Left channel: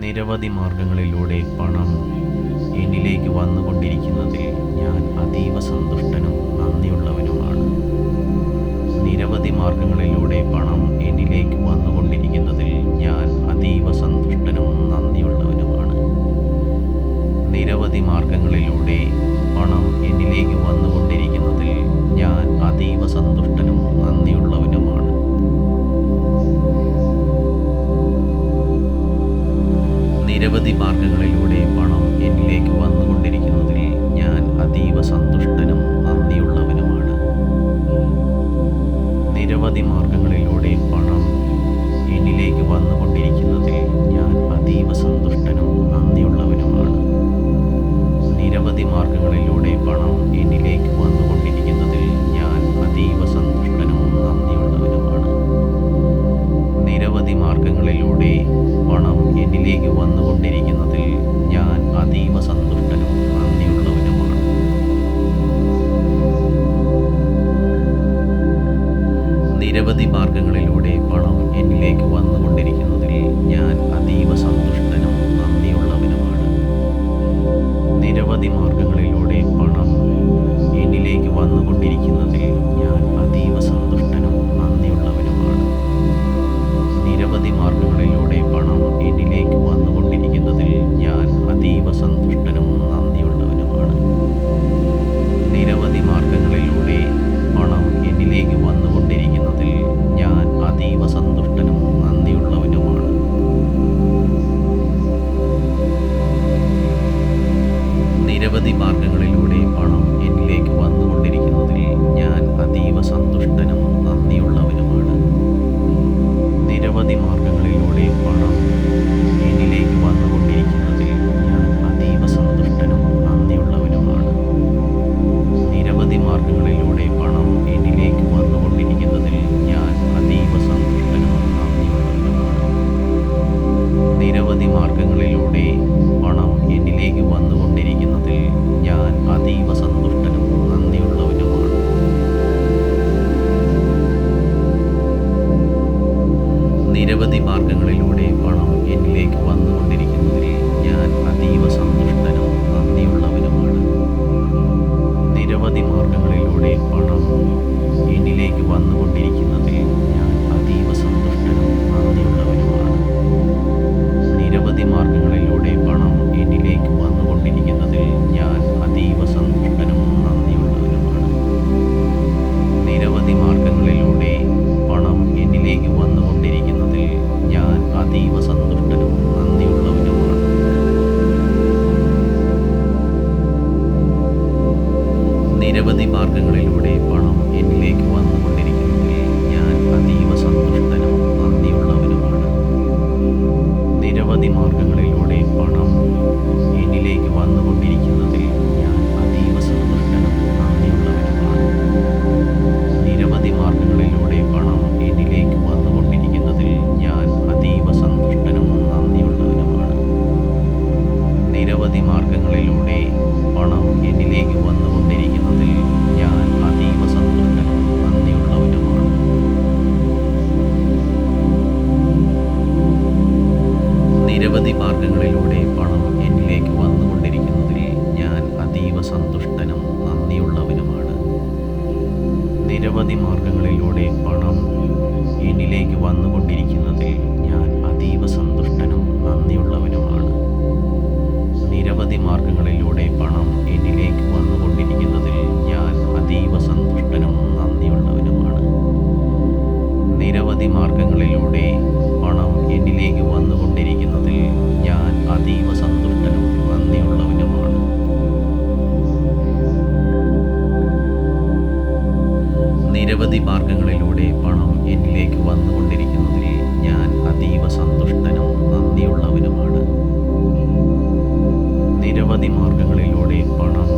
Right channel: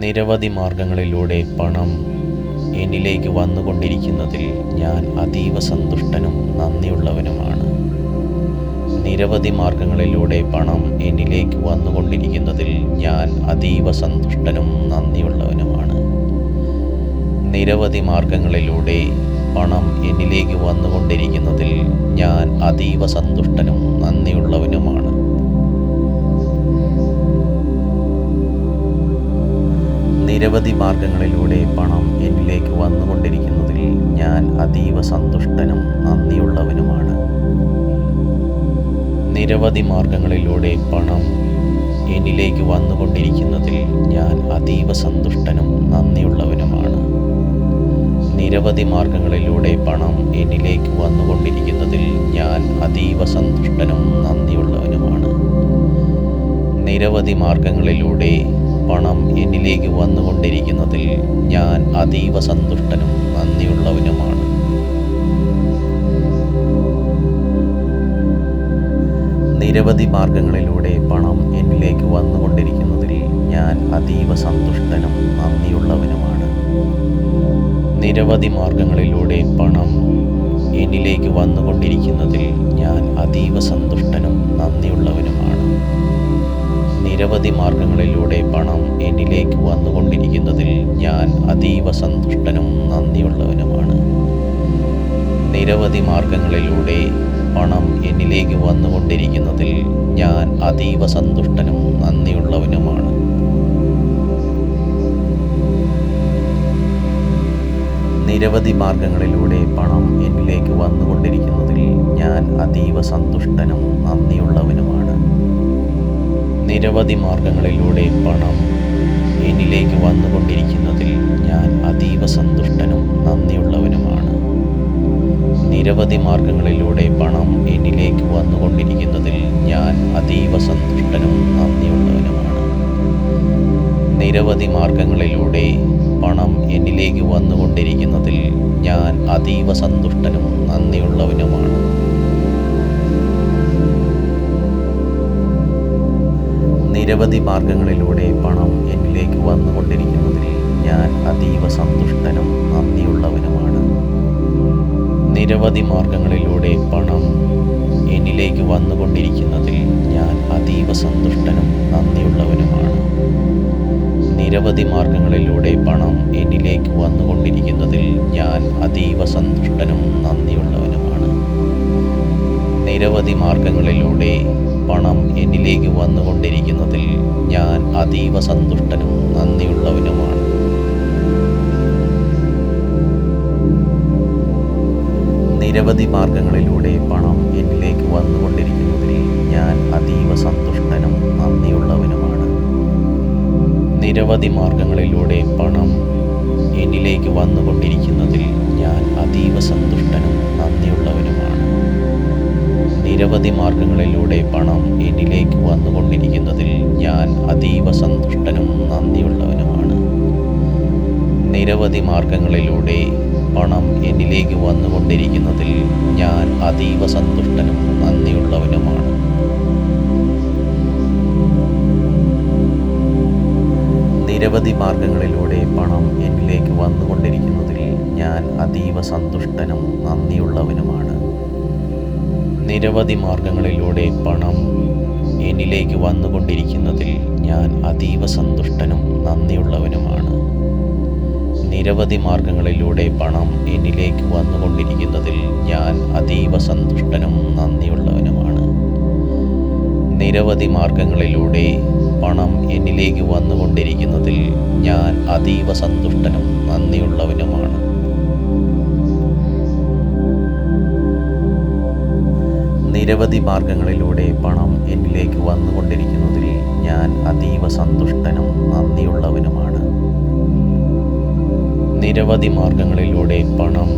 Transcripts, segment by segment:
നിരവധി മാർഗങ്ങളിലൂടെ പണം എന്നിലേക്ക് വന്നുകൊണ്ടിരിക്കുന്നതിൽ ഞാൻ അതീവ സന്തുഷ്ടനും നന്ദിയുള്ളവനുമാണ്. നിരവധി മാർഗങ്ങളിലൂടെ പണം എന്നിലേക്ക് വന്നുകൊണ്ടിരിക്കുന്നതിൽ ഞാൻ അതീവ സന്തുഷ്ടനും നന്ദിയുള്ളവനുമാണ്. നിരവധി മാർഗങ്ങളിലൂടെ പണം എന്നിലേക്ക് വന്നുകൊണ്ടിരിക്കുന്നതിൽ ഞാൻ അതീവ സന്തുഷ്ടനും നന്ദിയുള്ളവനുമാണ്. നിരവധി മാർഗങ്ങളിലൂടെ പണം എന്നിലേക്ക് വന്നുകൊണ്ടിരിക്കുന്നതിൽ ഞാൻ അതീവ സന്തുഷ്ടനും നന്ദിയുള്ളവനുമാണ്. നിരവധി മാർഗങ്ങളിലൂടെ പണം എന്നിലേക്ക് വന്നുകൊണ്ടിരിക്കുന്നതിൽ ഞാൻ അതീവ സന്തുഷ്ടനും നന്ദിയുള്ളവനുമാണ്. നിരവധി മാർഗങ്ങളിലൂടെ പണം എന്നിലേക്ക് വന്നുകൊണ്ടിരിക്കുന്നതിൽ ഞാൻ അതീവ സന്തുഷ്ടനും നന്ദിയുള്ളവനുമാണ്. നിരവധി മാർഗങ്ങളിലൂടെ പണം എന്നിലേക്ക് വന്നുകൊണ്ടിരിക്കുന്നതിൽ ഞാൻ അതീവ സന്തുഷ്ടനും നന്ദിയുള്ളവനുമാണ്. നിരവധി മാർഗങ്ങളിലൂടെ പണം എന്നിലേക്ക് വന്നുകൊണ്ടിരിക്കുന്നതിൽ ഞാൻ അതീവ സന്തുഷ്ടനും നന്ദിയുള്ളവനുമാണ്. നിരവധി മാർഗങ്ങളിലൂടെ പണം എന്നിലേക്ക് വന്നുകൊണ്ടിരിക്കുന്നതിൽ ഞാൻ അതീവ സന്തുഷ്ടനും നന്ദിയുള്ളവനുമാണ്. നിരവധി മാർഗങ്ങളിലൂടെ പണം എന്നിലേക്ക് വന്നുകൊണ്ടിരിക്കുന്നതിൽ ഞാൻ അതീവ സന്തുഷ്ടനും നന്ദിയുള്ളവനുമാണ്. നിരവധി മാർഗങ്ങളിലൂടെ പണം എന്നിലേക്ക് വന്നുകൊണ്ടിരിക്കുന്നതിൽ ഞാൻ അതീവ സന്തുഷ്ടനും നന്ദിയുള്ളവനുമാണ്. നിരവധി മാർഗങ്ങളിലൂടെ പണം എന്നിലേക്ക് വന്നുകൊണ്ടിരിക്കുന്നതിൽ ഞാൻ അതീവ സന്തുഷ്ടനും നന്ദിയുള്ളവനുമാണ്. നിരവധി മാർഗങ്ങളിലൂടെ പണം എന്നിലേക്ക് വന്നുകൊണ്ടിരിക്കുന്നതിൽ ഞാൻ അതീവ സന്തുഷ്ടനും നന്ദിയുള്ളവനുമാണ്. നിരവധി മാർഗങ്ങളിലൂടെ പണം എന്നിലേക്ക് വന്നുകൊണ്ടിരിക്കുന്നതിൽ ഞാൻ അതീവ സന്തുഷ്ടനും നന്ദിയുള്ളവനുമാണ്. നിരവധി മാർഗങ്ങളിലൂടെ പണം എന്നിലേക്ക് വന്നുകൊണ്ടിരിക്കുന്നതിൽ ഞാൻ അതീവ സന്തുഷ്ടനും നന്ദിയുള്ളവനുമാണ്. നിരവധി മാർഗങ്ങളിലൂടെ പണം എന്നിലേക്ക് വന്നുകൊണ്ടിരിക്കുന്നതിൽ ഞാൻ അതീവ സന്തുഷ്ടനും നന്ദിയുള്ളവനുമാണ്. നിരവധി മാർഗങ്ങളിലൂടെ പണം എന്നിലേക്ക് വന്നുകൊണ്ടിരിക്കുന്നതിൽ ഞാൻ അതീവ സന്തുഷ്ടനും നന്ദിയുള്ളവനുമാണ്. നിരവധി മാർഗങ്ങളിലൂടെ പണം എന്നിലേക്ക് വന്നുകൊണ്ടിരിക്കുന്നതിൽ ഞാൻ അതീവ സന്തുഷ്ടനും നന്ദിയുള്ളവനുമാണ്. നിരവധി മാർഗങ്ങളിലൂടെ പണം എന്നിലേക്ക് വന്നുകൊണ്ടിരിക്കുന്നതിൽ ഞാൻ അതീവ സന്തുഷ്ടനും നന്ദിയുള്ളവനുമാണ്. നിരവധി മാർഗങ്ങളിലൂടെ പണം എന്നിലേക്ക് വന്നുകൊണ്ടിരിക്കുന്നതിൽ ഞാൻ അതീവ സന്തുഷ്ടനും നന്ദിയുള്ളവനുമാണ്. നിരവധി മാർഗങ്ങളിലൂടെ പണം എന്നിലേക്ക് വന്നുകൊണ്ടിരിക്കുന്നതിൽ ഞാൻ അതീവ സന്തുഷ്ടനും നന്ദിയുള്ളവനുമാണ്. നിരവധി മാർഗങ്ങളിലൂടെ പണം എന്നിലേക്ക് വന്നുകൊണ്ടിരിക്കുന്നതിൽ ഞാൻ അതീവ സന്തുഷ്ടനും നന്ദിയുള്ളവനുമാണ്. നിരവധി മാർഗങ്ങളിലൂടെ പണം എന്നിലേക്ക് വന്നുകൊണ്ടിരിക്കുന്നതിൽ ഞാൻ അതീവ സന്തുഷ്ടനും നന്ദിയുള്ളവനുമാണ്. നിരവധി മാർഗങ്ങളിലൂടെ പണം എന്നിലേക്ക് വന്നുകൊണ്ടിരിക്കുന്നതിൽ ഞാൻ അതീവ സന്തുഷ്ടനും നന്ദിയുള്ളവനുമാണ്. നിരവധി മാർഗങ്ങളിലൂടെ പണം എന്നിലേക്ക് വന്നുകൊണ്ടിരിക്കുന്നതിൽ ഞാൻ അതീവ സന്തുഷ്ടനും നന്ദിയുള്ളവനുമാണ്. നിരവധി മാർഗങ്ങളിലൂടെ പണം എന്നിലേക്ക് വന്നുകൊണ്ടിരിക്കുന്നതിൽ ഞാൻ അതീവ സന്തുഷ്ടനും നന്ദിയുള്ളവനുമാണ്. നിരവധി മാർഗങ്ങളിലൂടെ പണം എന്നിലേക്ക് വന്നുകൊണ്ടിരിക്കുന്നതിൽ ഞാൻ അതീവ സന്തുഷ്ടനും നന്ദിയുള്ളവനുമാണ്. നിരവധി മാർഗങ്ങളിലൂടെ പണം എന്നിലേക്ക് വന്നുകൊണ്ടിരിക്കുന്നതിൽ ഞാൻ അതീവ സന്തുഷ്ടനും നന്ദിയുള്ളവനുമാണ്. നിരവധി മാർഗങ്ങളിലൂടെ പണം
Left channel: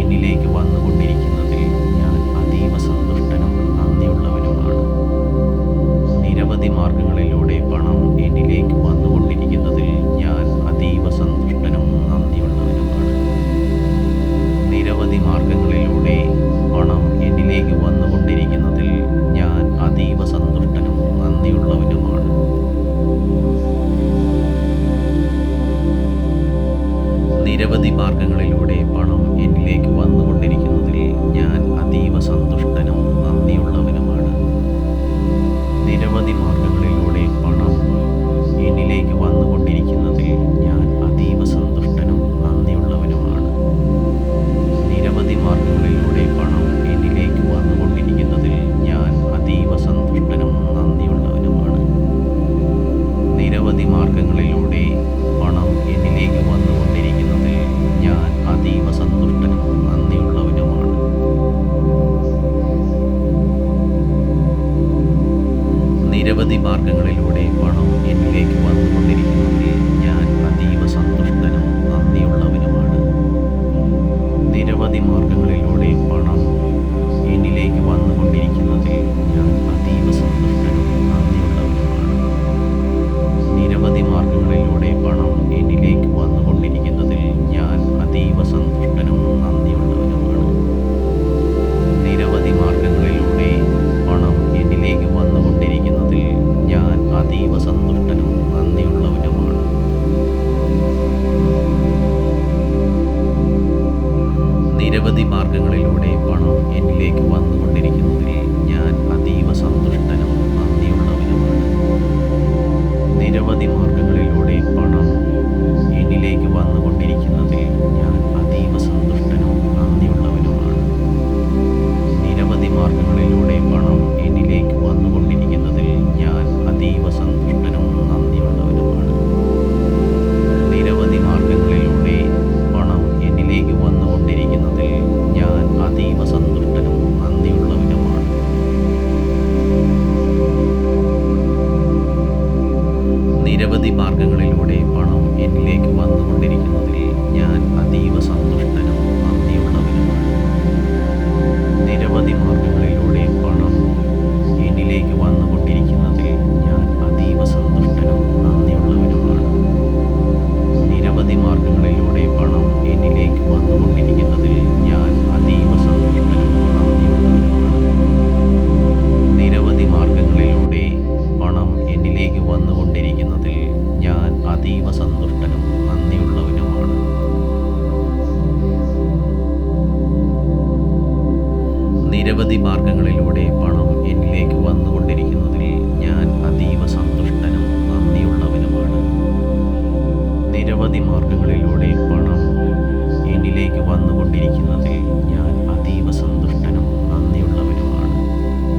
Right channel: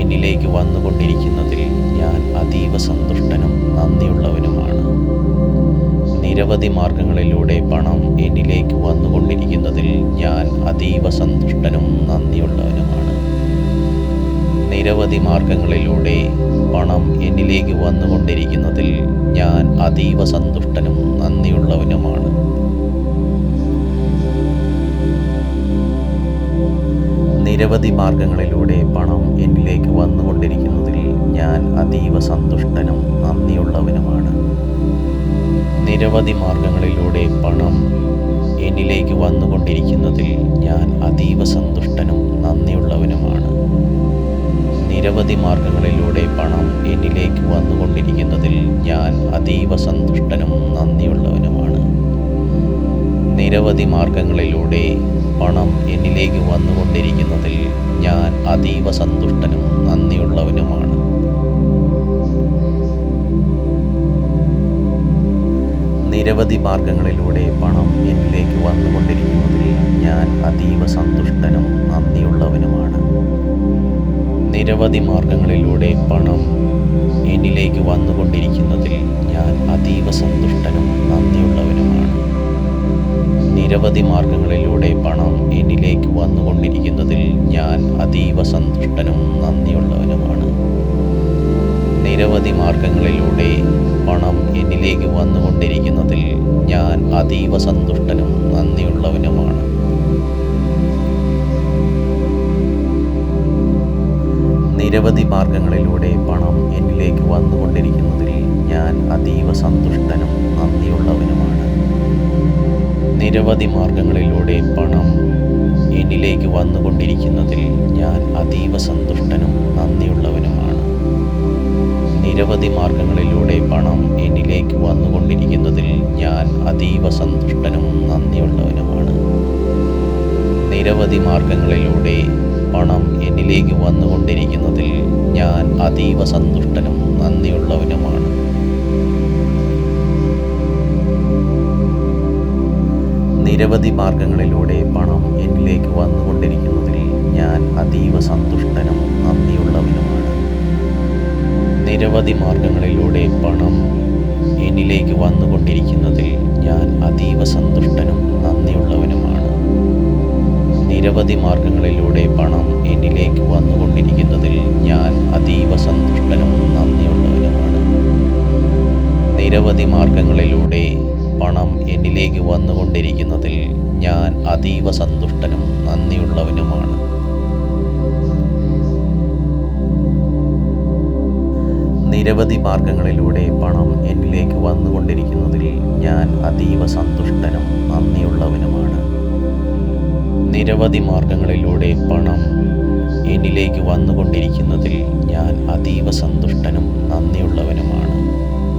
എന്നിലേക്ക് വന്നുകൊണ്ടിരിക്കുന്നതിൽ ഞാൻ അതീവ സന്തുഷ്ടനും നന്ദിയുള്ളവനുമാണ്. നിരവധി മാർഗങ്ങളിലൂടെ പണം എന്നിലേക്ക് വന്നുകൊണ്ടിരിക്കുന്നതിൽ ഞാൻ അതീവ സന്തുഷ്ടനും നന്ദിയുള്ളവനുമാണ്. നിരവധി മാർഗങ്ങളിലൂടെ പണം എന്നിലേക്ക് വന്നുകൊണ്ടിരിക്കുന്നതിൽ ഞാൻ അതീവ സന്തുഷ്ടനും നന്ദിയുള്ളവനുമാണ്. മാർഗങ്ങളിലൂടെ പണം എന്നിലേക്ക് വന്നുകൊണ്ടിരിക്കുന്നതിൽ ഞാൻ അതീവ സന്തുഷ്ടനും നന്ദിയുള്ളവനുമാണ്. നിരവധി മാർഗങ്ങളിലൂടെ പണം എന്നിലേക്ക് വന്നുകൊണ്ടിരിക്കുന്നതിൽ ഞാൻ അതീവ സന്തുഷ്ടനും നന്ദിയുള്ളവനുമാണ്. നിരവധി മാർഗങ്ങളിലൂടെ പണം എന്നിലേക്ക് വന്നുകൊണ്ടിരിക്കുന്നതിൽ ഞാൻ അതീവ സന്തുഷ്ടനും നന്ദിയുള്ളവനുമാണ്. നിരവധി മാർഗങ്ങളിലൂടെ പണം എന്നിലേക്ക് വന്നുകൊണ്ടിരിക്കുന്നതിൽ ഞാൻ അതീവ സന്തുഷ്ടനും നന്ദിയുള്ളവനുമാണ്. നിരവധി മാർഗങ്ങളിലൂടെ പണം എന്നിലേക്ക് വന്നുകൊണ്ടിരിക്കുന്നതിൽ ഞാൻ അതീവ സന്തുഷ്ടനും നന്ദിയുള്ളവനുമാണ്. നിരവധി മാർഗങ്ങളിലൂടെ പണം എന്നിലേക്ക് വന്നുകൊണ്ടിരിക്കുന്നതിൽ ഞാൻ അതീവ സന്തുഷ്ടനും നന്ദിയുള്ളവനുമാണ്. നിരവധി മാർഗങ്ങളിലൂടെ പണം എന്നിലേക്ക് വന്നുകൊണ്ടിരിക്കുന്നതിൽ ഞാൻ അതീവ സന്തുഷ്ടനും നന്ദിയുള്ളവനുമാണ്. നിരവധി മാർഗങ്ങളിലൂടെ പണം എന്നിലേക്ക് വന്നുകൊണ്ടിരിക്കുന്നതിൽ ഞാൻ അതീവ സന്തുഷ്ടനും നന്ദിയുള്ളവനുമാണ്. നിരവധി മാർഗങ്ങളിലൂടെ പണം എന്നിലേക്ക് വന്നുകൊണ്ടിരിക്കുന്നതിൽ ഞാൻ അതീവ സന്തുഷ്ടനും നന്ദിയുള്ളവനുമാണ്. നിരവധി മാർഗങ്ങളിലൂടെ പണം എന്നിലേക്ക് വന്നുകൊണ്ടിരിക്കുന്നതിൽ ഞാൻ അതീവ സന്തുഷ്ടനും നന്ദിയുള്ളവനുമാണ്. നിരവധി മാർഗങ്ങളിലൂടെ പണം എന്നിലേക്ക് വന്നുകൊണ്ടിരിക്കുന്നതിൽ ഞാൻ അതീവ സന്തുഷ്ടനും നന്ദിയുള്ളവനുമാണ്. നിരവധി മാർഗങ്ങളിലൂടെ പണം എന്നിലേക്ക് വന്നുകൊണ്ടിരിക്കുന്നതിൽ ഞാൻ അതീവ സന്തുഷ്ടനും നന്ദിയുള്ളവനുമാണ്. നിരവധി മാർഗങ്ങളിലൂടെ പണം എന്നിലേക്ക് വന്നുകൊണ്ടിരിക്കുന്നതിൽ ഞാൻ അതീവ സന്തുഷ്ടനും നന്ദിയുള്ളവനുമാണ്. നിരവധി മാർഗങ്ങളിലൂടെ പണം എന്നിലേക്ക് വന്നുകൊണ്ടിരിക്കുന്നതിൽ ഞാൻ അതീവ സന്തുഷ്ടനും നന്ദിയുള്ളവനുമാണ്. നിരവധി മാർഗങ്ങളിലൂടെ പണം എന്നിലേക്ക് വന്നുകൊണ്ടിരിക്കുന്നതിൽ ഞാൻ അതീവ സന്തുഷ്ടനും നന്ദിയുള്ളവനുമാണ്. നിരവധി മാർഗങ്ങളിലൂടെ പണം എന്നിലേക്ക് വന്നുകൊണ്ടിരിക്കുന്നതിൽ ഞാൻ അതീവ സന്തുഷ്ടനും നന്ദിയുള്ളവനുമാണ്. നിരവധി മാർഗങ്ങളിലൂടെ പണം എന്നിലേക്ക് വന്നുകൊണ്ടിരിക്കുന്നതിൽ ഞാൻ അതീവ സന്തുഷ്ടനും നന്ദിയുള്ളവനുമാണ്. നിരവധി മാർഗങ്ങളിലൂടെ പണം എന്നിലേക്ക് വന്നുകൊണ്ടിരിക്കുന്നതിൽ ഞാൻ അതീവ സന്തുഷ്ടനും നന്ദിയുള്ളവനുമാണ്.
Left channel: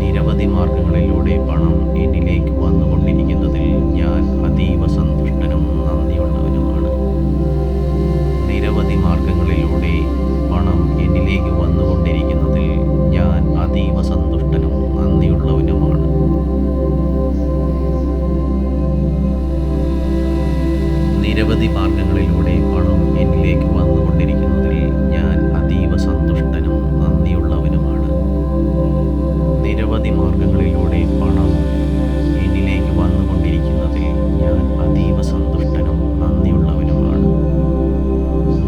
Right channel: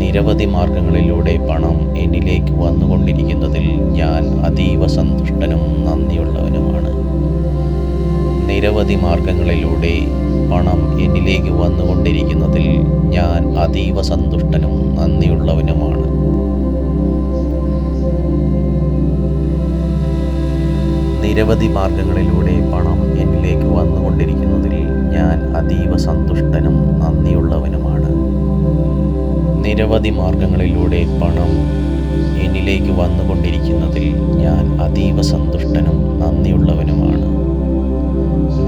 നിരവധി മാർഗങ്ങളിലൂടെ പണം എന്നിലേക്ക് വന്നുകൊണ്ടിരിക്കുന്നതിൽ ഞാൻ അതീവ സന്തുഷ്ടനും നന്ദിയുള്ളവനുമാണ്. നിരവധി മാർഗങ്ങളിലൂടെ പണം എന്നിലേക്ക് വന്നുകൊണ്ടിരിക്കുന്നതിൽ ഞാൻ അതീവ സന്തുഷ്ടനും നന്ദിയുള്ളവനുമാണ്. നിരവധി മാർഗങ്ങളിലൂടെ പണം എന്നിലേക്ക് വന്നുകൊണ്ടിരിക്കുന്നതിൽ ഞാൻ അതീവ സന്തുഷ്ടനും നന്ദിയുള്ളവനുമാണ്. നിരവധി മാർഗങ്ങളിലൂടെ പണം എന്നിലേക്ക് വന്നുകൊണ്ടിരിക്കുന്നതിൽ ഞാൻ അതീവ സന്തുഷ്ടനും നന്ദിയുള്ളവനുമാണ്.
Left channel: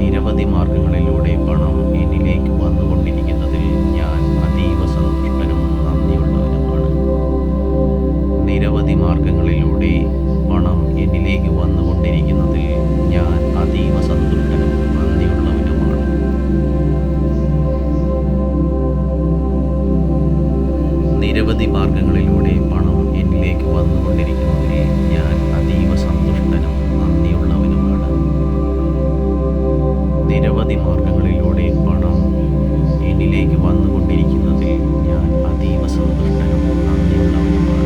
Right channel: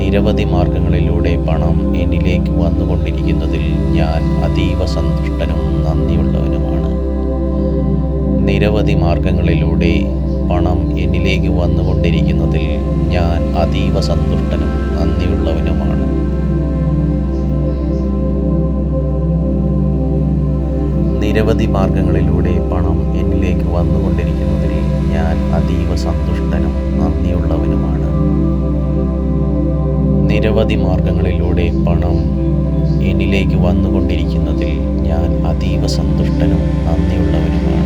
നിരവധി മാർഗങ്ങളിലൂടെ പണം എന്നിലേക്ക് വന്നുകൊണ്ടിരിക്കുന്നതിൽ ഞാൻ അതീവ സന്തുഷ്ടനും നന്ദിയുള്ളവനുമാണ്. നിരവധി മാർഗങ്ങളിലൂടെ പണം എന്നിലേക്ക് വന്നുകൊണ്ടിരിക്കുന്നതിൽ ഞാൻ അതീവ സന്തുഷ്ടനും നന്ദിയുള്ളവനുമാണ്. നിരവധി മാർഗങ്ങളിലൂടെ പണം എന്നിലേക്ക് വന്നുകൊണ്ടിരിക്കുന്നതിൽ ഞാൻ അതീവ സന്തുഷ്ടനും നന്ദിയുള്ളവനുമാണ്. നിരവധി മാർഗങ്ങളിലൂടെ പണം എന്നിലേക്ക് വന്നുകൊണ്ടിരിക്കുന്നതിൽ ഞാൻ അതീവ സന്തുഷ്ടനും നന്ദിയുള്ളവനുമാണ്.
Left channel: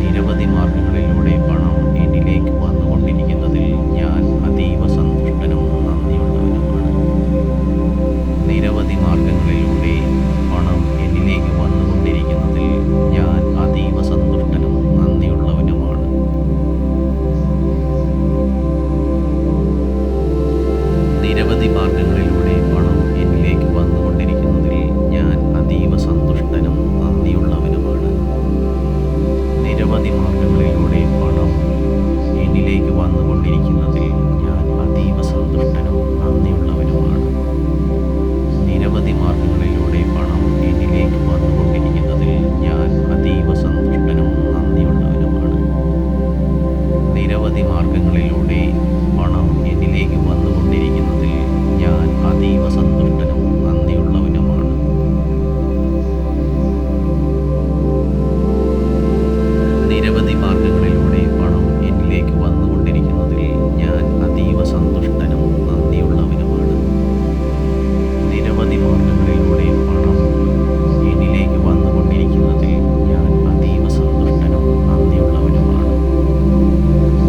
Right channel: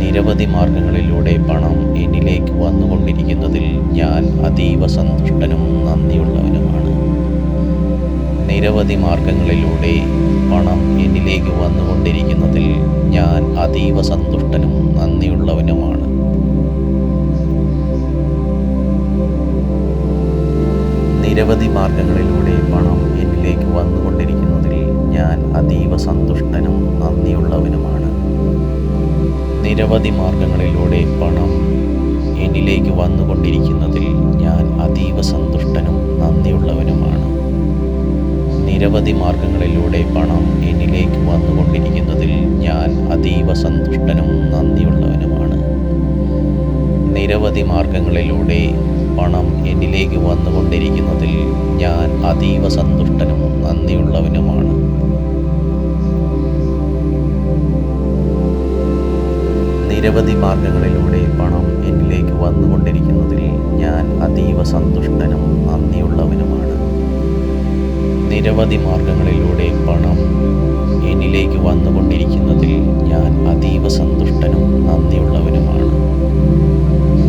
നിരവധി മാർഗങ്ങളിലൂടെ പണം എന്നിലേക്ക് വന്നുകൊണ്ടിരിക്കുന്നതിൽ ഞാൻ അതീവ സന്തുഷ്ടനും നന്ദിയുള്ളവനുമാണ്. നിരവധി മാർഗങ്ങളിലൂടെ പണം എന്നിലേക്ക് വന്നുകൊണ്ടിരിക്കുന്നതിൽ ഞാൻ അതീവ സന്തുഷ്ടനും നന്ദിയുള്ളവനുമാണ്. നിരവധി മാർഗങ്ങളിലൂടെ പണം എന്നിലേക്ക് വന്നുകൊണ്ടിരിക്കുന്നതിൽ ഞാൻ അതീവ സന്തുഷ്ടനും നന്ദിയുള്ളവനുമാണ്. നിരവധി മാർഗങ്ങളിലൂടെ പണം എന്നിലേക്ക് വന്നുകൊണ്ടിരിക്കുന്നതിൽ ഞാൻ അതീവ സന്തുഷ്ടനും നന്ദിയുള്ളവനുമാണ്. നിരവധി മാർഗങ്ങളിലൂടെ പണം എന്നിലേക്ക് വന്നുകൊണ്ടിരിക്കുന്നതിൽ ഞാൻ അതീവ സന്തുഷ്ടനും നന്ദിയുള്ളവനുമാണ്. നിരവധി മാർഗങ്ങളിലൂടെ പണം എന്നിലേക്ക് വന്നുകൊണ്ടിരിക്കുന്നതിൽ ഞാൻ അതീവ സന്തുഷ്ടനും നന്ദിയുള്ളവനുമാണ്. നിരവധി മാർഗങ്ങളിലൂടെ പണം എന്നിലേക്ക് വന്നുകൊണ്ടിരിക്കുന്നതിൽ ഞാൻ അതീവ സന്തുഷ്ടനും നന്ദിയുള്ളവനുമാണ്. നിരവധി മാർഗങ്ങളിലൂടെ പണം എന്നിലേക്ക് വന്നുകൊണ്ടിരിക്കുന്നതിൽ ഞാൻ അതീവ സന്തുഷ്ടനും നന്ദിയുള്ളവനുമാണ്.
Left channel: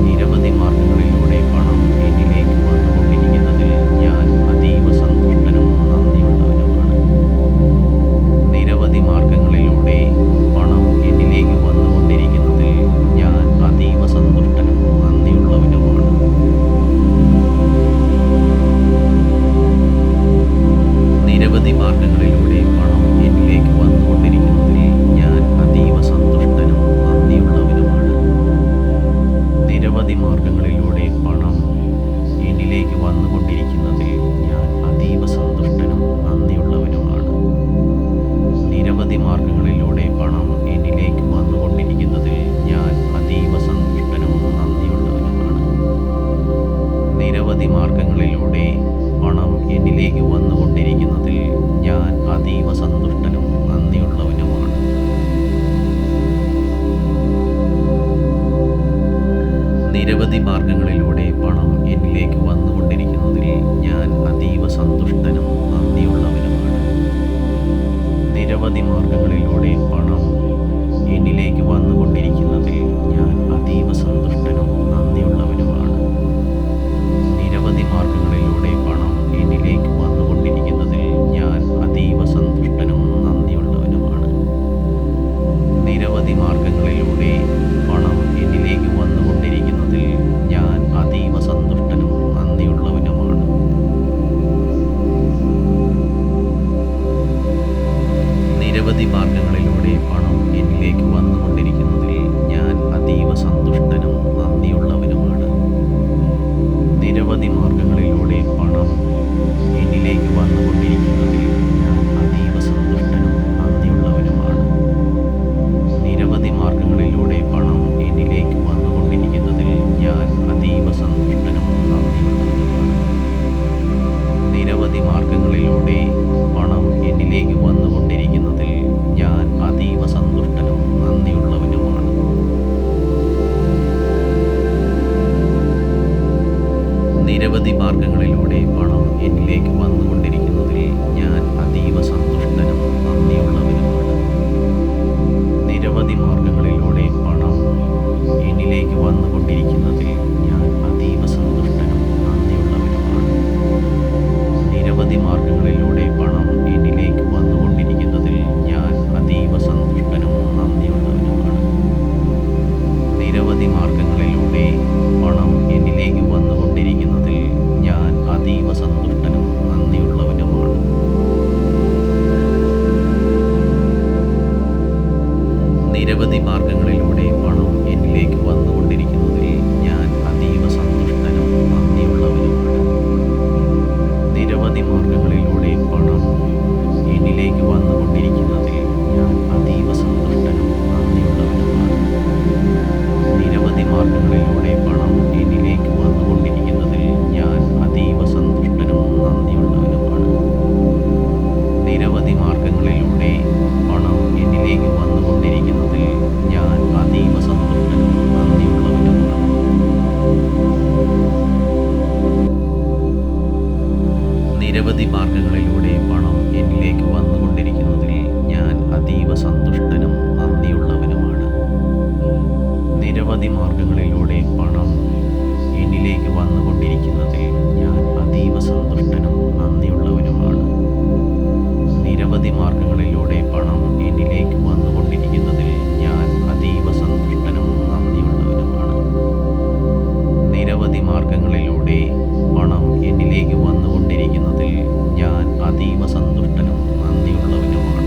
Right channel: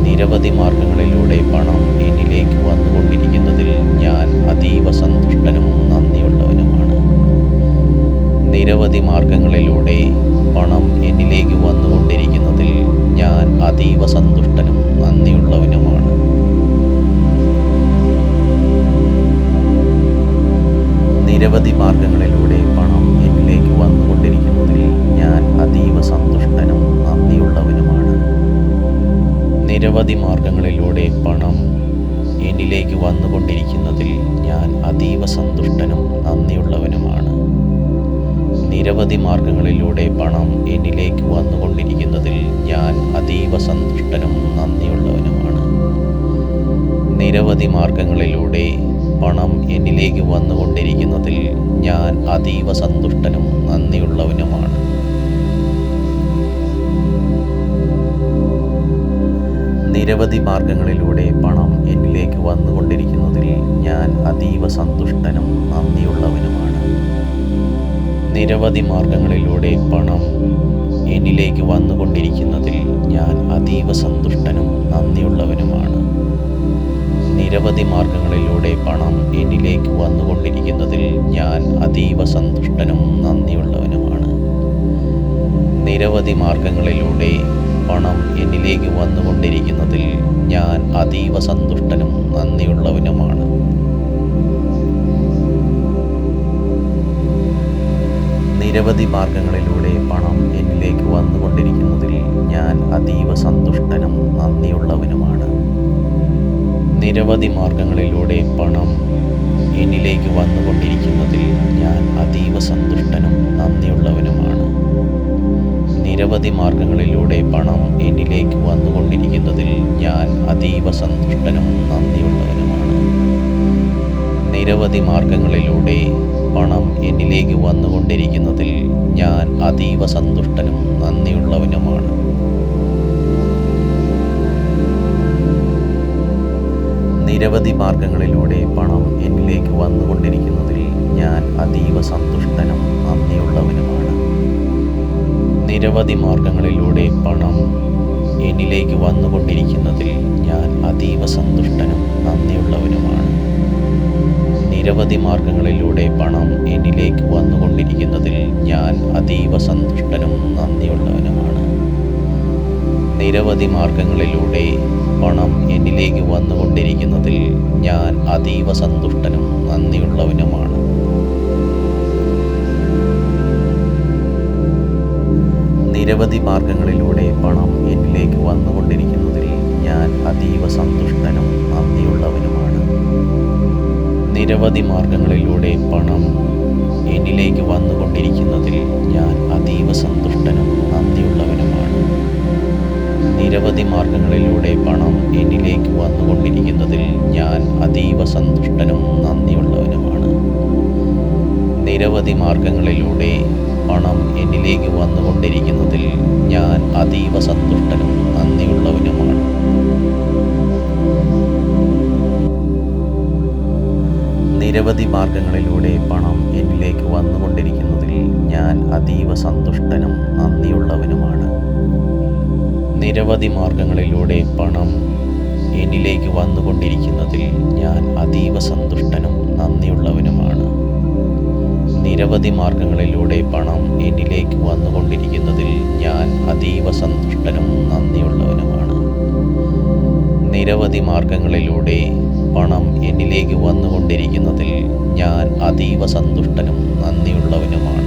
നിരവധി മാർഗങ്ങളിലൂടെ പണം എന്നിലേക്ക് വന്നുകൊണ്ടിരിക്കുന്നതിൽ ഞാൻ അതീവ സന്തുഷ്ടനും നന്ദിയുള്ളവനുമാണ്. നിരവധി മാർഗങ്ങളിലൂടെ പണം എന്നിലേക്ക് വന്നുകൊണ്ടിരിക്കുന്നതിൽ ഞാൻ അതീവ സന്തുഷ്ടനും നന്ദിയുള്ളവനുമാണ്. നിരവധി മാർഗങ്ങളിലൂടെ പണം എന്നിലേക്ക് വന്നുകൊണ്ടിരിക്കുന്നതിൽ ഞാൻ അതീവ സന്തുഷ്ടനും നന്ദിയുള്ളവനുമാണ്. നിരവധി മാർഗങ്ങളിലൂടെ പണം എന്നിലേക്ക് വന്നുകൊണ്ടിരിക്കുന്നതിൽ ഞാൻ അതീവ സന്തുഷ്ടനും നന്ദിയുള്ളവനുമാണ്. നിരവധി മാർഗങ്ങളിലൂടെ പണം എന്നിലേക്ക് വന്നുകൊണ്ടിരിക്കുന്നതിൽ ഞാൻ അതീവ സന്തുഷ്ടനും നന്ദിയുള്ളവനുമാണ്. നിരവധി മാർഗങ്ങളിലൂടെ പണം എന്നിലേക്ക് വന്നുകൊണ്ടിരിക്കുന്നതിൽ ഞാൻ അതീവ സന്തുഷ്ടനും നന്ദിയുള്ളവനുമാണ്. നിരവധി മാർഗങ്ങളിലൂടെ പണം എന്നിലേക്ക് വന്നുകൊണ്ടിരിക്കുന്നതിൽ ഞാൻ അതീവ സന്തുഷ്ടനും നന്ദിയുള്ളവനുമാണ്. നിരവധി മാർഗങ്ങളിലൂടെ പണം എന്നിലേക്ക് വന്നുകൊണ്ടിരിക്കുന്നതിൽ ഞാൻ അതീവ സന്തുഷ്ടനും നന്ദിയുള്ളവനുമാണ്. നിരവധി മാർഗങ്ങളിലൂടെ പണം എന്നിലേക്ക് വന്നുകൊണ്ടിരിക്കുന്നതിൽ ഞാൻ അതീവ സന്തുഷ്ടനും നന്ദിയുള്ളവനുമാണ്. നിരവധി മാർഗങ്ങളിലൂടെ പണം എന്നിലേക്ക് വന്നുകൊണ്ടിരിക്കുന്നതിൽ ഞാൻ അതീവ സന്തുഷ്ടനും നന്ദിയുള്ളവനുമാണ്. നിരവധി മാർഗങ്ങളിലൂടെ പണം എന്നിലേക്ക് വന്നുകൊണ്ടിരിക്കുന്നതിൽ ഞാൻ അതീവ സന്തുഷ്ടനും നന്ദിയുള്ളവനുമാണ്. നിരവധി മാർഗങ്ങളിലൂടെ പണം എന്നിലേക്ക് വന്നുകൊണ്ടിരിക്കുന്നതിൽ ഞാൻ അതീവ സന്തുഷ്ടനും നന്ദിയുള്ളവനുമാണ്. നിരവധി മാർഗങ്ങളിലൂടെ പണം എന്നിലേക്ക് വന്നുകൊണ്ടിരിക്കുന്നതിൽ ഞാൻ അതീവ സന്തുഷ്ടനും നന്ദിയുള്ളവനുമാണ്. നിരവധി മാർഗങ്ങളിലൂടെ പണം എന്നിലേക്ക് വന്നുകൊണ്ടിരിക്കുന്നതിൽ ഞാൻ അതീവ സന്തുഷ്ടനും നന്ദിയുള്ളവനുമാണ്. നിരവധി മാർഗങ്ങളിലൂടെ പണം എന്നിലേക്ക് വന്നുകൊണ്ടിരിക്കുന്നതിൽ ഞാൻ അതീവ സന്തുഷ്ടനും നന്ദിയുള്ളവനുമാണ്. നിരവധി മാർഗങ്ങളിലൂടെ പണം എന്നിലേക്ക് വന്നുകൊണ്ടിരിക്കുന്നതിൽ ഞാൻ അതീവ സന്തുഷ്ടനും നന്ദിയുള്ളവനുമാണ്. നിരവധി മാർഗങ്ങളിലൂടെ പണം എന്നിലേക്ക് വന്നുകൊണ്ടിരിക്കുന്നതിൽ ഞാൻ അതീവ സന്തുഷ്ടനും നന്ദിയുള്ളവനുമാണ്. നിരവധി മാർഗങ്ങളിലൂടെ പണം എന്നിലേക്ക് വന്നുകൊണ്ടിരിക്കുന്നതിൽ ഞാൻ അതീവ സന്തുഷ്ടനും നന്ദിയുള്ളവനുമാണ്. നിരവധി മാർഗങ്ങളിലൂടെ പണം എന്നിലേക്ക് വന്നുകൊണ്ടിരിക്കുന്നതിൽ ഞാൻ അതീവ സന്തുഷ്ടനും നന്ദിയുള്ളവനുമാണ്. നിരവധി മാർഗങ്ങളിലൂടെ പണം എന്നിലേക്ക് വന്നുകൊണ്ടിരിക്കുന്നതിൽ ഞാൻ അതീവ സന്തുഷ്ടനും നന്ദിയുള്ളവനുമാണ്. നിരവധി മാർഗങ്ങളിലൂടെ പണം എന്നിലേക്ക് വന്നുകൊണ്ടിരിക്കുന്നതിൽ ഞാൻ അതീവ സന്തുഷ്ടനും നന്ദിയുള്ളവനുമാണ്. നിരവധി മാർഗങ്ങളിലൂടെ പണം എന്നിലേക്ക് വന്നുകൊണ്ടിരിക്കുന്നതിൽ ഞാൻ അതീവ സന്തുഷ്ടനും നന്ദിയുള്ളവനുമാണ്. നിരവധി മാർഗങ്ങളിലൂടെ പണം എന്നിലേക്ക് വന്നുകൊണ്ടിരിക്കുന്നതിൽ ഞാൻ അതീവ സന്തുഷ്ടനും നന്ദിയുള്ളവനുമാണ്. നിരവധി മാർഗങ്ങളിലൂടെ പണം എന്നിലേക്ക് വന്നുകൊണ്ടിരിക്കുന്നതിൽ ഞാൻ അതീവ സന്തുഷ്ടനും നന്ദിയുള്ളവനുമാണ്. നിരവധി മാർഗങ്ങളിലൂടെ പണം എന്നിലേക്ക് വന്നുകൊണ്ടിരിക്കുന്നതിൽ ഞാൻ അതീവ സന്തുഷ്ടനും നന്ദിയുള്ളവനുമാണ്. നിരവധി മാർഗങ്ങളിലൂടെ പണം എന്നിലേക്ക് വന്നുകൊണ്ടിരിക്കുന്നതിൽ ഞാൻ അതീവ സന്തുഷ്ടനും നന്ദിയുള്ളവനുമാണ്.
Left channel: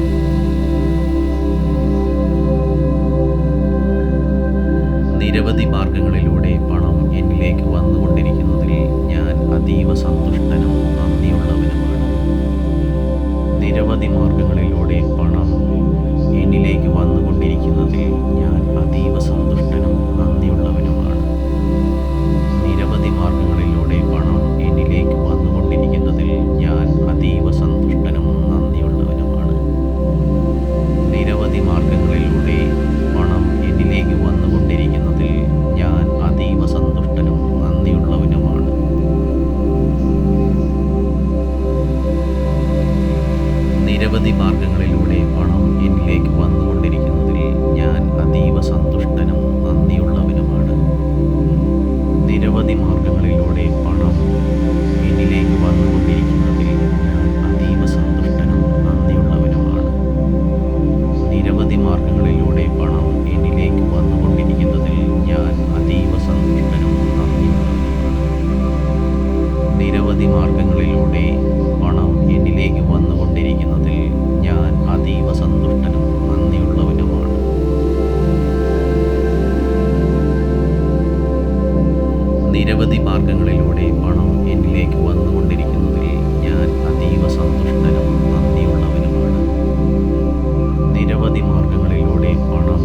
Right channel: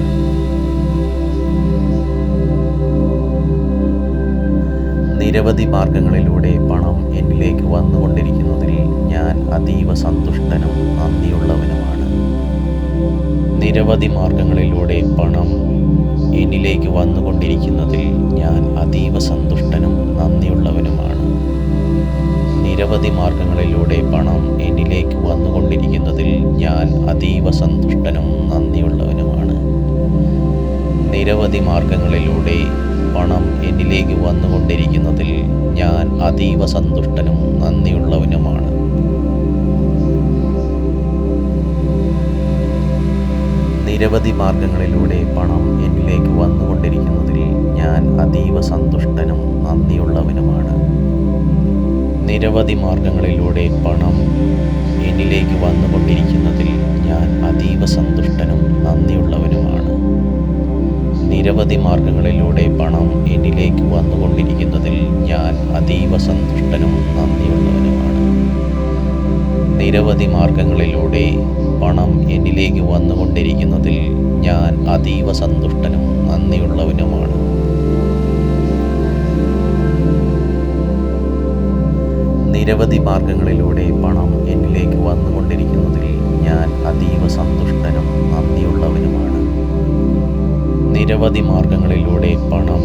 നിരവധി മാർഗങ്ങളിലൂടെ പണം എന്നിലേക്ക് വന്നുകൊണ്ടിരിക്കുന്നതിൽ ഞാൻ അതീവ സന്തുഷ്ടനും നന്ദിയുള്ളവനുമാണ്. നിരവധി മാർഗങ്ങളിലൂടെ പണം എന്നിലേക്ക് വന്നുകൊണ്ടിരിക്കുന്നതിൽ ഞാൻ അതീവ സന്തുഷ്ടനും നന്ദിയുള്ളവനുമാണ്. നിരവധി മാർഗങ്ങളിലൂടെ നിരവധി മാർഗങ്ങളിലൂടെ പണം എന്നിലേക്ക് വന്നുകൊണ്ടിരിക്കുന്നതിൽ ഞാൻ അതീവ സന്തുഷ്ടനും നന്ദിയുള്ളവനുമാണ്. നിരവധി മാർഗങ്ങളിലൂടെ പണം എന്നിലേക്ക് വന്നുകൊണ്ടിരിക്കുന്നതിൽ ഞാൻ അതീവ സന്തുഷ്ടനും നന്ദിയുള്ളവനുമാണ്. നിരവധി മാർഗങ്ങളിലൂടെ പണം എന്നിലേക്ക് വന്നുകൊണ്ടിരിക്കുന്നതിൽ ഞാൻ അതീവ സന്തുഷ്ടനും നന്ദിയുള്ളവനുമാണ്. നിരവധി മാർഗങ്ങളിലൂടെ പണം എന്നിലേക്ക് വന്നുകൊണ്ടിരിക്കുന്നതിൽ ഞാൻ അതീവ സന്തുഷ്ടനും നന്ദിയുള്ളവനുമാണ്. നിരവധി മാർഗങ്ങളിലൂടെ പണം എന്നിലേക്ക് വന്നുകൊണ്ടിരിക്കുന്നതിൽ ഞാൻ അതീവ സന്തുഷ്ടനും നന്ദിയുള്ളവനുമാണ്. നിരവധി മാർഗങ്ങളിലൂടെ പണം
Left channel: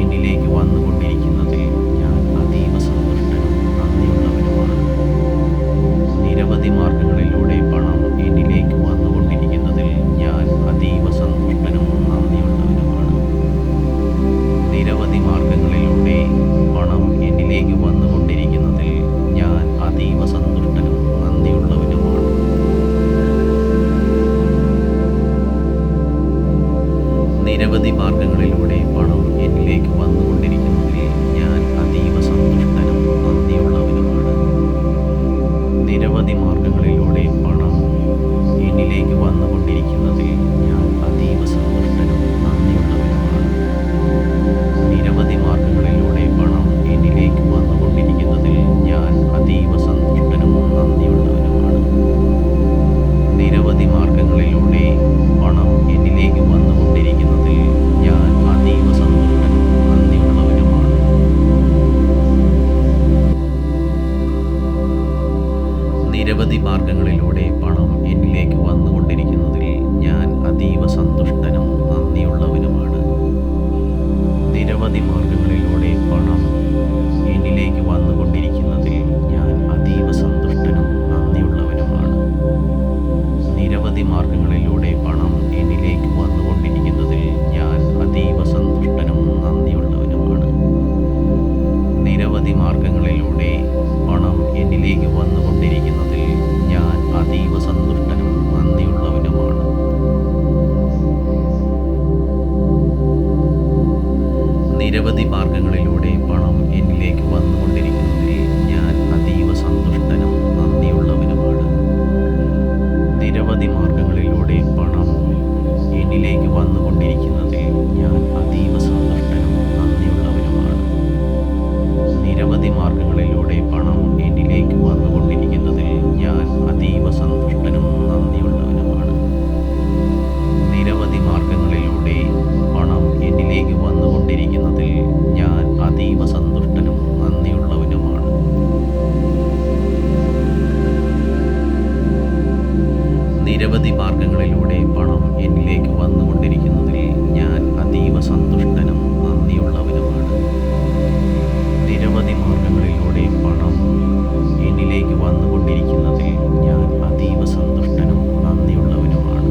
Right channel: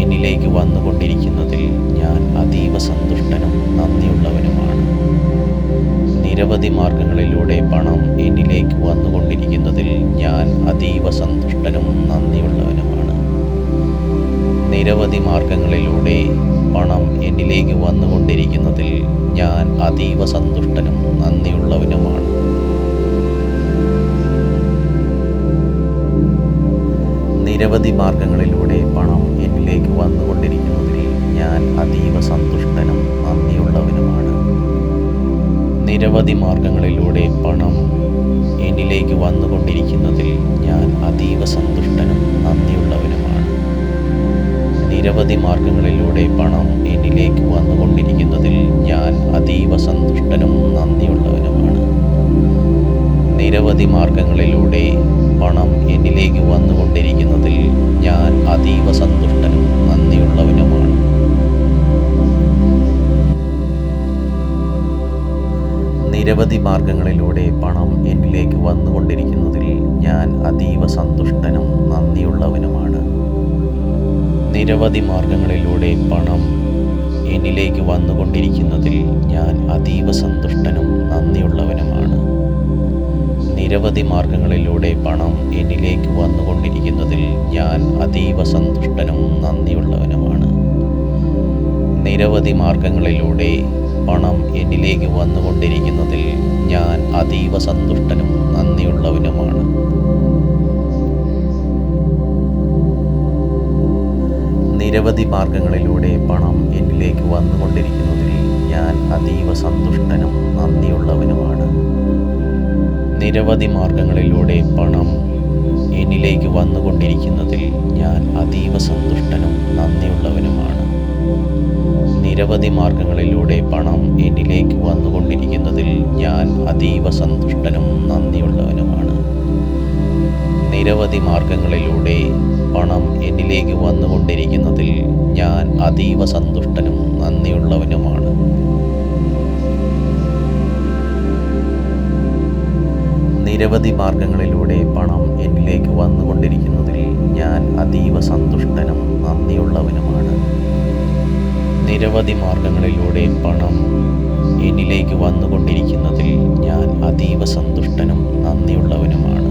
എന്നിലേക്ക് വന്നുകൊണ്ടിരിക്കുന്നതിൽ ഞാൻ അതീവ സന്തുഷ്ടനും നന്ദിയുള്ളവനുമാണ്. നിരവധി മാർഗങ്ങളിലൂടെ പണം എന്നിലേക്ക് വന്നുകൊണ്ടിരിക്കുന്നതിൽ ഞാൻ അതീവ സന്തുഷ്ടനും നന്ദിയുള്ളവനുമാണ്. നിരവധി മാർഗങ്ങളിലൂടെ പണം എന്നിലേക്ക് വന്നുകൊണ്ടിരിക്കുന്നതിൽ ഞാൻ അതീവ സന്തുഷ്ടനും നന്ദിയുള്ളവനുമാണ്. നിരവധി മാർഗങ്ങളിലൂടെ പണം എന്നിലേക്ക് വന്നുകൊണ്ടിരിക്കുന്നതിൽ ഞാൻ അതീവ സന്തുഷ്ടനും നന്ദിയുള്ളവനുമാണ്. നിരവധി മാർഗങ്ങളിലൂടെ പണം എന്നിലേക്ക് വന്നുകൊണ്ടിരിക്കുന്നതിൽ ഞാൻ അതീവ സന്തുഷ്ടനും നന്ദിയുള്ളവനുമാണ്. നിരവധി മാർഗങ്ങളിലൂടെ പണം എന്നിലേക്ക് വന്നുകൊണ്ടിരിക്കുന്നതിൽ ഞാൻ അതീവ സന്തുഷ്ടനും നന്ദിയുള്ളവനുമാണ്. നിരവധി മാർഗങ്ങളിലൂടെ പണം എന്നിലേക്ക് വന്നുകൊണ്ടിരിക്കുന്നതിൽ ഞാൻ അതീവ സന്തുഷ്ടനും നന്ദിയുള്ളവനുമാണ്. നിരവധി മാർഗങ്ങളിലൂടെ പണം എന്നിലേക്ക് വന്നുകൊണ്ടിരിക്കുന്നതിൽ ഞാൻ അതീവ സന്തുഷ്ടനും നന്ദിയുള്ളവനുമാണ്. നിരവധി മാർഗങ്ങളിലൂടെ പണം എന്നിലേക്ക് വന്നുകൊണ്ടിരിക്കുന്നതിൽ ഞാൻ അതീവ സന്തുഷ്ടനും നന്ദിയുള്ളവനുമാണ്. നിരവധി മാർഗങ്ങളിലൂടെ പണം എന്നിലേക്ക് വന്നുകൊണ്ടിരിക്കുന്നതിൽ ഞാൻ അതീവ സന്തുഷ്ടനും നന്ദിയുള്ളവനുമാണ്. നിരവധി മാർഗങ്ങളിലൂടെ പണം എന്നിലേക്ക് വന്നുകൊണ്ടിരിക്കുന്നതിൽ ഞാൻ അതീവ സന്തുഷ്ടനും നന്ദിയുള്ളവനുമാണ്. നിരവധി മാർഗങ്ങളിലൂടെ പണം എന്നിലേക്ക് വന്നുകൊണ്ടിരിക്കുന്നതിൽ ഞാൻ അതീവ സന്തുഷ്ടനും നന്ദിയുള്ളവനുമാണ്. നിരവധി മാർഗങ്ങളിലൂടെ പണം എന്നിലേക്ക് വന്നുകൊണ്ടിരിക്കുന്നതിൽ ഞാൻ അതീവ സന്തുഷ്ടനും നന്ദിയുള്ളവനുമാണ്. നിരവധി മാർഗങ്ങളിലൂടെ പണം എന്നിലേക്ക് വന്നുകൊണ്ടിരിക്കുന്നതിൽ ഞാൻ അതീവ സന്തുഷ്ടനും നന്ദിയുള്ളവനുമാണ്. നിരവധി മാർഗങ്ങളിലൂടെ പണം എന്നിലേക്ക് വന്നുകൊണ്ടിരിക്കുന്നതിൽ ഞാൻ അതീവ സന്തുഷ്ടനും നന്ദിയുള്ളവനുമാണ്. നിരവധി മാർഗങ്ങളിലൂടെ പണം എന്നിലേക്ക് വന്നുകൊണ്ടിരിക്കുന്നതിൽ ഞാൻ അതീവ സന്തുഷ്ടനും നന്ദിയുള്ളവനുമാണ്. നിരവധി മാർഗങ്ങളിലൂടെ പണം എന്നിലേക്ക് വന്നുകൊണ്ടിരിക്കുന്നതിൽ ഞാൻ അതീവ സന്തുഷ്ടനും നന്ദിയുള്ളവനുമാണ്.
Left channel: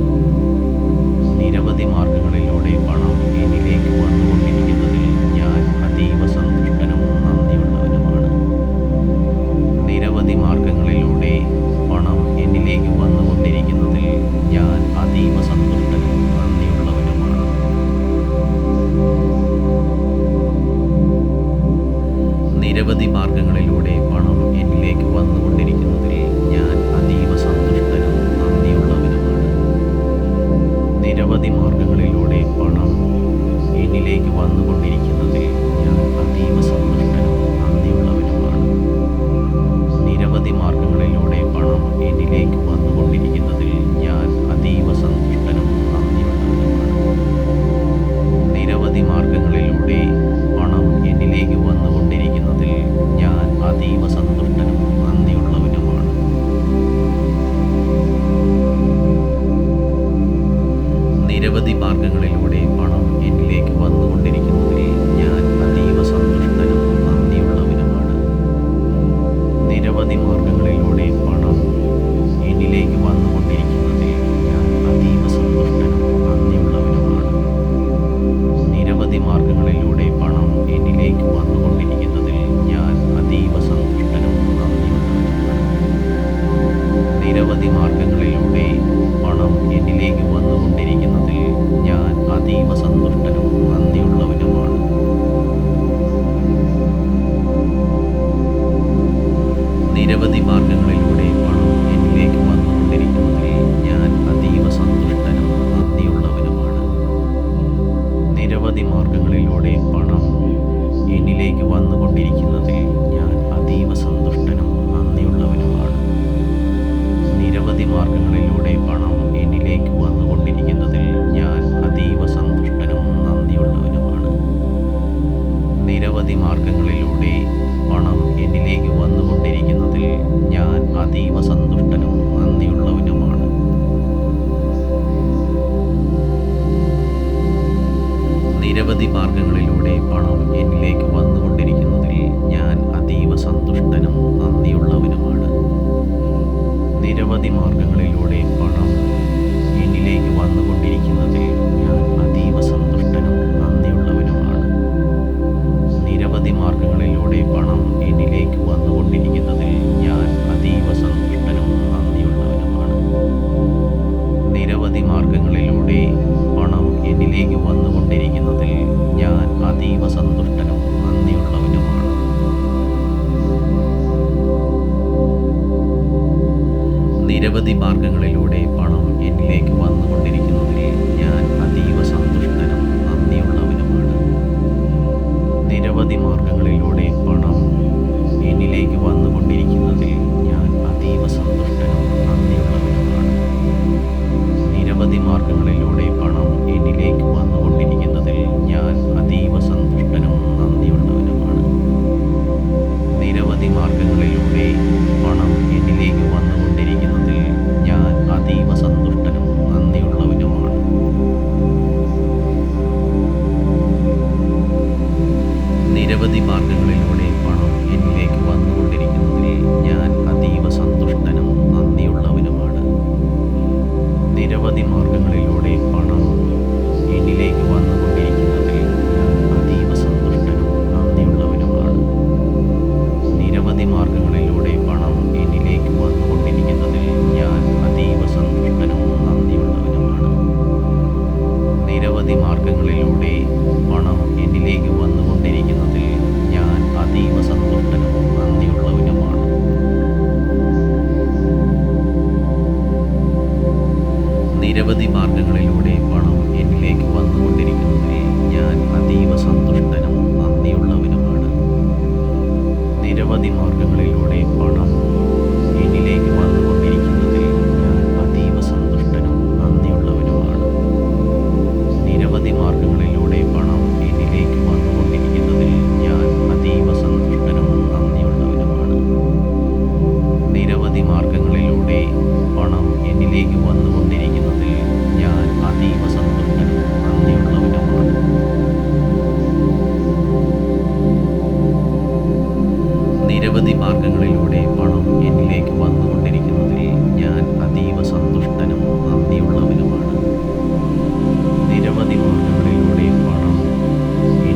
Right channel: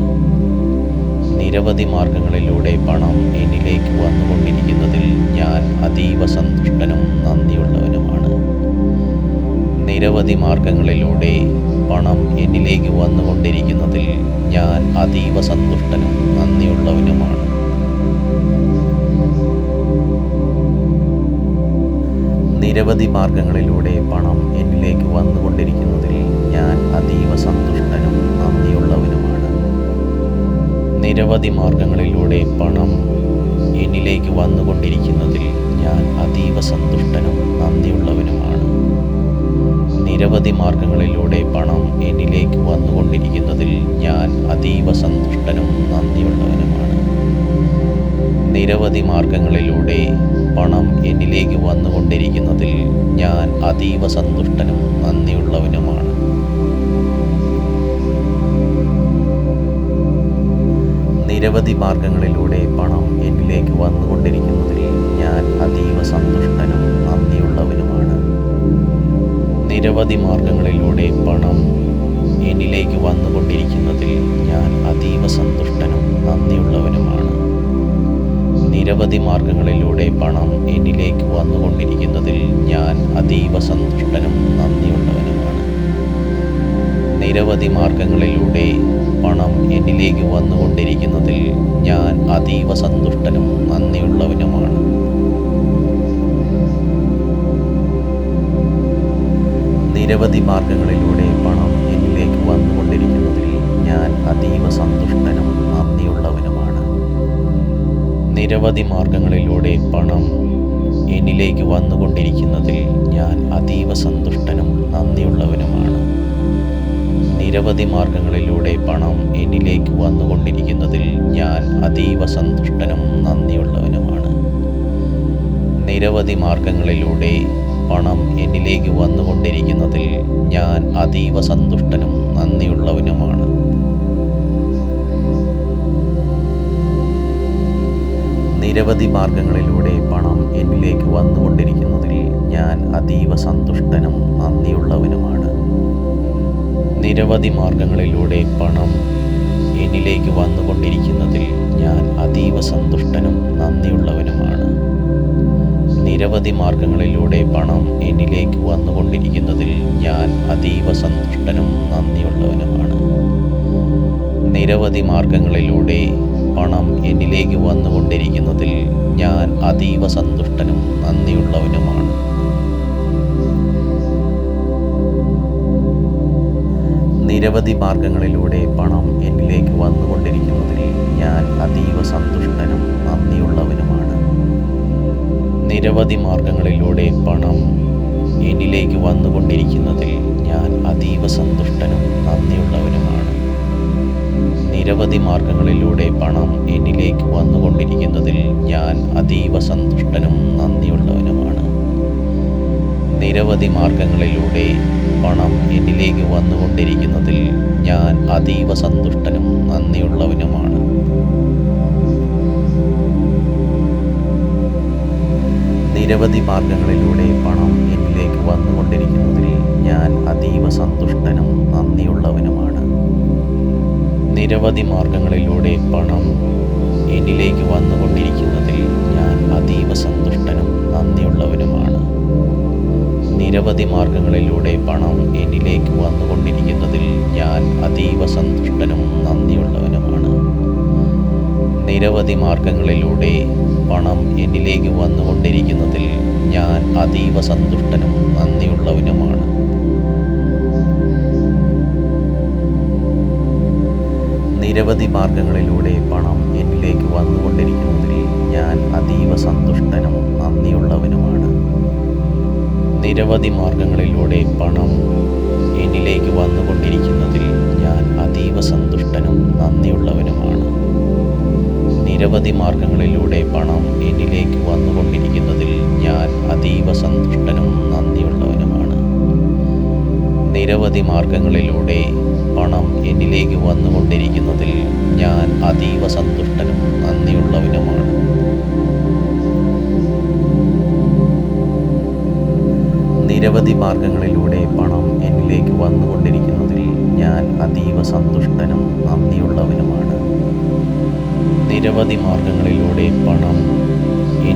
നിരവധി മാർഗങ്ങളിലൂടെ പണം എന്നിലേക്ക് വന്നുകൊണ്ടിരിക്കുന്നതിൽ ഞാൻ അതീവ സന്തുഷ്ടനും നന്ദിയുള്ളവനുമാണ്. നിരവധി മാർഗങ്ങളിലൂടെ പണം എന്നിലേക്ക് വന്നുകൊണ്ടിരിക്കുന്നതിൽ ഞാൻ അതീവ സന്തുഷ്ടനും നന്ദിയുള്ളവനുമാണ്. നിരവധി മാർഗങ്ങളിലൂടെ പണം എന്നിലേക്ക് വന്നുകൊണ്ടിരിക്കുന്നതിൽ ഞാൻ അതീവ സന്തുഷ്ടനും നന്ദിയുള്ളവനുമാണ്. നിരവധി മാർഗങ്ങളിലൂടെ പണം എന്നിലേക്ക് വന്നുകൊണ്ടിരിക്കുന്നതിൽ ഞാൻ അതീവ സന്തുഷ്ടനും നന്ദിയുള്ളവനുമാണ്. നിരവധി മാർഗങ്ങളിലൂടെ പണം എന്നിലേക്ക് വന്നുകൊണ്ടിരിക്കുന്നതിൽ ഞാൻ അതീവ സന്തുഷ്ടനും നന്ദിയുള്ളവനുമാണ്. നിരവധി മാർഗങ്ങളിലൂടെ പണം എന്നിലേക്ക് വന്നുകൊണ്ടിരിക്കുന്നതിൽ ഞാൻ അതീവ സന്തുഷ്ടനും നന്ദിയുള്ളവനുമാണ്. നിരവധി മാർഗങ്ങളിലൂടെ പണം എന്നിലേക്ക് വന്നുകൊണ്ടിരിക്കുന്നതിൽ ഞാൻ അതീവ സന്തുഷ്ടനും നന്ദിയുള്ളവനുമാണ്. നിരവധി മാർഗങ്ങളിലൂടെ പണം എന്നിലേക്ക് വന്നുകൊണ്ടിരിക്കുന്നതിൽ ഞാൻ അതീവ സന്തുഷ്ടനും നന്ദിയുള്ളവനുമാണ്. നിരവധി മാർഗങ്ങളിലൂടെ പണം എന്നിലേക്ക് വന്നുകൊണ്ടിരിക്കുന്നതിൽ ഞാൻ അതീവ സന്തുഷ്ടനും നന്ദിയുള്ളവനുമാണ്. നിരവധി മാർഗങ്ങളിലൂടെ പണം എന്നിലേക്ക് വന്നുകൊണ്ടിരിക്കുന്നതിൽ നിരവധി മാർഗങ്ങളിലൂടെ പണം എന്നിലേക്ക് വന്നുകൊണ്ടിരിക്കുന്നതിൽ ഞാൻ അതീവ സന്തുഷ്ടനും നന്ദിയുള്ളവനുമാണ്. നിരവധി മാർഗങ്ങളിലൂടെ പണം എന്നിലേക്ക് വന്നുകൊണ്ടിരിക്കുന്നതിൽ ഞാൻ അതീവ സന്തുഷ്ടനും നന്ദിയുള്ളവനുമാണ്. നിരവധി മാർഗങ്ങളിലൂടെ പണം എന്നിലേക്ക് വന്നുകൊണ്ടിരിക്കുന്നതിൽ ഞാൻ അതീവ സന്തുഷ്ടനും നന്ദിയുള്ളവനുമാണ്. നിരവധി മാർഗങ്ങളിലൂടെ പണം എന്നിലേക്ക് വന്നുകൊണ്ടിരിക്കുന്നതിൽ ഞാൻ അതീവ സന്തുഷ്ടനും നന്ദിയുള്ളവനുമാണ്. നിരവധി മാർഗങ്ങളിലൂടെ പണം എന്നിലേക്ക് വന്നുകൊണ്ടിരിക്കുന്നതിൽ ഞാൻ അതീവ സന്തുഷ്ടനും നന്ദിയുള്ളവനുമാണ്. നിരവധി മാർഗങ്ങളിലൂടെ പണം എന്നിലേക്ക് വന്നുകൊണ്ടിരിക്കുന്നതിൽ ഞാൻ അതീവ സന്തുഷ്ടനും നന്ദിയുള്ളവനുമാണ്. നിരവധി മാർഗങ്ങളിലൂടെ പണം എന്നിലേക്ക് വന്നുകൊണ്ടിരിക്കുന്നതിൽ ഞാൻ അതീവ സന്തുഷ്ടനും നന്ദിയുള്ളവനുമാണ്. നിരവധി മാർഗങ്ങളിലൂടെ പണം എന്നിലേക്ക് വന്നുകൊണ്ടിരിക്കുന്നതിൽ ഞാൻ അതീവ സന്തുഷ്ടനും നന്ദിയുള്ളവനുമാണ്. നിരവധി മാർഗങ്ങളിലൂടെ പണം എന്നിലേക്ക് വന്നുകൊണ്ടിരിക്കുന്നതിൽ ഞാൻ അതീവ സന്തുഷ്ടനും നന്ദിയുള്ളവനുമാണ്. നിരവധി മാർഗങ്ങളിലൂടെ പണം എന്നിലേക്ക് വന്നുകൊണ്ടിരിക്കുന്നതിൽ ഞാൻ അതീവ സന്തുഷ്ടനും നന്ദിയുള്ളവനുമാണ്. നിരവധി മാർഗങ്ങളിലൂടെ പണം എന്നിലേക്ക് വന്നുകൊണ്ടിരിക്കുന്നതിൽ ഞാൻ അതീവ സന്തുഷ്ടനും നന്ദിയുള്ളവനുമാണ്. നിരവധി മാർഗങ്ങളിലൂടെ പണം എന്നിലേക്ക് വന്നുകൊണ്ടിരിക്കുന്നതിൽ ഞാൻ അതീവ സന്തുഷ്ടനും നന്ദിയുള്ളവനുമാണ്. നിരവധി മാർഗങ്ങളിലൂടെ പണം എന്നിലേക്ക് വന്നുകൊണ്ടിരിക്കുന്നതിൽ ഞാൻ അതീവ സന്തുഷ്ടനും നന്ദിയുള്ളവനുമാണ്. നിരവധി മാർഗങ്ങളിലൂടെ പണം എന്നിലേക്ക് വന്നുകൊണ്ടിരിക്കുന്നതിൽ ഞാൻ അതീവ സന്തുഷ്ടനും നന്ദിയുള്ളവനുമാണ്. നിരവധി മാർഗങ്ങളിലൂടെ പണം എന്നിലേക്ക് വന്നുകൊണ്ടിരിക്കുന്നതിൽ ഞാൻ അതീവ സന്തുഷ്ടനും നന്ദിയുള്ളവനുമാണ്. നിരവധി മാർഗങ്ങളിലൂടെ പണം എന്നിലേക്ക് വന്നുകൊണ്ടിരിക്കുന്നതിൽ ഞാൻ അതീവ സന്തുഷ്ടനും നന്ദിയുള്ളവനുമാണ്. നിരവധി മാർഗങ്ങളിലൂടെ പണം എന്നിലേക്ക് വന്നുകൊണ്ടിരിക്കുന്നതിൽ ഞാൻ അതീവ സന്തുഷ്ടനും നന്ദിയുള്ളവനുമാണ്. നിരവധി മാർഗങ്ങളിലൂടെ പണം എന്നിലേക്ക് വന്നുകൊണ്ടിരിക്കുന്നതിൽ ഞാൻ അതീവ സന്തുഷ്ടനും നന്ദിയുള്ളവനുമാണ്. നിരവധി മാർഗങ്ങളിലൂടെ പണം എന്നിലേക്ക് വന്നുകൊണ്ടിരിക്കുന്നതിൽ ഞാൻ അതീവ സന്തുഷ്ടനും നന്ദിയുള്ളവനുമാണ്. നിരവധി മാർഗങ്ങളിലൂടെ പണം എന്നിലേക്ക് വന്നുകൊണ്ടിരിക്കുന്നതിൽ ഞാൻ അതീവ സന്തുഷ്ടനും നന്ദിയുള്ളവനുമാണ്. നിരവധി മാർഗങ്ങളിലൂടെ പണം എന്നിലേക്ക് വന്നുകൊണ്ടിരിക്കുന്നതിൽ ഞാൻ അതീവ സന്തുഷ്ടനും നന്ദിയുള്ളവനുമാണ്. നിരവധി മാർഗങ്ങളിലൂടെ പണം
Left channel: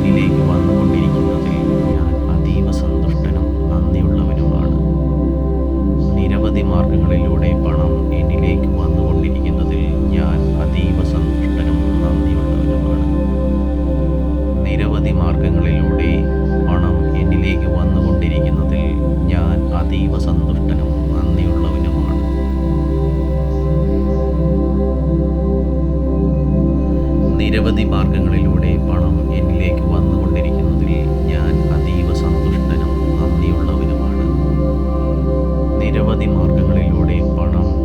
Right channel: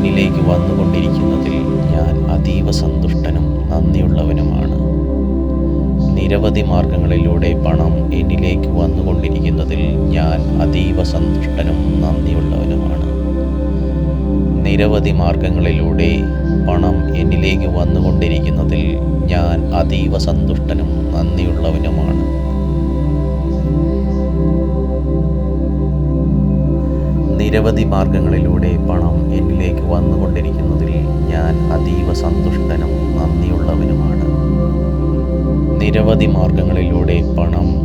എന്നിലേക്ക് വന്നുകൊണ്ടിരിക്കുന്നതിൽ ഞാൻ അതീവ സന്തുഷ്ടനും നന്ദിയുള്ളവനുമാണ്. നിരവധി മാർഗങ്ങളിലൂടെ പണം എന്നിലേക്ക് വന്നുകൊണ്ടിരിക്കുന്നതിൽ ഞാൻ അതീവ സന്തുഷ്ടനും നന്ദിയുള്ളവനുമാണ്. നിരവധി മാർഗങ്ങളിലൂടെ പണം എന്നിലേക്ക് വന്നുകൊണ്ടിരിക്കുന്നതിൽ ഞാൻ അതീവ സന്തുഷ്ടനും നന്ദിയുള്ളവനുമാണ്. നിരവധി മാർഗങ്ങളിലൂടെ പണം എന്നിലേക്ക് വന്നുകൊണ്ടിരിക്കുന്നതിൽ ഞാൻ അതീവ സന്തുഷ്ടനും നന്ദിയുള്ളവനുമാണ്. നിരവധി മാർഗങ്ങളിലൂടെ പണം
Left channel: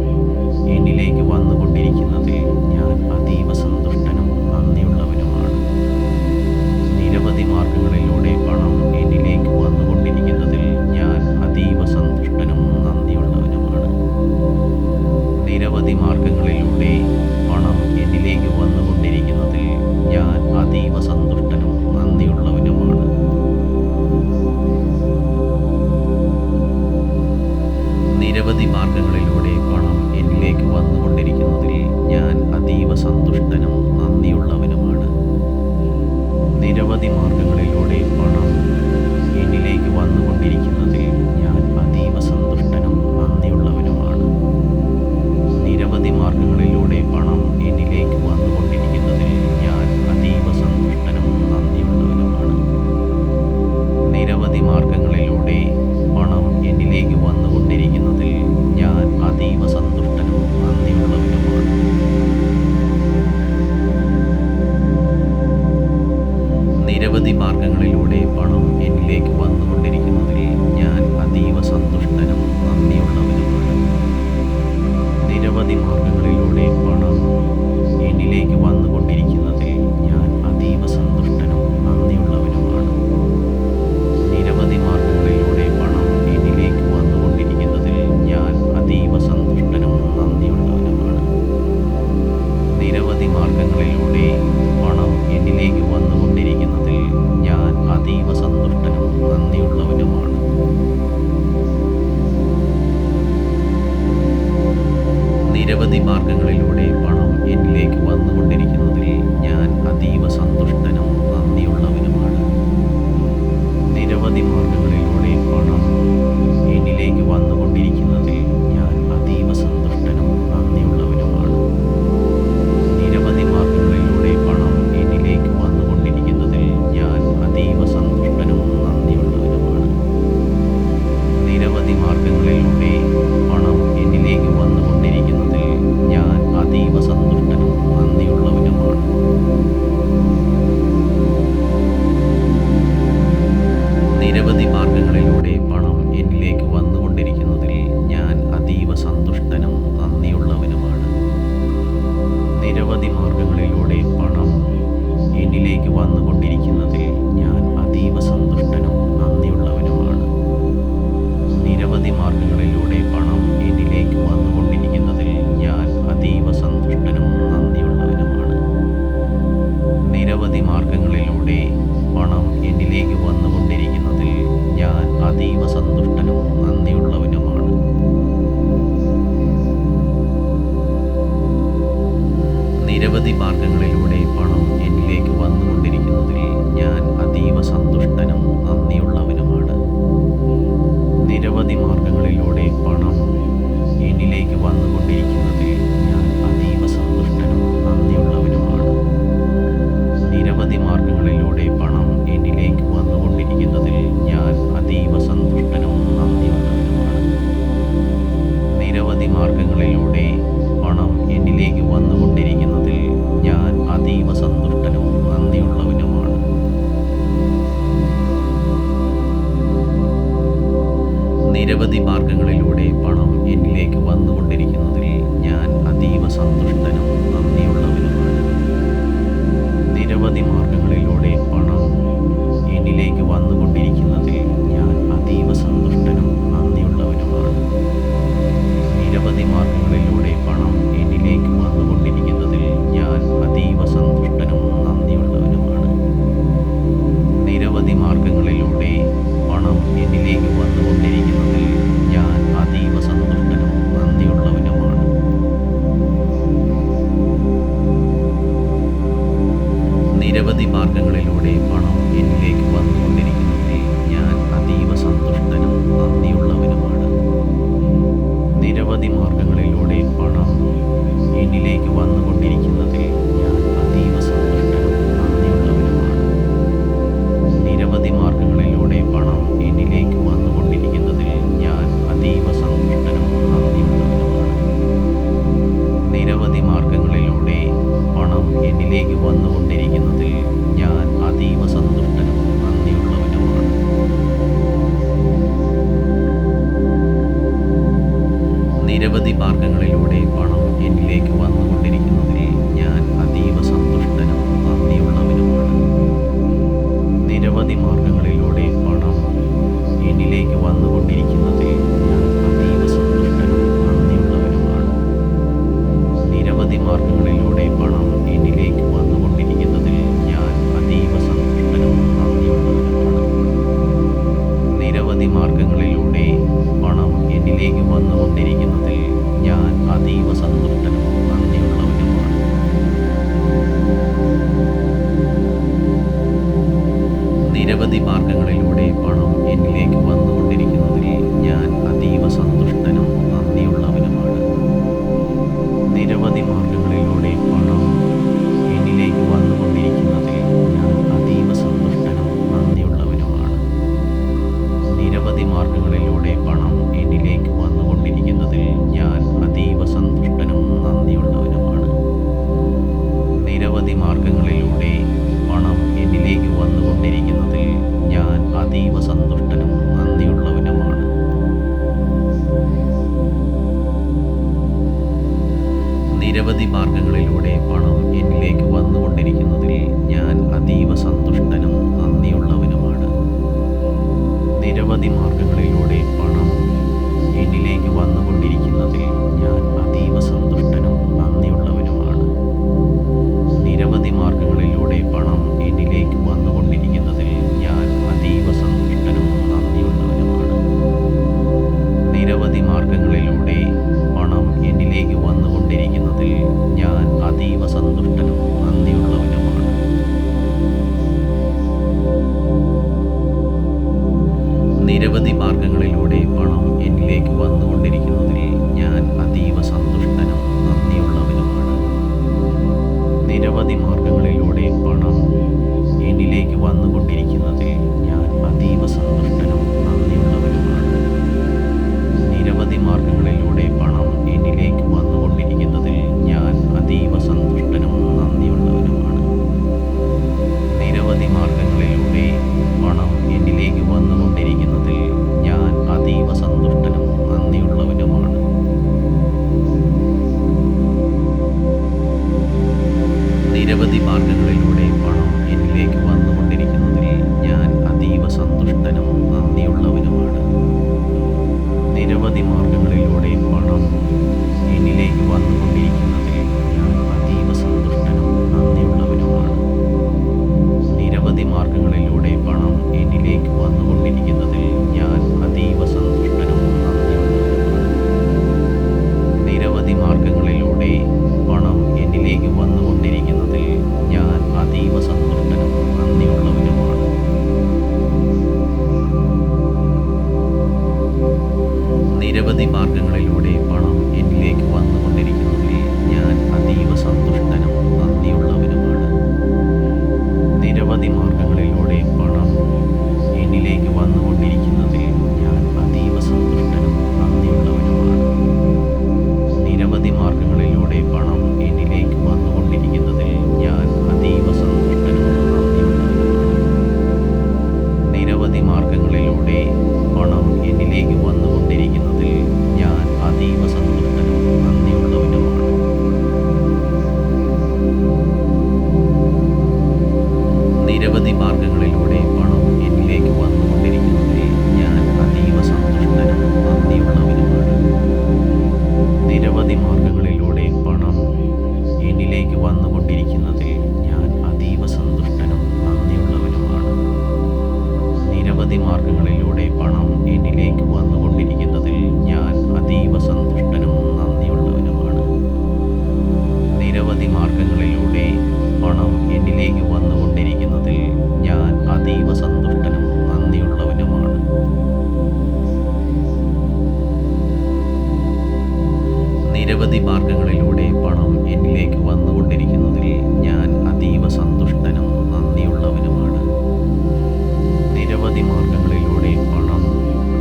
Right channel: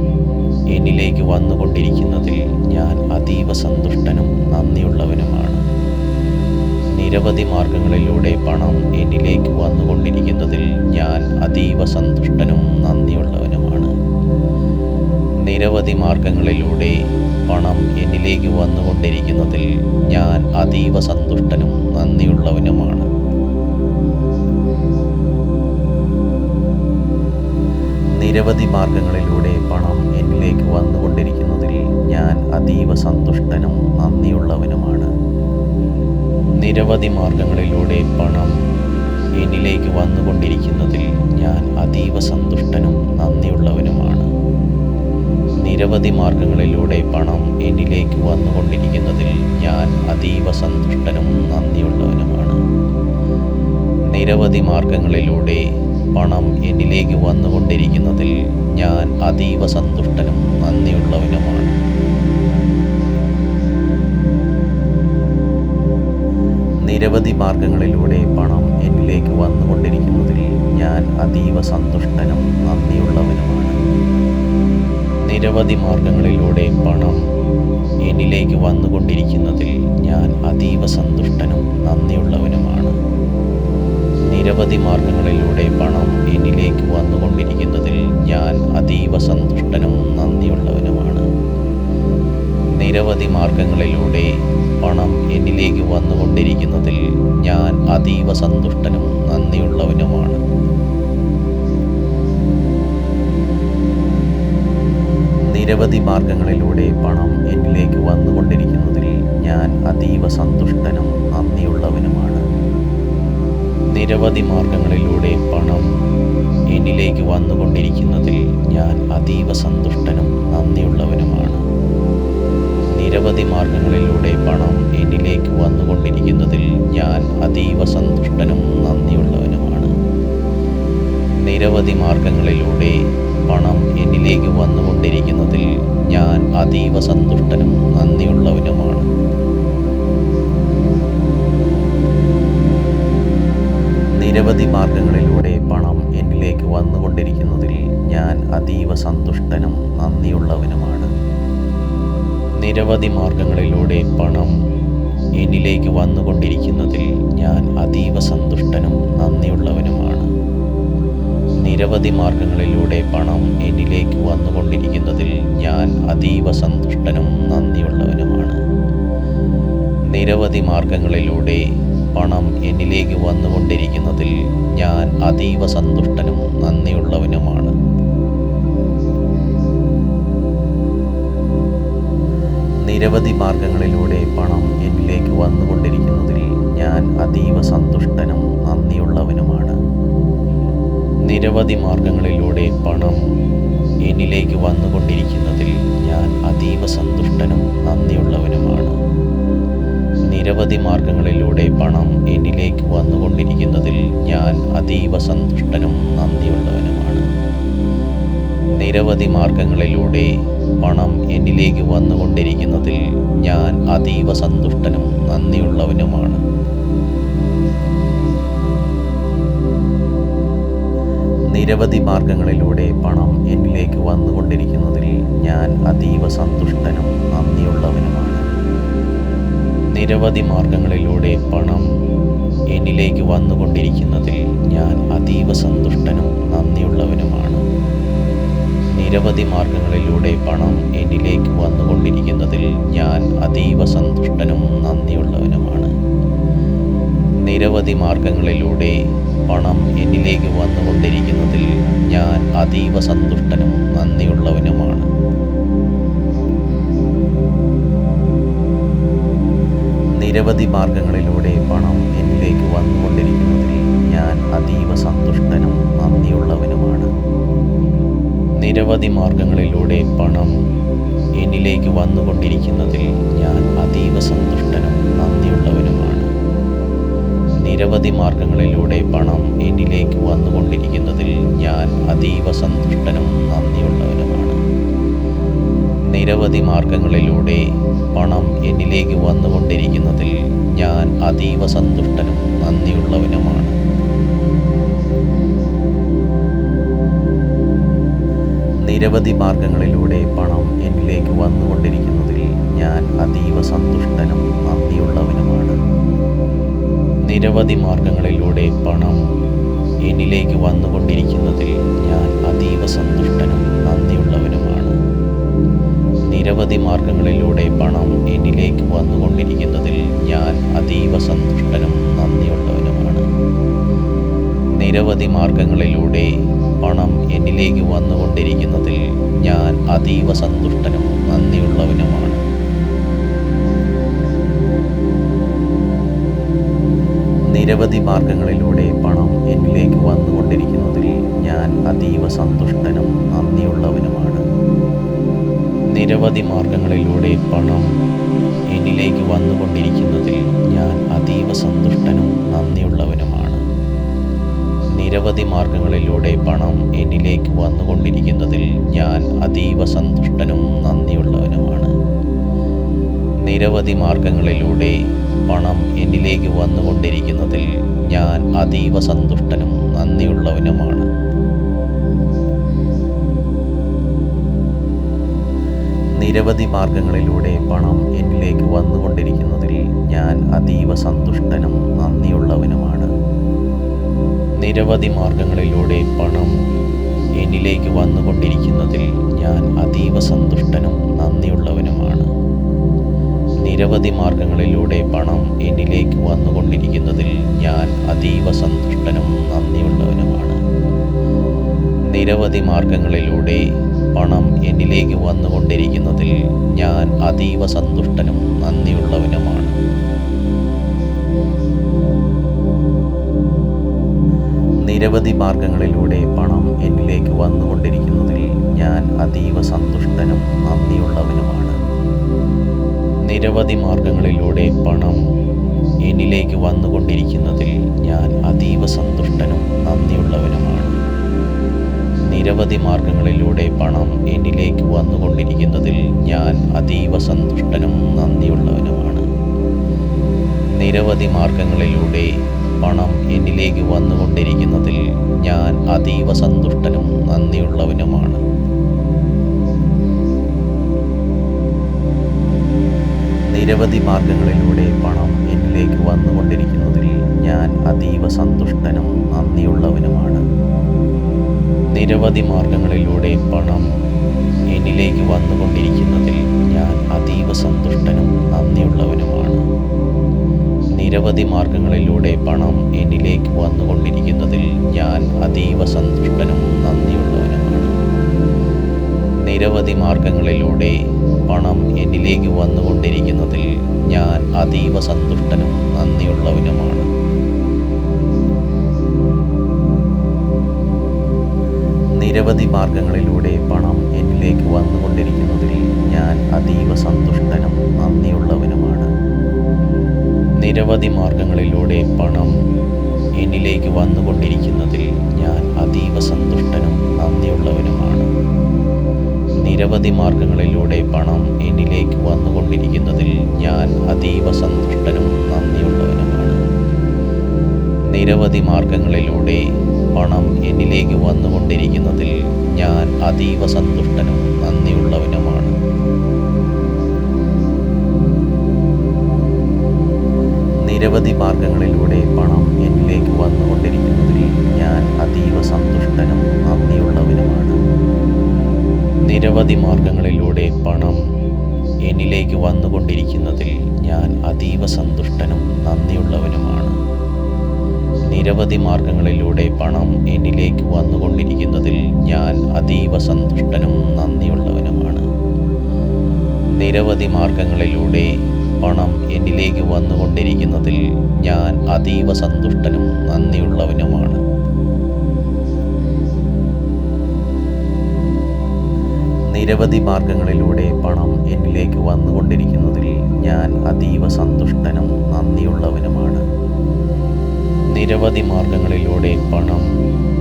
എന്നിലേക്ക് വന്നുകൊണ്ടിരിക്കുന്നതിൽ ഞാൻ അതീവ സന്തുഷ്ടനും നന്ദിയുള്ളവനുമാണ്. നിരവധി മാർഗങ്ങളിലൂടെ പണം എന്നിലേക്ക് വന്നുകൊണ്ടിരിക്കുന്നതിൽ ഞാൻ അതീവ സന്തുഷ്ടനും നന്ദിയുള്ളവനുമാണ്. നിരവധി മാർഗങ്ങളിലൂടെ പണം എന്നിലേക്ക് വന്നുകൊണ്ടിരിക്കുന്നതിൽ ഞാൻ അതീവ സന്തുഷ്ടനും നന്ദിയുള്ളവനുമാണ്. നിരവധി മാർഗങ്ങളിലൂടെ പണം എന്നിലേക്ക് വന്നുകൊണ്ടിരിക്കുന്നതിൽ ഞാൻ അതീവ സന്തുഷ്ടനും നന്ദിയുള്ളവനുമാണ്. നിരവധി മാർഗങ്ങളിലൂടെ പണം എന്നിലേക്ക് വന്നുകൊണ്ടിരിക്കുന്നതിൽ ഞാൻ അതീവ സന്തുഷ്ടനും നന്ദിയുള്ളവനുമാണ്. നിരവധി മാർഗങ്ങളിലൂടെ പണം എന്നിലേക്ക് വന്നുകൊണ്ടിരിക്കുന്നതിൽ ഞാൻ അതീവ സന്തുഷ്ടനും നന്ദിയുള്ളവനുമാണ്. നിരവധി മാർഗങ്ങളിലൂടെ പണം എന്നിലേക്ക് വന്നുകൊണ്ടിരിക്കുന്നതിൽ ഞാൻ അതീവ സന്തുഷ്ടനും നന്ദിയുള്ളവനുമാണ്. നിരവധി മാർഗങ്ങളിലൂടെ പണം എന്നിലേക്ക് വന്നുകൊണ്ടിരിക്കുന്നതിൽ ഞാൻ അതീവ സന്തുഷ്ടനും നന്ദിയുള്ളവനുമാണ്. നിരവധി മാർഗങ്ങളിലൂടെ പണം എന്നിലേക്ക് വന്നുകൊണ്ടിരിക്കുന്നതിൽ ഞാൻ അതീവ സന്തുഷ്ടനും നന്ദിയുള്ളവനുമാണ്. നിരവധി മാർഗങ്ങളിലൂടെ പണം എന്നിലേക്ക് വന്നുകൊണ്ടിരിക്കുന്നതിൽ ഞാൻ അതീവ സന്തുഷ്ടനും നന്ദിയുള്ളവനുമാണ്. നിരവധി മാർഗങ്ങളിലൂടെ പണം എന്നിലേക്ക് വന്നുകൊണ്ടിരിക്കുന്നതിൽ ഞാൻ അതീവ സന്തുഷ്ടനും നന്ദിയുള്ളവനുമാണ്. നിരവധി മാർഗങ്ങളിലൂടെ പണം എന്നിലേക്ക് വന്നുകൊണ്ടിരിക്കുന്നതിൽ ഞാൻ അതീവ സന്തുഷ്ടനും നന്ദിയുള്ളവനുമാണ്. നിരവധി മാർഗങ്ങളിലൂടെ പണം എന്നിലേക്ക് വന്നുകൊണ്ടിരിക്കുന്നതിൽ ഞാൻ അതീവ സന്തുഷ്ടനും നന്ദിയുള്ളവനുമാണ്. നിരവധി മാർഗങ്ങളിലൂടെ പണം എന്നിലേക്ക് വന്നുകൊണ്ടിരിക്കുന്നതിൽ ഞാൻ അതീവ സന്തുഷ്ടനും നന്ദിയുള്ളവനുമാണ്. നിരവധി മാർഗങ്ങളിലൂടെ പണം എന്നിലേക്ക് വന്നുകൊണ്ടിരിക്കുന്നതിൽ ഞാൻ അതീവ സന്തുഷ്ടനും നന്ദിയുള്ളവനുമാണ്. നിരവധി മാർഗങ്ങളിലൂടെ പണം എന്നിലേക്ക് വന്നുകൊണ്ടിരിക്കുന്നതിൽ ഞാൻ അതീവ സന്തുഷ്ടനും നന്ദിയുള്ളവനുമാണ്. നിരവധി മാർഗങ്ങളിലൂടെ പണം എന്നിലേക്ക് വന്നുകൊണ്ടിരിക്കുന്നതിൽ ഞാൻ അതീവ സന്തുഷ്ടനും നന്ദിയുള്ളവനുമാണ്. നിരവധി മാർഗങ്ങളിലൂടെ പണം എന്നിലേക്ക് വന്നുകൊണ്ടിരിക്കുന്നതിൽ ഞാൻ അതീവ സന്തുഷ്ടനും നന്ദിയുള്ളവനുമാണ്. നിരവധി മാർഗങ്ങളിലൂടെ പണം എന്നിലേക്ക് വന്നുകൊണ്ടിരിക്കുന്നതിൽ ഞാൻ അതീവ സന്തുഷ്ടനും നന്ദിയുള്ളവനുമാണ്. നിരവധി മാർഗങ്ങളിലൂടെ പണം എന്നിലേക്ക് വന്നുകൊണ്ടിരിക്കുന്നതിൽ ഞാൻ അതീവ സന്തുഷ്ടനും നന്ദിയുള്ളവനുമാണ്. നിരവധി മാർഗങ്ങളിലൂടെ പണം എന്നിലേക്ക് വന്നുകൊണ്ടിരിക്കുന്നതിൽ ഞാൻ അതീവ സന്തുഷ്ടനും നന്ദിയുള്ളവനുമാണ്. നിരവധി മാർഗങ്ങളിലൂടെ പണം എന്നിലേക്ക് വന്നുകൊണ്ടിരിക്കുന്നതിൽ ഞാൻ അതീവ സന്തുഷ്ടനും നന്ദിയുള്ളവനുമാണ്. നിരവധി മാർഗങ്ങളിലൂടെ പണം എന്നിലേക്ക് വന്നുകൊണ്ടിരിക്കുന്നതിൽ ഞാൻ അതീവ സന്തുഷ്ടനും നന്ദിയുള്ളവനുമാണ്. നിരവധി മാർഗങ്ങളിലൂടെ പണം എന്നിലേക്ക് വന്നുകൊണ്ടിരിക്കുന്നതിൽ ഞാൻ അതീവ സന്തുഷ്ടനും നന്ദിയുള്ളവനുമാണ്. നിരവധി മാർഗങ്ങളിലൂടെ പണം എന്നിലേക്ക് വന്നുകൊണ്ടിരിക്കുന്നതിൽ ഞാൻ അതീവ സന്തുഷ്ടനും നന്ദിയുള്ളവനുമാണ്. നിരവധി മാർഗങ്ങളിലൂടെ പണം എന്നിലേക്ക് വന്നുകൊണ്ടിരിക്കുന്നതിൽ ഞാൻ അതീവ സന്തുഷ്ടനും നന്ദിയുള്ളവനുമാണ്. നിരവധി മാർഗങ്ങളിലൂടെ പണം എന്നിലേക്ക് വന്നുകൊണ്ടിരിക്കുന്നതിൽ ഞാൻ അതീവ സന്തുഷ്ടനും നന്ദിയുള്ളവനുമാണ്. നിരവധി മാർഗങ്ങളിലൂടെ പണം എന്നിലേക്ക് വന്നുകൊണ്ടിരിക്കുന്നതിൽ ഞാൻ അതീവ സന്തുഷ്ടനും നന്ദിയുള്ളവനുമാണ്. നിരവധി മാർഗങ്ങളിലൂടെ പണം എന്നിലേക്ക് വന്നുകൊണ്ടിരിക്കുന്നതിൽ ഞാൻ അതീവ സന്തുഷ്ടനും നന്ദിയുള്ളവനുമാണ്. നിരവധി മാർഗങ്ങളിലൂടെ പണം എന്നിലേക്ക് വന്നുകൊണ്ടിരിക്കുന്നതിൽ ഞാൻ അതീവ സന്തുഷ്ടനും നന്ദിയുള്ളവനുമാണ്. നിരവധി മാർഗങ്ങളിലൂടെ പണം എന്നിലേക്ക് വന്നുകൊണ്ടിരിക്കുന്നതിൽ ഞാൻ അതീവ സന്തുഷ്ടനും നന്ദിയുള്ളവനുമാണ്. നിരവധി മാർഗങ്ങളിലൂടെ പണം എന്നിലേക്ക് വന്നുകൊണ്ടിരിക്കുന്നതിൽ ഞാൻ അതീവ സന്തുഷ്ടനും നന്ദിയുള്ളവനുമാണ്. നിരവധി മാർഗങ്ങളിലൂടെ പണം എന്നിലേക്ക് വന്നുകൊണ്ടിരിക്കുന്നതിൽ ഞാൻ അതീവ സന്തുഷ്ടനും നന്ദിയുള്ളവനുമാണ്. നിരവധി മാർഗങ്ങളിലൂടെ പണം എന്നിലേക്ക് വന്നുകൊണ്ടിരിക്കുന്നതിൽ ഞാൻ അതീവ സന്തുഷ്ടനും നന്ദിയുള്ളവനുമാണ്. നിരവധി മാർഗങ്ങളിലൂടെ പണം എന്നിലേക്ക് വന്നുകൊണ്ടിരിക്കുന്നതിൽ ഞാൻ അതീവ സന്തുഷ്ടനും നന്ദിയുള്ളവനുമാണ്. നിരവധി മാർഗങ്ങളിലൂടെ പണം എന്നിലേക്ക് വന്നുകൊണ്ടിരിക്കുന്നതിൽ ഞാൻ അതീവ സന്തുഷ്ടനും നന്ദിയുള്ളവനുമാണ്. നിരവധി മാർഗങ്ങളിലൂടെ പണം എന്നിലേക്ക് വന്നുകൊണ്ടിരിക്കുന്നതിൽ ഞാൻ അതീവ സന്തുഷ്ടനും നന്ദിയുള്ളവനുമാണ്. നിരവധി മാർഗങ്ങളിലൂടെ പണം എന്നിലേക്ക് വന്നുകൊണ്ടിരിക്കുന്നതിൽ ഞാൻ അതീവ സന്തുഷ്ടനും നന്ദിയുള്ളവനുമാണ്. നിരവധി മാർഗങ്ങളിലൂടെ പണം എന്നിലേക്ക് വന്നുകൊണ്ടിരിക്കുന്നതിൽ ഞാൻ അതീവ സന്തുഷ്ടനും നന്ദിയുള്ളവനുമാണ്. നിരവധി മാർഗങ്ങളിലൂടെ പണം എന്നിലേക്ക് വന്നുകൊണ്ടിരിക്കുന്നതിൽ ഞാൻ അതീവ സന്തുഷ്ടനും നന്ദിയുള്ളവനുമാണ്. നിരവധി മാർഗങ്ങളിലൂടെ പണം എന്നിലേക്ക് വന്നുകൊണ്ടിരിക്കുന്നതിൽ ഞാൻ അതീവ സന്തുഷ്ടനും നന്ദിയുള്ളവനുമാണ്. നിരവധി മാർഗങ്ങളിലൂടെ പണം എന്നിലേക്ക് വന്നുകൊണ്ടിരിക്കുന്നതിൽ ഞാൻ അതീവ സന്തുഷ്ടനും നന്ദിയുള്ളവനുമാണ്. നിരവധി മാർഗങ്ങളിലൂടെ പണം എന്നിലേക്ക് വന്നുകൊണ്ടിരിക്കുന്നതിൽ ഞാൻ അതീവ സന്തുഷ്ടനും നന്ദിയുള്ളവനുമാണ്. നിരവധി മാർഗങ്ങളിലൂടെ പണം എന്നിലേക്ക് വന്നുകൊണ്ടിരിക്കുന്നതിൽ ഞാൻ അതീവ സന്തുഷ്ടനും നന്ദിയുള്ളവനുമാണ്. നിരവധി മാർഗങ്ങളിലൂടെ പണം എന്നിലേക്ക് വന്നുകൊണ്ടിരിക്കുന്നതിൽ ഞാൻ അതീവ സന്തുഷ്ടനും നന്ദിയുള്ളവനുമാണ്. നിരവധി മാർഗങ്ങളിലൂടെ പണം എന്നിലേക്ക് വന്നുകൊണ്ടിരിക്കുന്നതിൽ ഞാൻ അതീവ സന്തുഷ്ടനും നന്ദിയുള്ളവനുമാണ്. നിരവധി മാർഗങ്ങളിലൂടെ പണം എന്നിലേക്ക് വന്നുകൊണ്ടിരിക്കുന്നതിൽ ഞാൻ അതീവ സന്തുഷ്ടനും നന്ദിയുള്ളവനുമാണ്. നിരവധി മാർഗങ്ങളിലൂടെ പണം എന്നിലേക്ക് വന്നുകൊണ്ടിരിക്കുന്നതിൽ ഞാൻ അതീവ സന്തുഷ്ടനും നന്ദിയുള്ളവനുമാണ്. നിരവധി മാർഗങ്ങളിലൂടെ പണം എന്നിലേക്ക് വന്നുകൊണ്ടിരിക്കുന്നതിൽ ഞാൻ അതീവ സന്തുഷ്ടനും നന്ദിയുള്ളവനുമാണ്. നിരവധി മാർഗങ്ങളിലൂടെ പണം എന്നിലേക്ക് വന്നുകൊണ്ടിരിക്കുന്നതിൽ ഞാൻ അതീവ സന്തുഷ്ടനും നന്ദിയുള്ളവനുമാണ്. നിരവധി മാർഗങ്ങളിലൂടെ പണം എന്നിലേക്ക് വന്നുകൊണ്ടിരിക്കുന്നതിൽ ഞാൻ അതീവ സന്തുഷ്ടനും നന്ദിയുള്ളവനുമാണ്. നിരവധി മാർഗങ്ങളിലൂടെ പണം എന്നിലേക്ക് വന്നുകൊണ്ടിരിക്കുന്നതിൽ ഞാൻ അതീവ സന്തുഷ്ടനും നന്ദിയുള്ളവനുമാണ്. നിരവധി മാർഗങ്ങളിലൂടെ പണം എന്നിലേക്ക് വന്നുകൊണ്ടിരിക്കുന്നതിൽ ഞാൻ അതീവ സന്തുഷ്ടനും നന്ദിയുള്ളവനുമാണ്. നിരവധി മാർഗങ്ങളിലൂടെ പണം എന്നിലേക്ക് വന്നുകൊണ്ടിരിക്കുന്നതിൽ ഞാൻ അതീവ സന്തുഷ്ടനും നന്ദിയുള്ളവനുമാണ്. നിരവധി മാർഗങ്ങളിലൂടെ പണം എന്നിലേക്ക് വന്നുകൊണ്ടിരിക്കുന്നതിൽ ഞാൻ അതീവ സന്തുഷ്ടനും നന്ദിയുള്ളവനുമാണ്. നിരവധി മാർഗങ്ങളിലൂടെ പണം എന്നിലേക്ക് വന്നുകൊണ്ടിരിക്കുന്നതിൽ ഞാൻ അതീവ സന്തുഷ്ടനും നന്ദിയുള്ളവനുമാണ്. നിരവധി മാർഗങ്ങളിലൂടെ പണം എന്നിലേക്ക് വന്നുകൊണ്ടിരിക്കുന്നതിൽ ഞാൻ അതീവ സന്തുഷ്ടനും നന്ദിയുള്ളവനുമാണ്. നിരവധി മാർഗങ്ങളിലൂടെ പണം എന്നിലേക്ക് വന്നുകൊണ്ടിരിക്കുന്നതിൽ ഞാൻ അതീവ സന്തുഷ്ടനും നന്ദിയുള്ളവനുമാണ്. നിരവധി മാർഗങ്ങളിലൂടെ പണം എന്നിലേക്ക് വന്നുകൊണ്ടിരിക്കുന്നതിൽ ഞാൻ അതീവ സന്തുഷ്ടനും നന്ദിയുള്ളവനുമാണ്. നിരവധി മാർഗങ്ങളിലൂടെ പണം എന്നിലേക്ക് വന്നുകൊണ്ടിരിക്കുന്നതിൽ ഞാൻ അതീവ സന്തുഷ്ടനും നന്ദിയുള്ളവനുമാണ്. നിരവധി മാർഗങ്ങളിലൂടെ പണം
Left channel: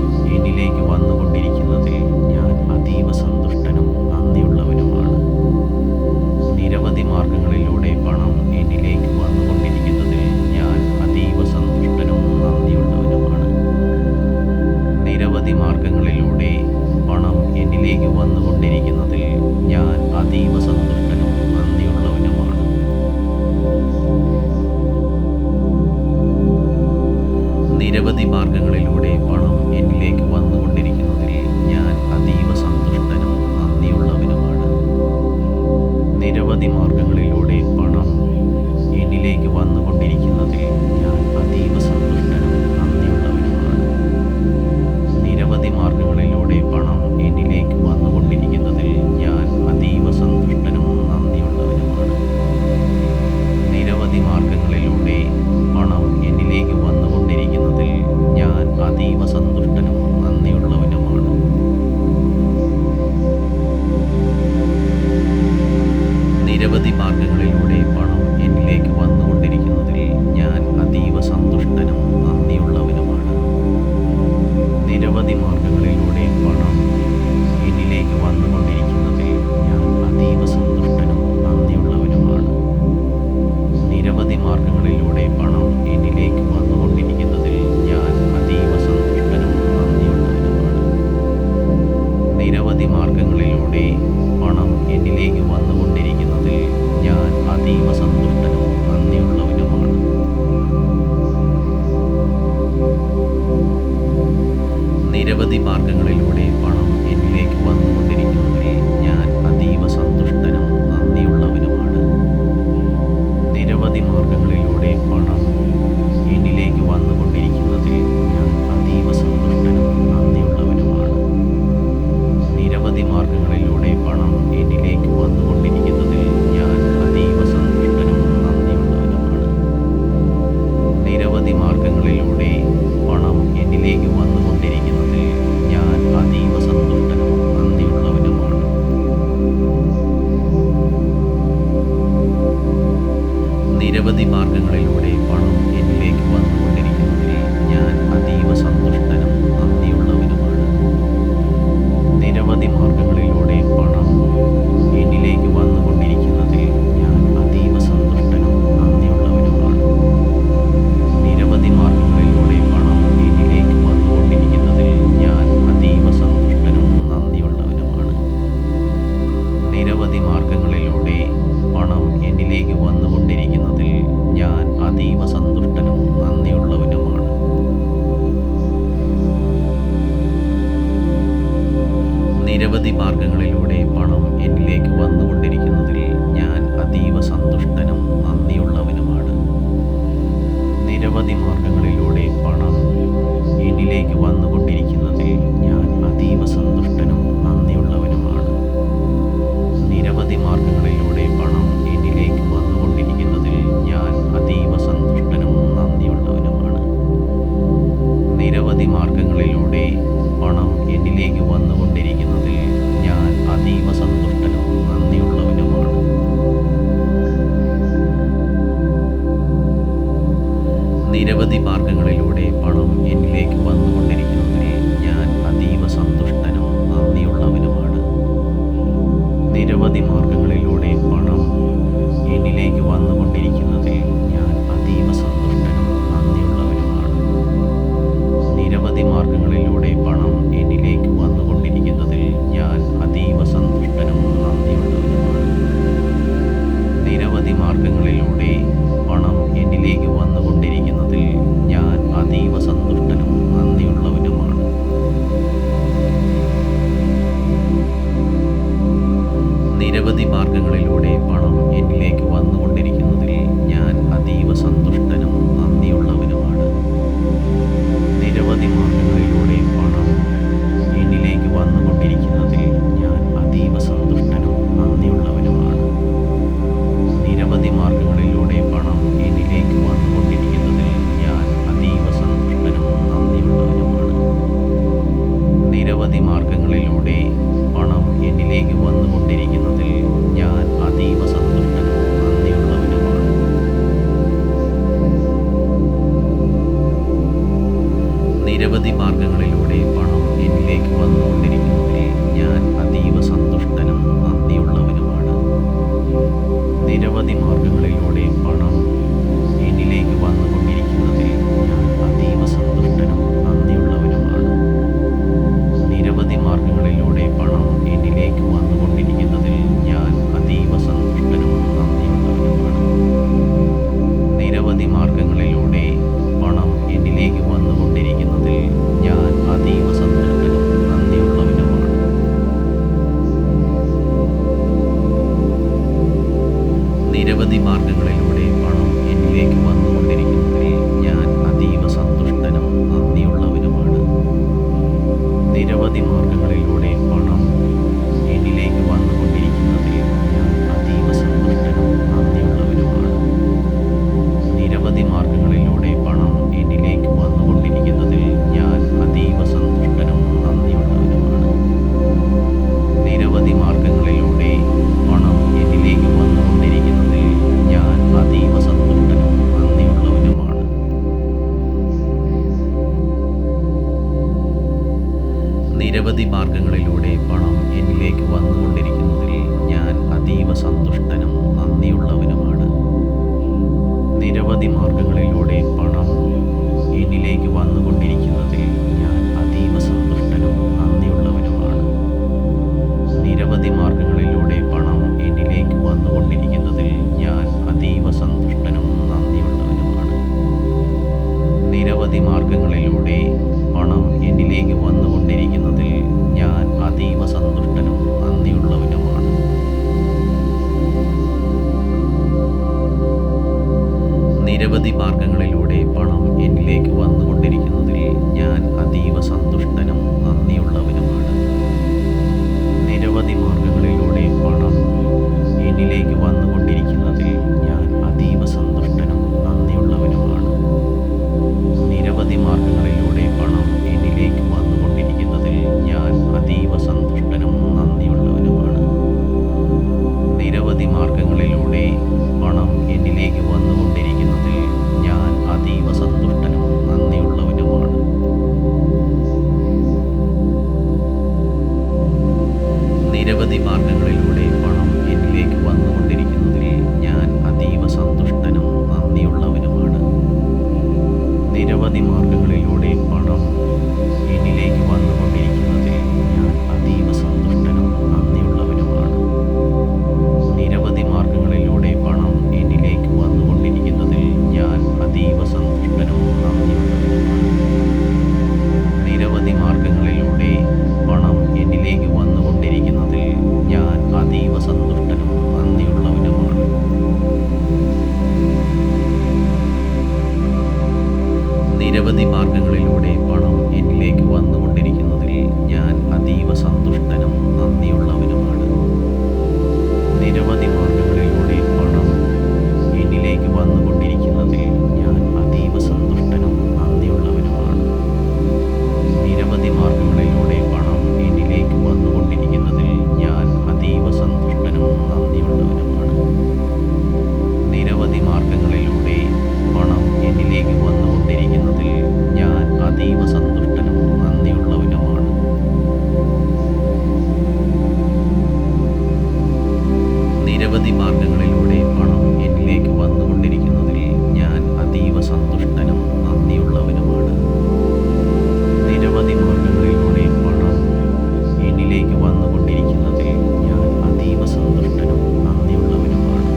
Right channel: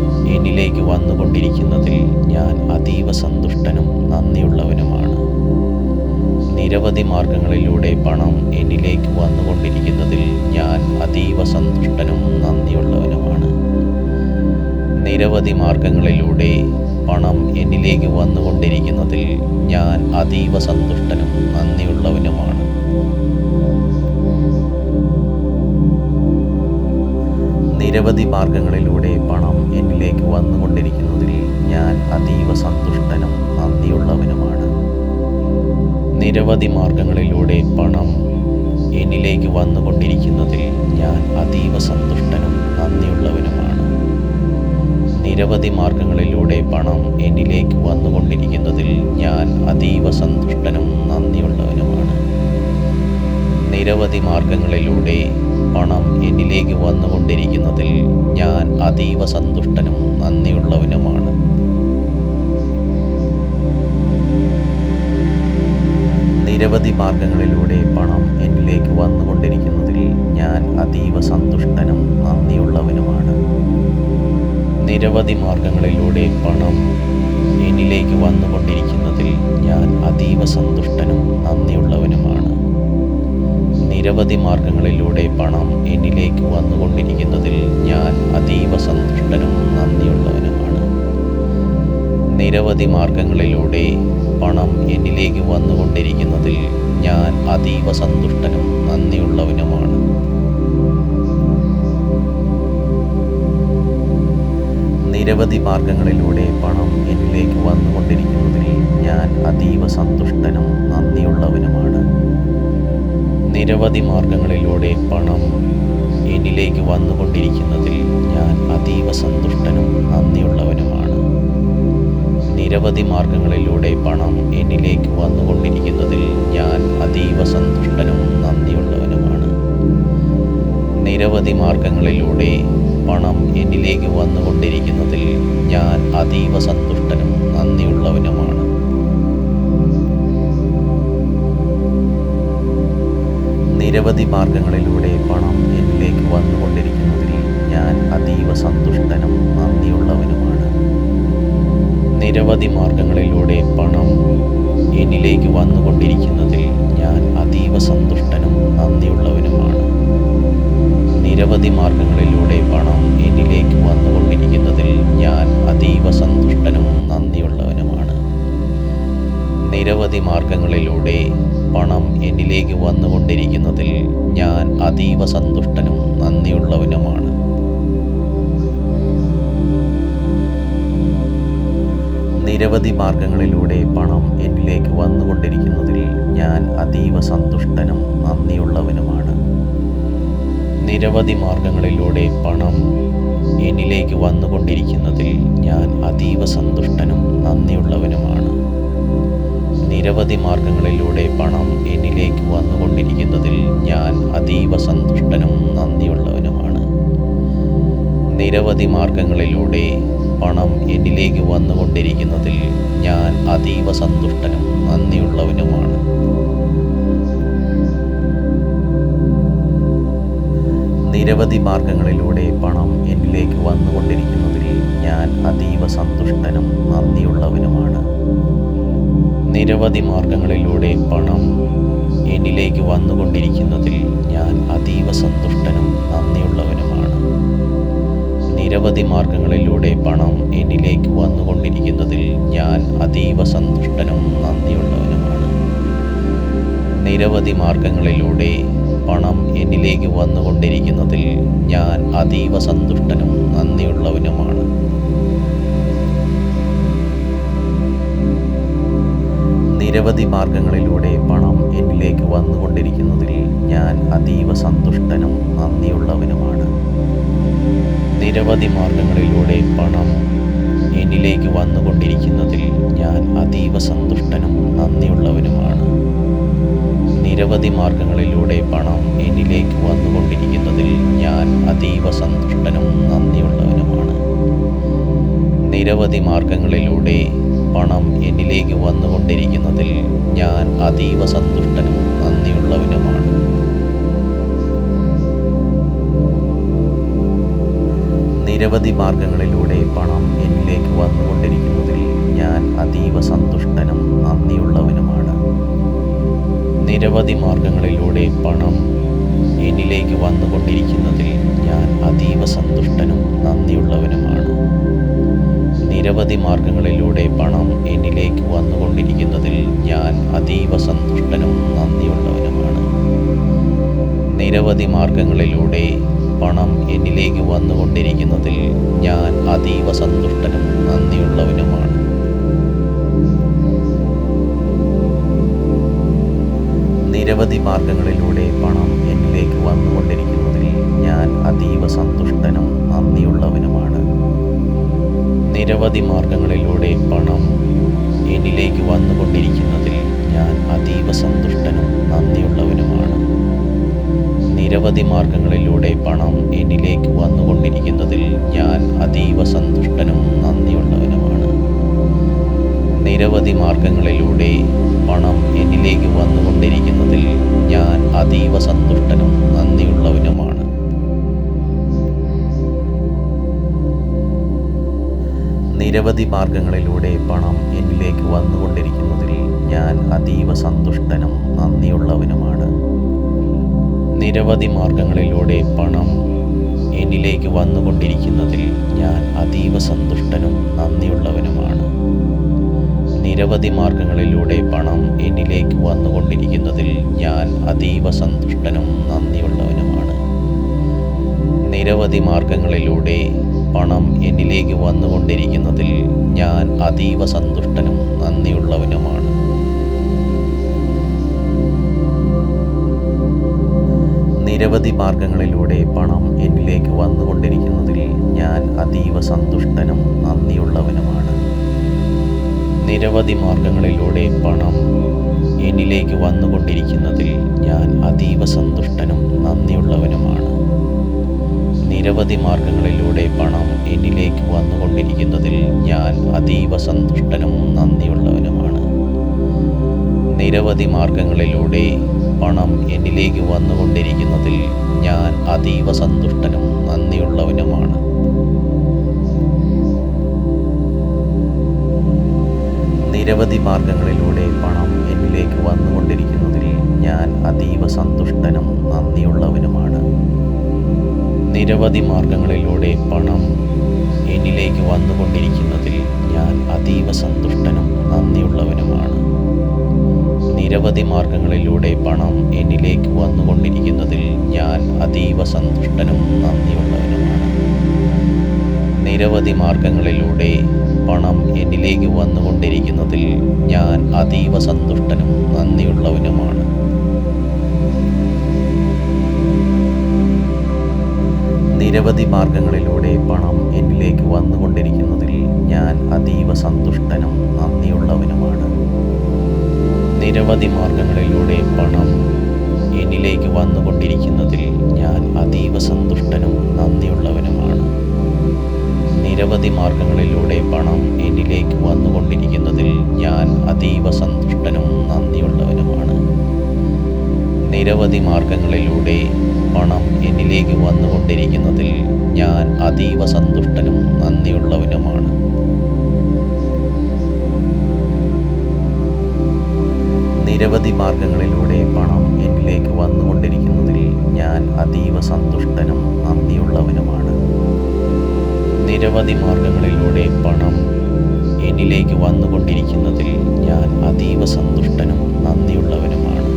എന്നിലേക്ക് വന്നുകൊണ്ടിരിക്കുന്നതിൽ ഞാൻ അതീവ സന്തുഷ്ടനും നന്ദിയുള്ളവനുമാണ്. നിരവധി മാർഗങ്ങളിലൂടെ പണം എന്നിലേക്ക് വന്നുകൊണ്ടിരിക്കുന്നതിൽ ഞാൻ അതീവ സന്തുഷ്ടനും നന്ദിയുള്ളവനുമാണ്. നിരവധി മാർഗങ്ങളിലൂടെ പണം എന്നിലേക്ക് വന്നുകൊണ്ടിരിക്കുന്നതിൽ ഞാൻ അതീവ സന്തുഷ്ടനും നന്ദിയുള്ളവനുമാണ്. നിരവധി മാർഗങ്ങളിലൂടെ പണം എന്നിലേക്ക് വന്നുകൊണ്ടിരിക്കുന്നതിൽ ഞാൻ അതീവ സന്തുഷ്ടനും നന്ദിയുള്ളവനുമാണ്. നിരവധി മാർഗങ്ങളിലൂടെ പണം എന്നിലേക്ക് വന്നുകൊണ്ടിരിക്കുന്നതിൽ ഞാൻ അതീവ സന്തുഷ്ടനും നന്ദിയുള്ളവനുമാണ്. നിരവധി മാർഗങ്ങളിലൂടെ പണം എന്നിലേക്ക് വന്നുകൊണ്ടിരിക്കുന്നതിൽ ഞാൻ അതീവ സന്തുഷ്ടനും നന്ദിയുള്ളവനുമാണ്. നിരവധി മാർഗങ്ങളിലൂടെ പണം എന്നിലേക്ക് വന്നുകൊണ്ടിരിക്കുന്നതിൽ ഞാൻ അതീവ സന്തുഷ്ടനും നന്ദിയുള്ളവനുമാണ്. നിരവധി മാർഗങ്ങളിലൂടെ പണം എന്നിലേക്ക് വന്നുകൊണ്ടിരിക്കുന്നതിൽ ഞാൻ അതീവ സന്തുഷ്ടനും നന്ദിയുള്ളവനുമാണ്. നിരവധി മാർഗങ്ങളിലൂടെ പണം എന്നിലേക്ക് വന്നുകൊണ്ടിരിക്കുന്നതിൽ ഞാൻ അതീവ സന്തുഷ്ടനും നന്ദിയുള്ളവനുമാണ്. നിരവധി മാർഗങ്ങളിലൂടെ പണം എന്നിലേക്ക് വന്നുകൊണ്ടിരിക്കുന്നതിൽ ഞാൻ അതീവ സന്തുഷ്ടനും നന്ദിയുള്ളവനുമാണ്. നിരവധി മാർഗങ്ങളിലൂടെ പണം എന്നിലേക്ക് വന്നുകൊണ്ടിരിക്കുന്നതിൽ ഞാൻ അതീവ സന്തുഷ്ടനും നന്ദിയുള്ളവനുമാണ്. നിരവധി മാർഗങ്ങളിലൂടെ പണം എന്നിലേക്ക് വന്നുകൊണ്ടിരിക്കുന്നതിൽ ഞാൻ അതീവ സന്തുഷ്ടനും നന്ദിയുള്ളവനുമാണ്. നിരവധി മാർഗങ്ങളിലൂടെ പണം എന്നിലേക്ക് വന്നുകൊണ്ടിരിക്കുന്നതിൽ ഞാൻ അതീവ സന്തുഷ്ടനും നന്ദിയുള്ളവനുമാണ്. നിരവധി മാർഗങ്ങളിലൂടെ പണം എന്നിലേക്ക് വന്നുകൊണ്ടിരിക്കുന്നതിൽ ഞാൻ അതീവ സന്തുഷ്ടനും നന്ദിയുള്ളവനുമാണ്. നിരവധി മാർഗങ്ങളിലൂടെ പണം എന്നിലേക്ക് വന്നുകൊണ്ടിരിക്കുന്നതിൽ ഞാൻ അതീവ സന്തുഷ്ടനും നന്ദിയുള്ളവനുമാണ്. നിരവധി മാർഗങ്ങളിലൂടെ പണം എന്നിലേക്ക് വന്നുകൊണ്ടിരിക്കുന്നതിൽ ഞാൻ അതീവ സന്തുഷ്ടനും നന്ദിയുള്ളവനുമാണ്. നിരവധി മാർഗങ്ങളിലൂടെ പണം എന്നിലേക്ക് വന്നുകൊണ്ടിരിക്കുന്നതിൽ ഞാൻ അതീവ സന്തുഷ്ടനും നന്ദിയുള്ളവനുമാണ്. നിരവധി മാർഗങ്ങളിലൂടെ പണം എന്നിലേക്ക് വന്നുകൊണ്ടിരിക്കുന്നതിൽ ഞാൻ അതീവ സന്തുഷ്ടനും നന്ദിയുള്ളവനുമാണ്. നിരവധി മാർഗങ്ങളിലൂടെ പണം എന്നിലേക്ക് വന്നുകൊണ്ടിരിക്കുന്നതിൽ ഞാൻ അതീവ സന്തുഷ്ടനും നന്ദിയുള്ളവനുമാണ്. നിരവധി മാർഗങ്ങളിലൂടെ പണം എന്നിലേക്ക് വന്നുകൊണ്ടിരിക്കുന്നതിൽ ഞാൻ അതീവ സന്തുഷ്ടനും നന്ദിയുള്ളവനുമാണ്. നിരവധി മാർഗങ്ങളിലൂടെ പണം എന്നിലേക്ക് വന്നുകൊണ്ടിരിക്കുന്നതിൽ ഞാൻ അതീവ സന്തുഷ്ടനും നന്ദിയുള്ളവനുമാണ്. നിരവധി മാർഗങ്ങളിലൂടെ പണം എന്നിലേക്ക് വന്നുകൊണ്ടിരിക്കുന്നതിൽ ഞാൻ അതീവ സന്തുഷ്ടനും നന്ദിയുള്ളവനുമാണ്. നിരവധി മാർഗങ്ങളിലൂടെ പണം എന്നിലേക്ക് വന്നുകൊണ്ടിരിക്കുന്നതിൽ ഞാൻ അതീവ സന്തുഷ്ടനും നന്ദിയുള്ളവനുമാണ്. നിരവധി മാർഗങ്ങളിലൂടെ പണം എന്നിലേക്ക് വന്നുകൊണ്ടിരിക്കുന്നതിൽ ഞാൻ അതീവ സന്തുഷ്ടനും നന്ദിയുള്ളവനുമാണ്. നിരവധി മാർഗങ്ങളിലൂടെ പണം എന്നിലേക്ക് വന്നുകൊണ്ടിരിക്കുന്നതിൽ ഞാൻ അതീവ സന്തുഷ്ടനും നന്ദിയുള്ളവനുമാണ്. നിരവധി മാർഗങ്ങളിലൂടെ പണം എന്നിലേക്ക് വന്നുകൊണ്ടിരിക്കുന്നതിൽ ഞാൻ അതീവ സന്തുഷ്ടനും നന്ദിയുള്ളവനുമാണ്. നിരവധി മാർഗങ്ങളിലൂടെ പണം എന്നിലേക്ക് വന്നുകൊണ്ടിരിക്കുന്നതിൽ ഞാൻ അതീവ സന്തുഷ്ടനും നന്ദിയുള്ളവനുമാണ്. നിരവധി മാർഗങ്ങളിലൂടെ പണം എന്നിലേക്ക് വന്നുകൊണ്ടിരിക്കുന്നതിൽ ഞാൻ അതീവ സന്തുഷ്ടനും നന്ദിയുള്ളവനുമാണ്. നിരവധി മാർഗങ്ങളിലൂടെ പണം എന്നിലേക്ക് വന്നുകൊണ്ടിരിക്കുന്നതിൽ ഞാൻ അതീവ സന്തുഷ്ടനും നന്ദിയുള്ളവനുമാണ്. നിരവധി മാർഗങ്ങളിലൂടെ പണം എന്നിലേക്ക് വന്നുകൊണ്ടിരിക്കുന്നതിൽ ഞാൻ അതീവ സന്തുഷ്ടനും നന്ദിയുള്ളവനുമാണ്. നിരവധി മാർഗങ്ങളിലൂടെ പണം എന്നിലേക്ക് വന്നുകൊണ്ടിരിക്കുന്നതിൽ ഞാൻ അതീവ സന്തുഷ്ടനും നന്ദിയുള്ളവനുമാണ്. നിരവധി മാർഗങ്ങളിലൂടെ പണം എന്നിലേക്ക് വന്നുകൊണ്ടിരിക്കുന്നതിൽ ഞാൻ അതീവ സന്തുഷ്ടനും നന്ദിയുള്ളവനുമാണ്. നിരവധി മാർഗങ്ങളിലൂടെ പണം എന്നിലേക്ക് വന്നുകൊണ്ടിരിക്കുന്നതിൽ ഞാൻ അതീവ സന്തുഷ്ടനും നന്ദിയുള്ളവനുമാണ്. നിരവധി മാർഗങ്ങളിലൂടെ പണം എന്നിലേക്ക് വന്നുകൊണ്ടിരിക്കുന്നതിൽ ഞാൻ അതീവ സന്തുഷ്ടനും നന്ദിയുള്ളവനുമാണ്. നിരവധി മാർഗങ്ങളിലൂടെ പണം എന്നിലേക്ക് വന്നുകൊണ്ടിരിക്കുന്നതിൽ ഞാൻ അതീവ സന്തുഷ്ടനും നന്ദിയുള്ളവനുമാണ്. നിരവധി മാർഗങ്ങളിലൂടെ പണം എന്നിലേക്ക് വന്നുകൊണ്ടിരിക്കുന്നതിൽ ഞാൻ അതീവ സന്തുഷ്ടനും നന്ദിയുള്ളവനുമാണ്. നിരവധി മാർഗങ്ങളിലൂടെ പണം എന്നിലേക്ക് വന്നുകൊണ്ടിരിക്കുന്നതിൽ ഞാൻ അതീവ സന്തുഷ്ടനും നന്ദിയുള്ളവനുമാണ്. നിരവധി മാർഗങ്ങളിലൂടെ പണം എന്നിലേക്ക് വന്നുകൊണ്ടിരിക്കുന്നതിൽ ഞാൻ അതീവ സന്തുഷ്ടനും നന്ദിയുള്ളവനുമാണ്. നിരവധി മാർഗങ്ങളിലൂടെ പണം എന്നിലേക്ക് വന്നുകൊണ്ടിരിക്കുന്നതിൽ ഞാൻ അതീവ സന്തുഷ്ടനും നന്ദിയുള്ളവനുമാണ്. നിരവധി മാർഗങ്ങളിലൂടെ പണം എന്നിലേക്ക് വന്നുകൊണ്ടിരിക്കുന്നതിൽ ഞാൻ അതീവ സന്തുഷ്ടനും നന്ദിയുള്ളവനുമാണ്. നിരവധി മാർഗങ്ങളിലൂടെ പണം എന്നിലേക്ക് വന്നുകൊണ്ടിരിക്കുന്നതിൽ ഞാൻ അതീവ സന്തുഷ്ടനും നന്ദിയുള്ളവനുമാണ്. നിരവധി മാർഗങ്ങളിലൂടെ പണം എന്നിലേക്ക് വന്നുകൊണ്ടിരിക്കുന്നതിൽ ഞാൻ അതീവ സന്തുഷ്ടനും നന്ദിയുള്ളവനുമാണ്. നിരവധി മാർഗങ്ങളിലൂടെ പണം എന്നിലേക്ക് വന്നുകൊണ്ടിരിക്കുന്നതിൽ ഞാൻ അതീവ സന്തുഷ്ടനും നന്ദിയുള്ളവനുമാണ്. നിരവധി മാർഗങ്ങളിലൂടെ പണം എന്നിലേക്ക് വന്നുകൊണ്ടിരിക്കുന്നതിൽ ഞാൻ അതീവ സന്തുഷ്ടനും നന്ദിയുള്ളവനുമാണ്. നിരവധി മാർഗങ്ങളിലൂടെ പണം എന്നിലേക്ക് വന്നുകൊണ്ടിരിക്കുന്നതിൽ ഞാൻ അതീവ സന്തുഷ്ടനും നന്ദിയുള്ളവനുമാണ്. നിരവധി മാർഗങ്ങളിലൂടെ പണം എന്നിലേക്ക് വന്നുകൊണ്ടിരിക്കുന്നതിൽ ഞാൻ അതീവ സന്തുഷ്ടനും നന്ദിയുള്ളവനുമാണ്. നിരവധി മാർഗങ്ങളിലൂടെ പണം എന്നിലേക്ക് വന്നുകൊണ്ടിരിക്കുന്നതിൽ ഞാൻ അതീവ സന്തുഷ്ടനും നന്ദിയുള്ളവനുമാണ്. നിരവധി മാർഗങ്ങളിലൂടെ പണം എന്നിലേക്ക് വന്നുകൊണ്ടിരിക്കുന്നതിൽ ഞാൻ അതീവ സന്തുഷ്ടനും നന്ദിയുള്ളവനുമാണ്. നിരവധി മാർഗങ്ങളിലൂടെ പണം എന്നിലേക്ക് വന്നുകൊണ്ടിരിക്കുന്നതിൽ ഞാൻ അതീവ സന്തുഷ്ടനും നന്ദിയുള്ളവനുമാണ്. നിരവധി മാർഗങ്ങളിലൂടെ പണം എന്നിലേക്ക് വന്നുകൊണ്ടിരിക്കുന്നതിൽ ഞാൻ അതീവ സന്തുഷ്ടനും നന്ദിയുള്ളവനുമാണ്. നിരവധി മാർഗങ്ങളിലൂടെ പണം എന്നിലേക്ക് വന്നുകൊണ്ടിരിക്കുന്നതിൽ ഞാൻ അതീവ സന്തുഷ്ടനും നന്ദിയുള്ളവനുമാണ്. നിരവധി മാർഗങ്ങളിലൂടെ പണം എന്നിലേക്ക് വന്നുകൊണ്ടിരിക്കുന്നതിൽ ഞാൻ അതീവ സന്തുഷ്ടനും നന്ദിയുള്ളവനുമാണ്. നിരവധി മാർഗങ്ങളിലൂടെ പണം എന്നിലേക്ക് വന്നുകൊണ്ടിരിക്കുന്നതിൽ ഞാൻ അതീവ സന്തുഷ്ടനും നന്ദിയുള്ളവനുമാണ്. നിരവധി മാർഗങ്ങളിലൂടെ പണം എന്നിലേക്ക് വന്നുകൊണ്ടിരിക്കുന്നതിൽ ഞാൻ അതീവ സന്തുഷ്ടനും നന്ദിയുള്ളവനുമാണ്. നിരവധി മാർഗങ്ങളിലൂടെ പണം എന്നിലേക്ക് വന്നുകൊണ്ടിരിക്കുന്നതിൽ ഞാൻ അതീവ സന്തുഷ്ടനും നന്ദിയുള്ളവനുമാണ്. നിരവധി മാർഗങ്ങളിലൂടെ പണം എന്നിലേക്ക് വന്നുകൊണ്ടിരിക്കുന്നതിൽ ഞാൻ അതീവ സന്തുഷ്ടനും നന്ദിയുള്ളവനുമാണ്. നിരവധി മാർഗങ്ങളിലൂടെ പണം എന്നിലേക്ക് വന്നുകൊണ്ടിരിക്കുന്നതിൽ ഞാൻ അതീവ സന്തുഷ്ടനും നന്ദിയുള്ളവനുമാണ്.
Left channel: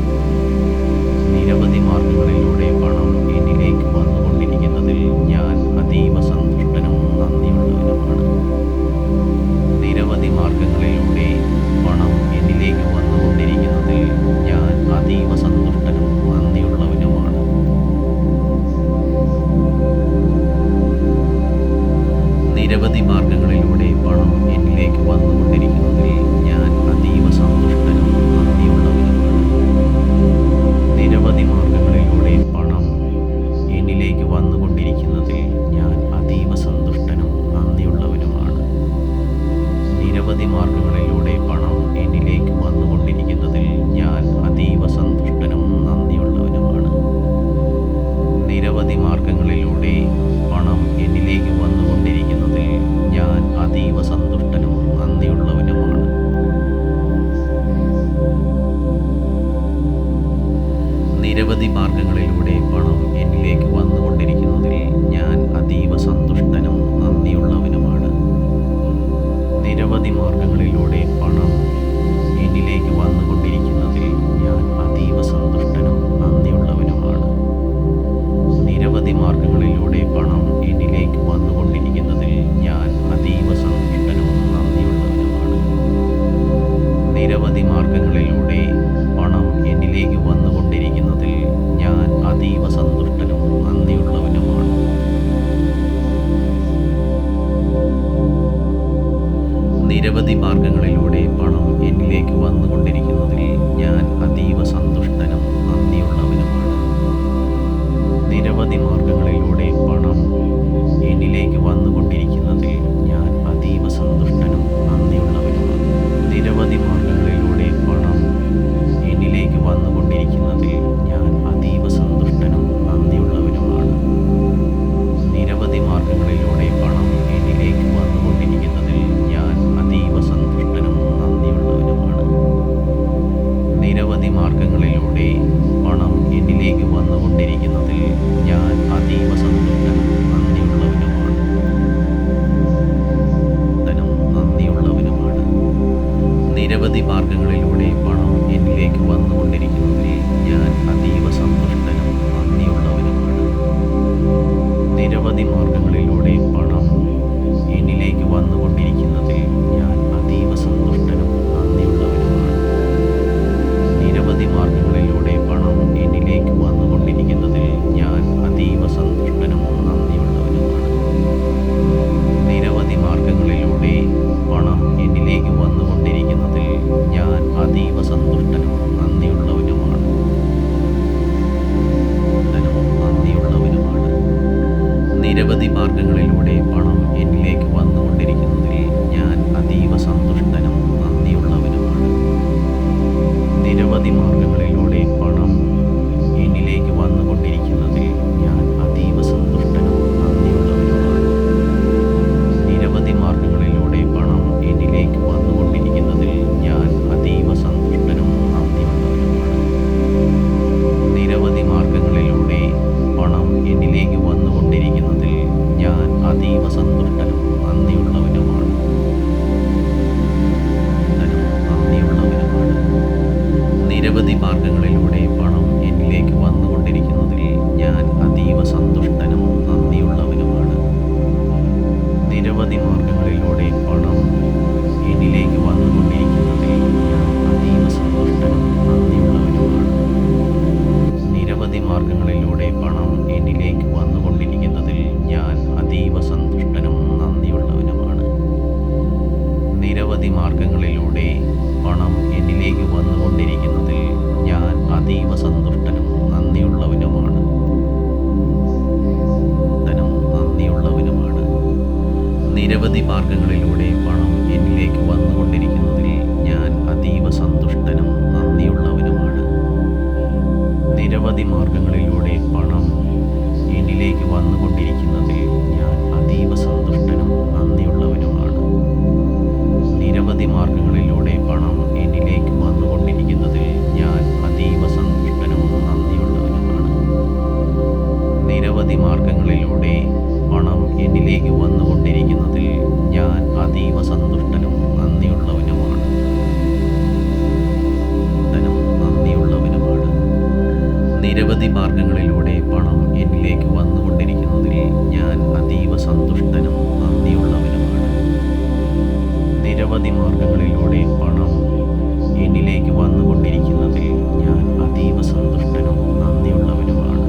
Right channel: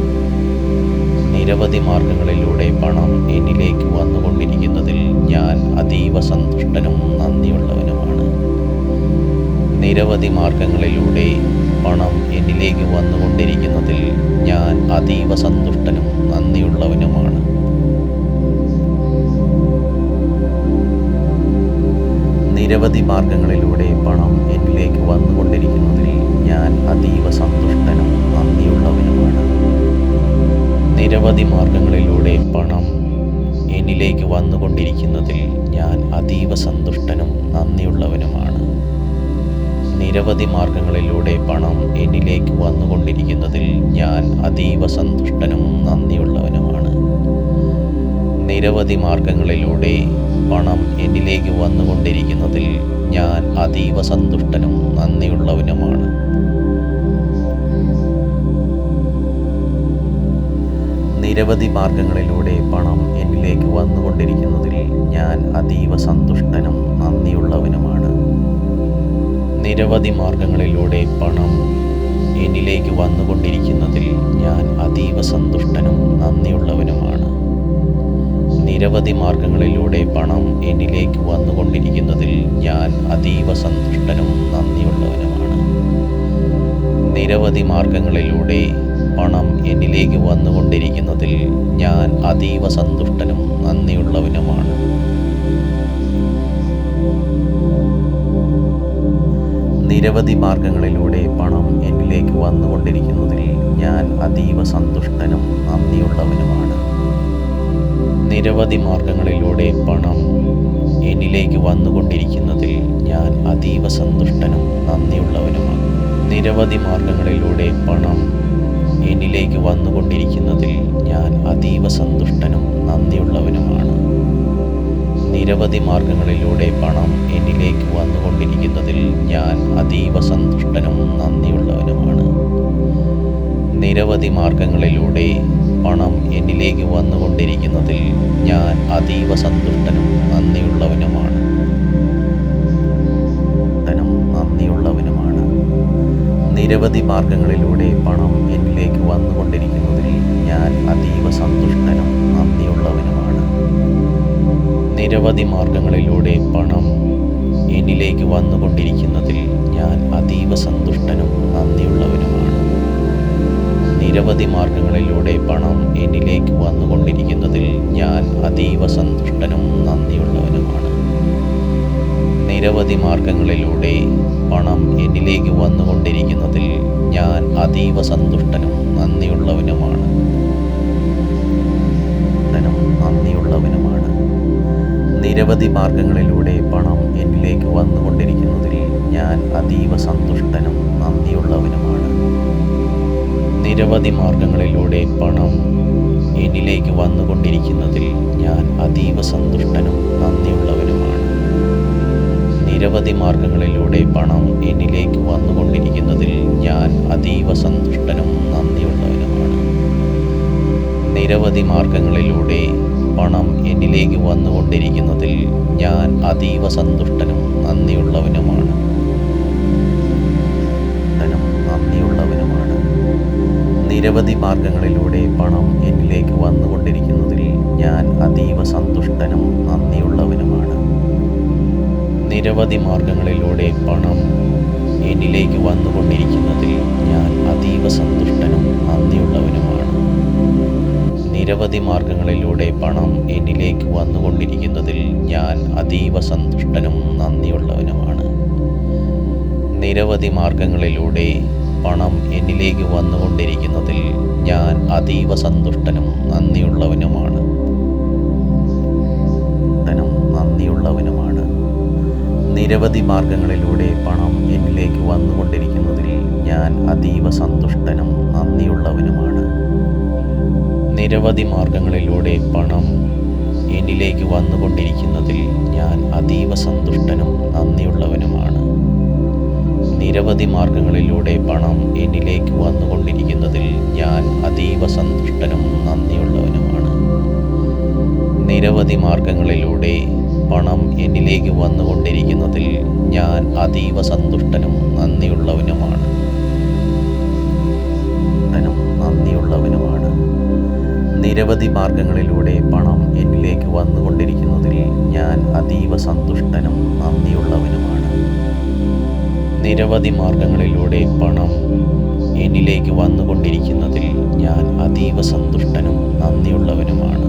നിരവധി മാർഗങ്ങളിലൂടെ പണം എന്നിലേക്ക് വന്നുകൊണ്ടിരിക്കുന്നതിൽ ഞാൻ അതീവ സന്തുഷ്ടനും നന്ദിയുള്ളവനുമാണ്. നിരവധി മാർഗങ്ങളിലൂടെ പണം എന്നിലേക്ക് വന്നുകൊണ്ടിരിക്കുന്നതിൽ ഞാൻ അതീവ സന്തുഷ്ടനും നന്ദിയുള്ളവനുമാണ്. നിരവധി മാർഗങ്ങളിലൂടെ പണം എന്നിലേക്ക് വന്നുകൊണ്ടിരിക്കുന്നതിൽ ഞാൻ അതീവ സന്തുഷ്ടനും നന്ദിയുള്ളവനുമാണ്. നിരവധി മാർഗങ്ങളിലൂടെ പണം എന്നിലേക്ക് വന്നുകൊണ്ടിരിക്കുന്നതിൽ ഞാൻ അതീവ സന്തുഷ്ടനും നന്ദിയുള്ളവനുമാണ്. നിരവധി മാർഗങ്ങളിലൂടെ പണം എന്നിലേക്ക് വന്നുകൊണ്ടിരിക്കുന്നതിൽ ഞാൻ അതീവ സന്തുഷ്ടനും നന്ദിയുള്ളവനുമാണ്. നിരവധി മാർഗങ്ങളിലൂടെ പണം എന്നിലേക്ക് വന്നുകൊണ്ടിരിക്കുന്നതിൽ ഞാൻ അതീവ സന്തുഷ്ടനും നന്ദിയുള്ളവനുമാണ്. നിരവധി മാർഗങ്ങളിലൂടെ പണം എന്നിലേക്ക് വന്നുകൊണ്ടിരിക്കുന്നതിൽ ഞാൻ അതീവ സന്തുഷ്ടനും നന്ദിയുള്ളവനുമാണ്. നിരവധി മാർഗങ്ങളിലൂടെ പണം എന്നിലേക്ക് വന്നുകൊണ്ടിരിക്കുന്നതിൽ ഞാൻ അതീവ സന്തുഷ്ടനും നന്ദിയുള്ളവനുമാണ്. നിരവധി മാർഗങ്ങളിലൂടെ പണം എന്നിലേക്ക് വന്നുകൊണ്ടിരിക്കുന്നതിൽ ഞാൻ അതീവ സന്തുഷ്ടനും നന്ദിയുള്ളവനുമാണ്. നിരവധി മാർഗങ്ങളിലൂടെ പണം എന്നിലേക്ക് വന്നുകൊണ്ടിരിക്കുന്നതിൽ ഞാൻ അതീവ സന്തുഷ്ടനും നന്ദിയുള്ളവനുമാണ്. നിരവധി മാർഗങ്ങളിലൂടെ പണം എന്നിലേക്ക് വന്നുകൊണ്ടിരിക്കുന്നതിൽ ഞാൻ അതീവ സന്തുഷ്ടനും നന്ദിയുള്ളവനുമാണ്. നിരവധി മാർഗങ്ങളിലൂടെ പണം എന്നിലേക്ക് വന്നുകൊണ്ടിരിക്കുന്നതിൽ ഞാൻ അതീവ സന്തുഷ്ടനും നന്ദിയുള്ളവനുമാണ്. നിരവധി മാർഗങ്ങളിലൂടെ പണം എന്നിലേക്ക് വന്നുകൊണ്ടിരിക്കുന്നതിൽ ഞാൻ അതീവ സന്തുഷ്ടനും നന്ദിയുള്ളവനുമാണ്. നിരവധി മാർഗങ്ങളിലൂടെ പണം എന്നിലേക്ക് വന്നുകൊണ്ടിരിക്കുന്നതിൽ നിരവധി മാർഗങ്ങളിലൂടെ പണം എന്നിലേക്ക് വന്നുകൊണ്ടിരിക്കുന്നതിൽ ഞാൻ അതീവ സന്തുഷ്ടനും നന്ദിയുള്ളവനുമാണ്. നിരവധി മാർഗങ്ങളിലൂടെ പണം എന്നിലേക്ക് വന്നുകൊണ്ടിരിക്കുന്നതിൽ ഞാൻ അതീവ സന്തുഷ്ടനും നന്ദിയുള്ളവനുമാണ്. നിരവധി മാർഗങ്ങളിലൂടെ പണം എന്നിലേക്ക് വന്നുകൊണ്ടിരിക്കുന്നതിൽ ഞാൻ അതീവ സന്തുഷ്ടനും നന്ദിയുള്ളവനുമാണ്. നിരവധി മാർഗങ്ങളിലൂടെ പണം എന്നിലേക്ക് വന്നുകൊണ്ടിരിക്കുന്നതിൽ ഞാൻ അതീവ സന്തുഷ്ടനും നന്ദിയുള്ളവനുമാണ്. നന്ദിയുള്ളവനുമാണ്. നിരവധി മാർഗങ്ങളിലൂടെ പണം എന്നിലേക്ക് വന്നുകൊണ്ടിരിക്കുന്നതിൽ ഞാൻ അതീവ സന്തുഷ്ടനും നന്ദിയുള്ളവനുമാണ്. നിരവധി മാർഗങ്ങളിലൂടെ പണം എന്നിലേക്ക് വന്നുകൊണ്ടിരിക്കുന്നതിൽ ഞാൻ അതീവ സന്തുഷ്ടനും നന്ദിയുള്ളവനുമാണ്. നിരവധി മാർഗങ്ങളിലൂടെ പണം എന്നിലേക്ക് വന്നുകൊണ്ടിരിക്കുന്നതിൽ ഞാൻ അതീവ സന്തുഷ്ടനും നന്ദിയുള്ളവനുമാണ്. നിരവധി മാർഗങ്ങളിലൂടെ പണം എന്നിലേക്ക് വന്നുകൊണ്ടിരിക്കുന്നതിൽ ഞാൻ അതീവ സന്തുഷ്ടനും നന്ദിയുള്ളവനുമാണ്. നന്ദിയുള്ളവനുമാണ്. നിരവധി മാർഗങ്ങളിലൂടെ പണം എന്നിലേക്ക് വന്നുകൊണ്ടിരിക്കുന്നതിൽ ഞാൻ അതീവ സന്തുഷ്ടനും നന്ദിയുള്ളവനുമാണ്. നിരവധി മാർഗങ്ങളിലൂടെ പണം എന്നിലേക്ക് വന്നുകൊണ്ടിരിക്കുന്നതിൽ ഞാൻ അതീവ സന്തുഷ്ടനും നന്ദിയുള്ളവനുമാണ്. നിരവധി മാർഗങ്ങളിലൂടെ പണം എന്നിലേക്ക് വന്നുകൊണ്ടിരിക്കുന്നതിൽ ഞാൻ അതീവ സന്തുഷ്ടനും നന്ദിയുള്ളവനുമാണ്. നിരവധി മാർഗങ്ങളിലൂടെ പണം എന്നിലേക്ക് വന്നുകൊണ്ടിരിക്കുന്നതിൽ ഞാൻ അതീവ സന്തുഷ്ടനും നന്ദിയുള്ളവനുമാണ്. നന്ദിയുള്ളവനുമാണ്. നിരവധി മാർഗങ്ങളിലൂടെ പണം എന്നിലേക്ക് വന്നുകൊണ്ടിരിക്കുന്നതിൽ ഞാൻ അതീവ സന്തുഷ്ടനും നന്ദിയുള്ളവനുമാണ്. നിരവധി മാർഗങ്ങളിലൂടെ പണം എന്നിലേക്ക് വന്നുകൊണ്ടിരിക്കുന്നതിൽ ഞാൻ അതീവ സന്തുഷ്ടനും നന്ദിയുള്ളവനുമാണ്. നിരവധി മാർഗങ്ങളിലൂടെ പണം എന്നിലേക്ക് വന്നുകൊണ്ടിരിക്കുന്നതിൽ ഞാൻ അതീവ സന്തുഷ്ടനും നന്ദിയുള്ളവനുമാണ്. നിരവധി മാർഗങ്ങളിലൂടെ പണം എന്നിലേക്ക് വന്നുകൊണ്ടിരിക്കുന്നതിൽ ഞാൻ അതീവ സന്തുഷ്ടനും നന്ദിയുള്ളവനുമാണ്. നന്ദിയുള്ളവനുമാണ്. നിരവധി മാർഗങ്ങളിലൂടെ പണം എന്നിലേക്ക് വന്നുകൊണ്ടിരിക്കുന്നതിൽ ഞാൻ അതീവ സന്തുഷ്ടനും നന്ദിയുള്ളവനുമാണ്. നിരവധി മാർഗങ്ങളിലൂടെ പണം എന്നിലേക്ക് വന്നുകൊണ്ടിരിക്കുന്നതിൽ ഞാൻ അതീവ സന്തുഷ്ടനും നന്ദിയുള്ളവനുമാണ്.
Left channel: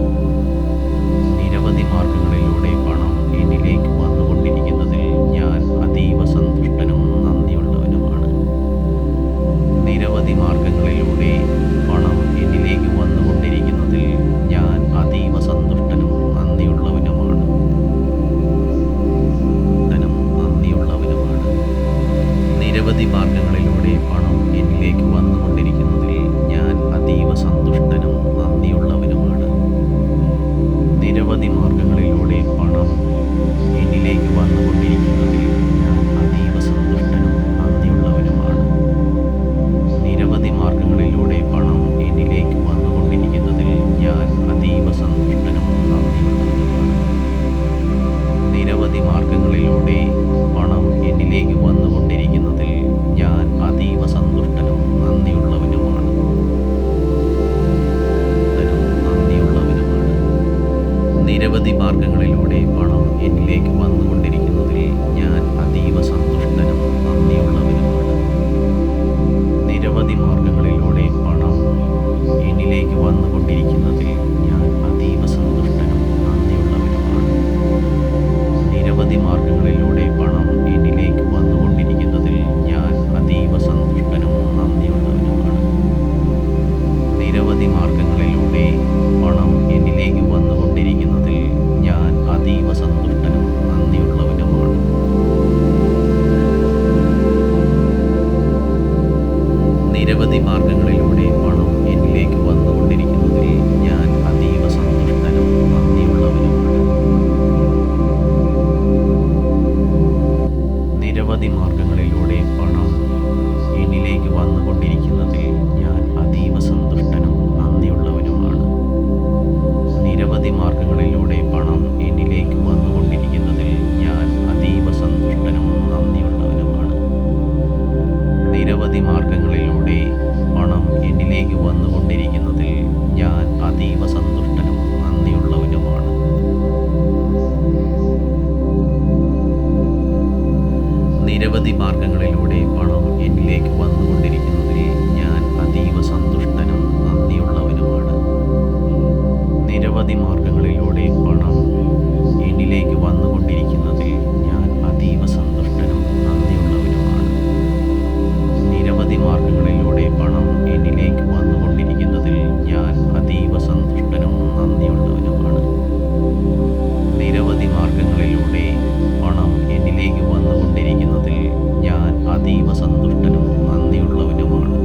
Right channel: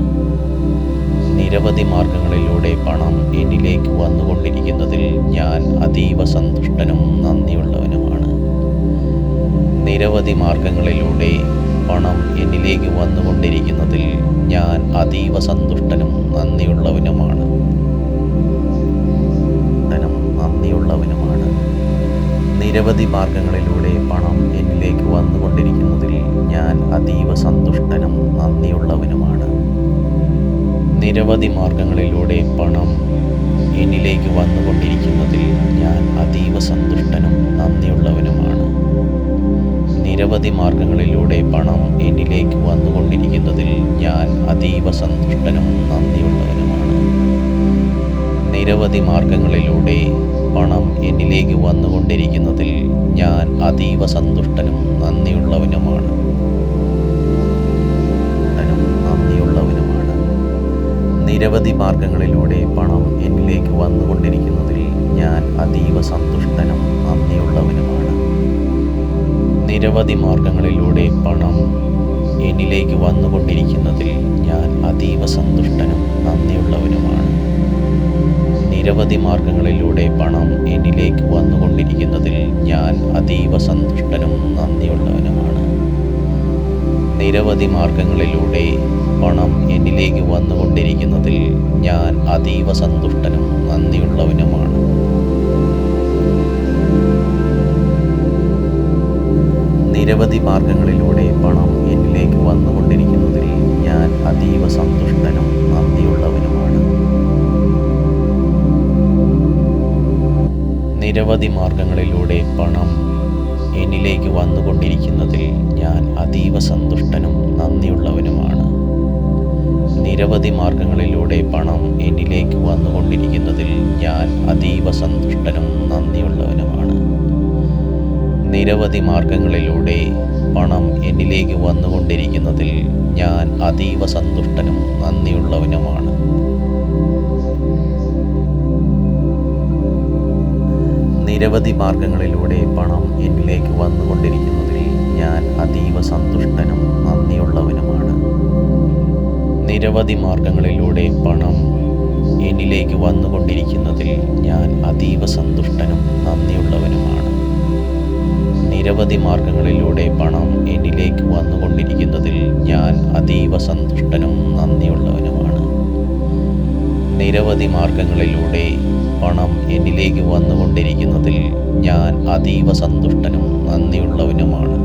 നിരവധി മാർഗങ്ങളിലൂടെ പണം എന്നിലേക്ക് വന്നുകൊണ്ടിരിക്കുന്നതിൽ ഞാൻ അതീവ സന്തുഷ്ടനും നന്ദിയുള്ളവനുമാണ്. നിരവധി മാർഗങ്ങളിലൂടെ പണം എന്നിലേക്ക് വന്നുകൊണ്ടിരിക്കുന്നതിൽ ഞാൻ അതീവ സന്തുഷ്ടനും നന്ദിയുള്ളവനുമാണ്. നന്ദിയുള്ളവനുമാണ്. നിരവധി മാർഗങ്ങളിലൂടെ പണം എന്നിലേക്ക് വന്നുകൊണ്ടിരിക്കുന്നതിൽ ഞാൻ അതീവ സന്തുഷ്ടനും നന്ദിയുള്ളവനുമാണ്. നിരവധി മാർഗങ്ങളിലൂടെ പണം എന്നിലേക്ക് വന്നുകൊണ്ടിരിക്കുന്നതിൽ ഞാൻ അതീവ സന്തുഷ്ടനും നന്ദിയുള്ളവനുമാണ്. നിരവധി മാർഗങ്ങളിലൂടെ പണം എന്നിലേക്ക് വന്നുകൊണ്ടിരിക്കുന്നതിൽ ഞാൻ അതീവ സന്തുഷ്ടനും നന്ദിയുള്ളവനുമാണ്. നിരവധി മാർഗങ്ങളിലൂടെ പണം എന്നിലേക്ക് വന്നുകൊണ്ടിരിക്കുന്നതിൽ ഞാൻ അതീവ സന്തുഷ്ടനും നന്ദിയുള്ളവനുമാണ്. നന്ദിയുള്ളവനുമാണ്. നിരവധി മാർഗങ്ങളിലൂടെ പണം എന്നിലേക്ക് വന്നുകൊണ്ടിരിക്കുന്നതിൽ ഞാൻ അതീവ സന്തുഷ്ടനും നന്ദിയുള്ളവനുമാണ്. നിരവധി മാർഗങ്ങളിലൂടെ പണം എന്നിലേക്ക് വന്നുകൊണ്ടിരിക്കുന്നതിൽ ഞാൻ അതീവ സന്തുഷ്ടനും നന്ദിയുള്ളവനുമാണ്. നിരവധി മാർഗങ്ങളിലൂടെ പണം എന്നിലേക്ക് വന്നുകൊണ്ടിരിക്കുന്നതിൽ ഞാൻ അതീവ സന്തുഷ്ടനും നന്ദിയുള്ളവനുമാണ്. നിരവധി മാർഗങ്ങളിലൂടെ പണം എന്നിലേക്ക് വന്നുകൊണ്ടിരിക്കുന്നതിൽ ഞാൻ അതീവ സന്തുഷ്ടനും നന്ദിയുള്ളവനുമാണ്. നിരവധി മാർഗങ്ങളിലൂടെ പണം എന്നിലേക്ക് വന്നുകൊണ്ടിരിക്കുന്നതിൽ ഞാൻ അതീവ സന്തുഷ്ടനും നന്ദിയുള്ളവനുമാണ്. നിരവധി മാർഗങ്ങളിലൂടെ പണം എന്നിലേക്ക് വന്നുകൊണ്ടിരിക്കുന്നതിൽ ഞാൻ അതീവ സന്തുഷ്ടനും നന്ദിയുള്ളവനുമാണ്. നിരവധി മാർഗങ്ങളിലൂടെ പണം എന്നിലേക്ക് വന്നുകൊണ്ടിരിക്കുന്നതിൽ ഞാൻ അതീവ സന്തുഷ്ടനും നന്ദിയുള്ളവനുമാണ്. നിരവധി നിരവധി മാർഗങ്ങളിലൂടെ പണം എന്നിലേക്ക് വന്നുകൊണ്ടിരിക്കുന്നതിൽ ഞാൻ അതീവ സന്തുഷ്ടനും നന്ദിയുള്ളവനുമാണ്. നിരവധി മാർഗങ്ങളിലൂടെ പണം എന്നിലേക്ക് വന്നുകൊണ്ടിരിക്കുന്നതിൽ ഞാൻ അതീവ സന്തുഷ്ടനും നന്ദിയുള്ളവനുമാണ്. നിരവധി മാർഗങ്ങളിലൂടെ പണം എന്നിലേക്ക് വന്നുകൊണ്ടിരിക്കുന്നതിൽ ഞാൻ അതീവ സന്തുഷ്ടനും നന്ദിയുള്ളവനുമാണ്. നിരവധി മാർഗങ്ങളിലൂടെ പണം എന്നിലേക്ക് വന്നുകൊണ്ടിരിക്കുന്നതിൽ ഞാൻ അതീവ സന്തുഷ്ടനും നന്ദിയുള്ളവനുമാണ്. നിരവധി മാർഗങ്ങളിലൂടെ പണം എന്നിലേക്ക് വന്നുകൊണ്ടിരിക്കുന്നതിൽ ഞാൻ അതീവ സന്തുഷ്ടനും നന്ദിയുള്ളവനുമാണ്.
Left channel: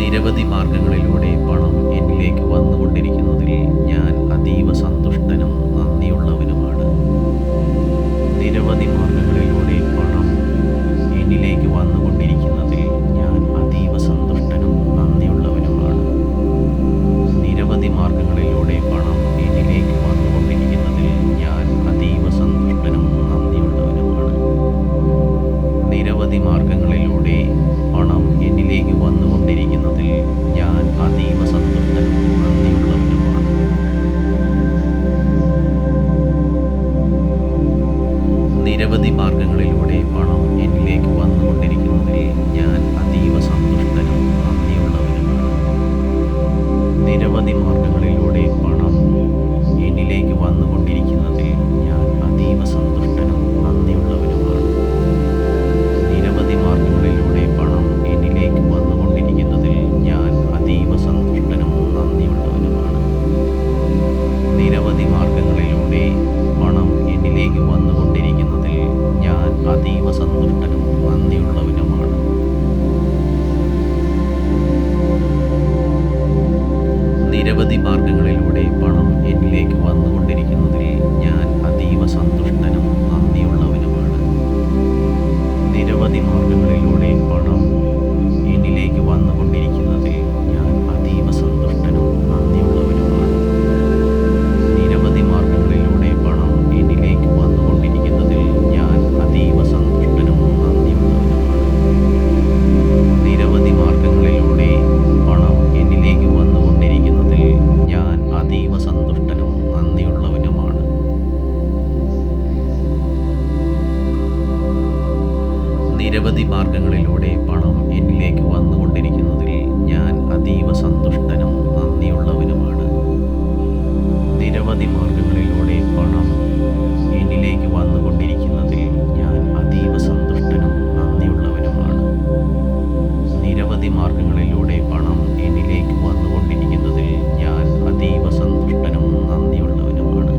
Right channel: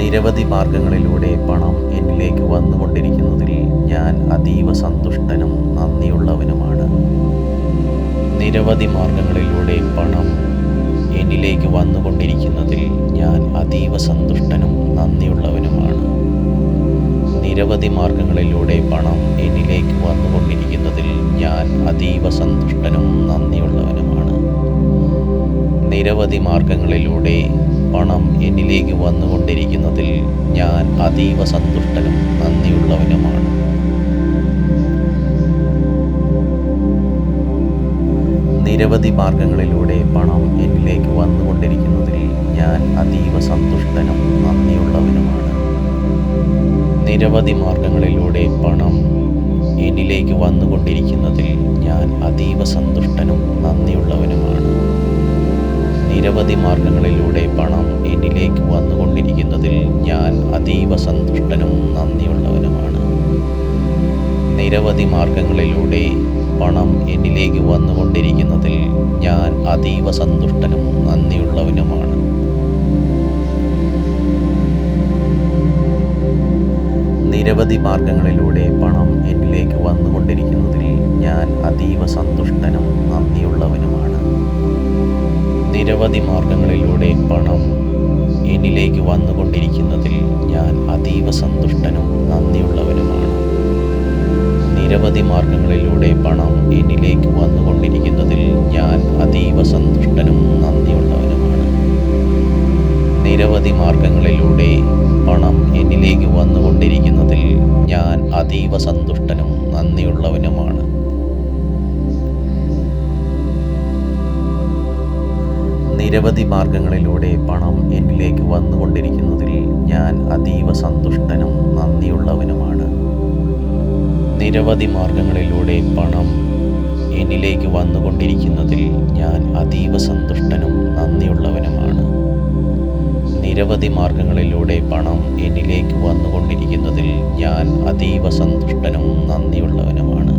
നിരവധി മാർഗങ്ങളിലൂടെ പണം എന്നിലേക്ക് വന്നുകൊണ്ടിരിക്കുന്നതിൽ ഞാൻ അതീവ സന്തുഷ്ടനും നന്ദിയുള്ളവനുമാണ്. നിരവധി മാർഗങ്ങളിലൂടെ പണം എന്നിലേക്ക് വന്നുകൊണ്ടിരിക്കുന്നതിൽ ഞാൻ അതീവ സന്തുഷ്ടനും നന്ദിയുള്ളവനുമാണ്. നിരവധി മാർഗങ്ങളിലൂടെ പണം എന്നിലേക്ക് വന്നുകൊണ്ടിരിക്കുന്നതിൽ ഞാൻ അതീവ സന്തുഷ്ടനും നന്ദിയുള്ളവനുമാണ്. നിരവധി മാർഗങ്ങളിലൂടെ പണം എന്നിലേക്ക് വന്നുകൊണ്ടിരിക്കുന്നതിൽ ഞാൻ അതീവ സന്തുഷ്ടനും നന്ദിയുള്ളവനുമാണ്. നിരവധി മാർഗങ്ങളിലൂടെ പണം എന്നിലേക്ക് വന്നുകൊണ്ടിരിക്കുന്നതിൽ ഞാൻ അതീവ സന്തുഷ്ടനും നന്ദിയുള്ളവനുമാണ്. നിരവധി മാർഗങ്ങളിലൂടെ പണം എന്നിലേക്ക് വന്നുകൊണ്ടിരിക്കുന്നതിൽ ഞാൻ അതീവ സന്തുഷ്ടനും നന്ദിയുള്ളവനുമാണ്. നിരവധി മാർഗങ്ങളിലൂടെ പണം എന്നിലേക്ക് വന്നുകൊണ്ടിരിക്കുന്നതിൽ ഞാൻ അതീവ സന്തുഷ്ടനും നന്ദിയുള്ളവനുമാണ്. നിരവധി മാർഗങ്ങളിലൂടെ പണം എന്നിലേക്ക് വന്നുകൊണ്ടിരിക്കുന്നതിൽ ഞാൻ അതീവ സന്തുഷ്ടനും നന്ദിയുള്ളവനുമാണ്. നിരവധി മാർഗങ്ങളിലൂടെ പണം എന്നിലേക്ക് വന്നുകൊണ്ടിരിക്കുന്നതിൽ ഞാൻ അതീവ സന്തുഷ്ടനും നന്ദിയുള്ളവനുമാണ്. നിരവധി മാർഗങ്ങളിലൂടെ പണം എന്നിലേക്ക് വന്നുകൊണ്ടിരിക്കുന്നതിൽ ഞാൻ അതീവ സന്തുഷ്ടനും നന്ദിയുള്ളവനുമാണ്. നിരവധി മാർഗങ്ങളിലൂടെ പണം എന്നിലേക്ക് വന്നുകൊണ്ടിരിക്കുന്നതിൽ ഞാൻ അതീവ സന്തുഷ്ടനും നന്ദിയുള്ളവനുമാണ്. നിരവധി മാർഗങ്ങളിലൂടെ പണം എന്നിലേക്ക് വന്നുകൊണ്ടിരിക്കുന്നതിൽ ഞാൻ അതീവ സന്തുഷ്ടനും നന്ദിയുള്ളവനുമാണ്. നിരവധി മാർഗങ്ങളിലൂടെ പണം എന്നിലേക്ക് വന്നുകൊണ്ടിരിക്കുന്നതിൽ ഞാൻ അതീവ സന്തുഷ്ടനും നന്ദിയുള്ളവനുമാണ്. നിരവധി മാർഗങ്ങളിലൂടെ പണം എന്നിലേക്ക് വന്നുകൊണ്ടിരിക്കുന്നതിൽ ഞാൻ അതീവ സന്തുഷ്ടനും നന്ദിയുള്ളവനുമാണ്. നിരവധി മാർഗങ്ങളിലൂടെ പണം എന്നിലേക്ക് വന്നുകൊണ്ടിരിക്കുന്നതിൽ ഞാൻ അതീവ സന്തുഷ്ടനും നന്ദിയുള്ളവനുമാണ്. നിരവധി മാർഗങ്ങളിലൂടെ പണം എന്നിലേക്ക് വന്നുകൊണ്ടിരിക്കുന്നതിൽ ഞാൻ അതീവ സന്തുഷ്ടനും നന്ദിയുള്ളവനുമാണ്.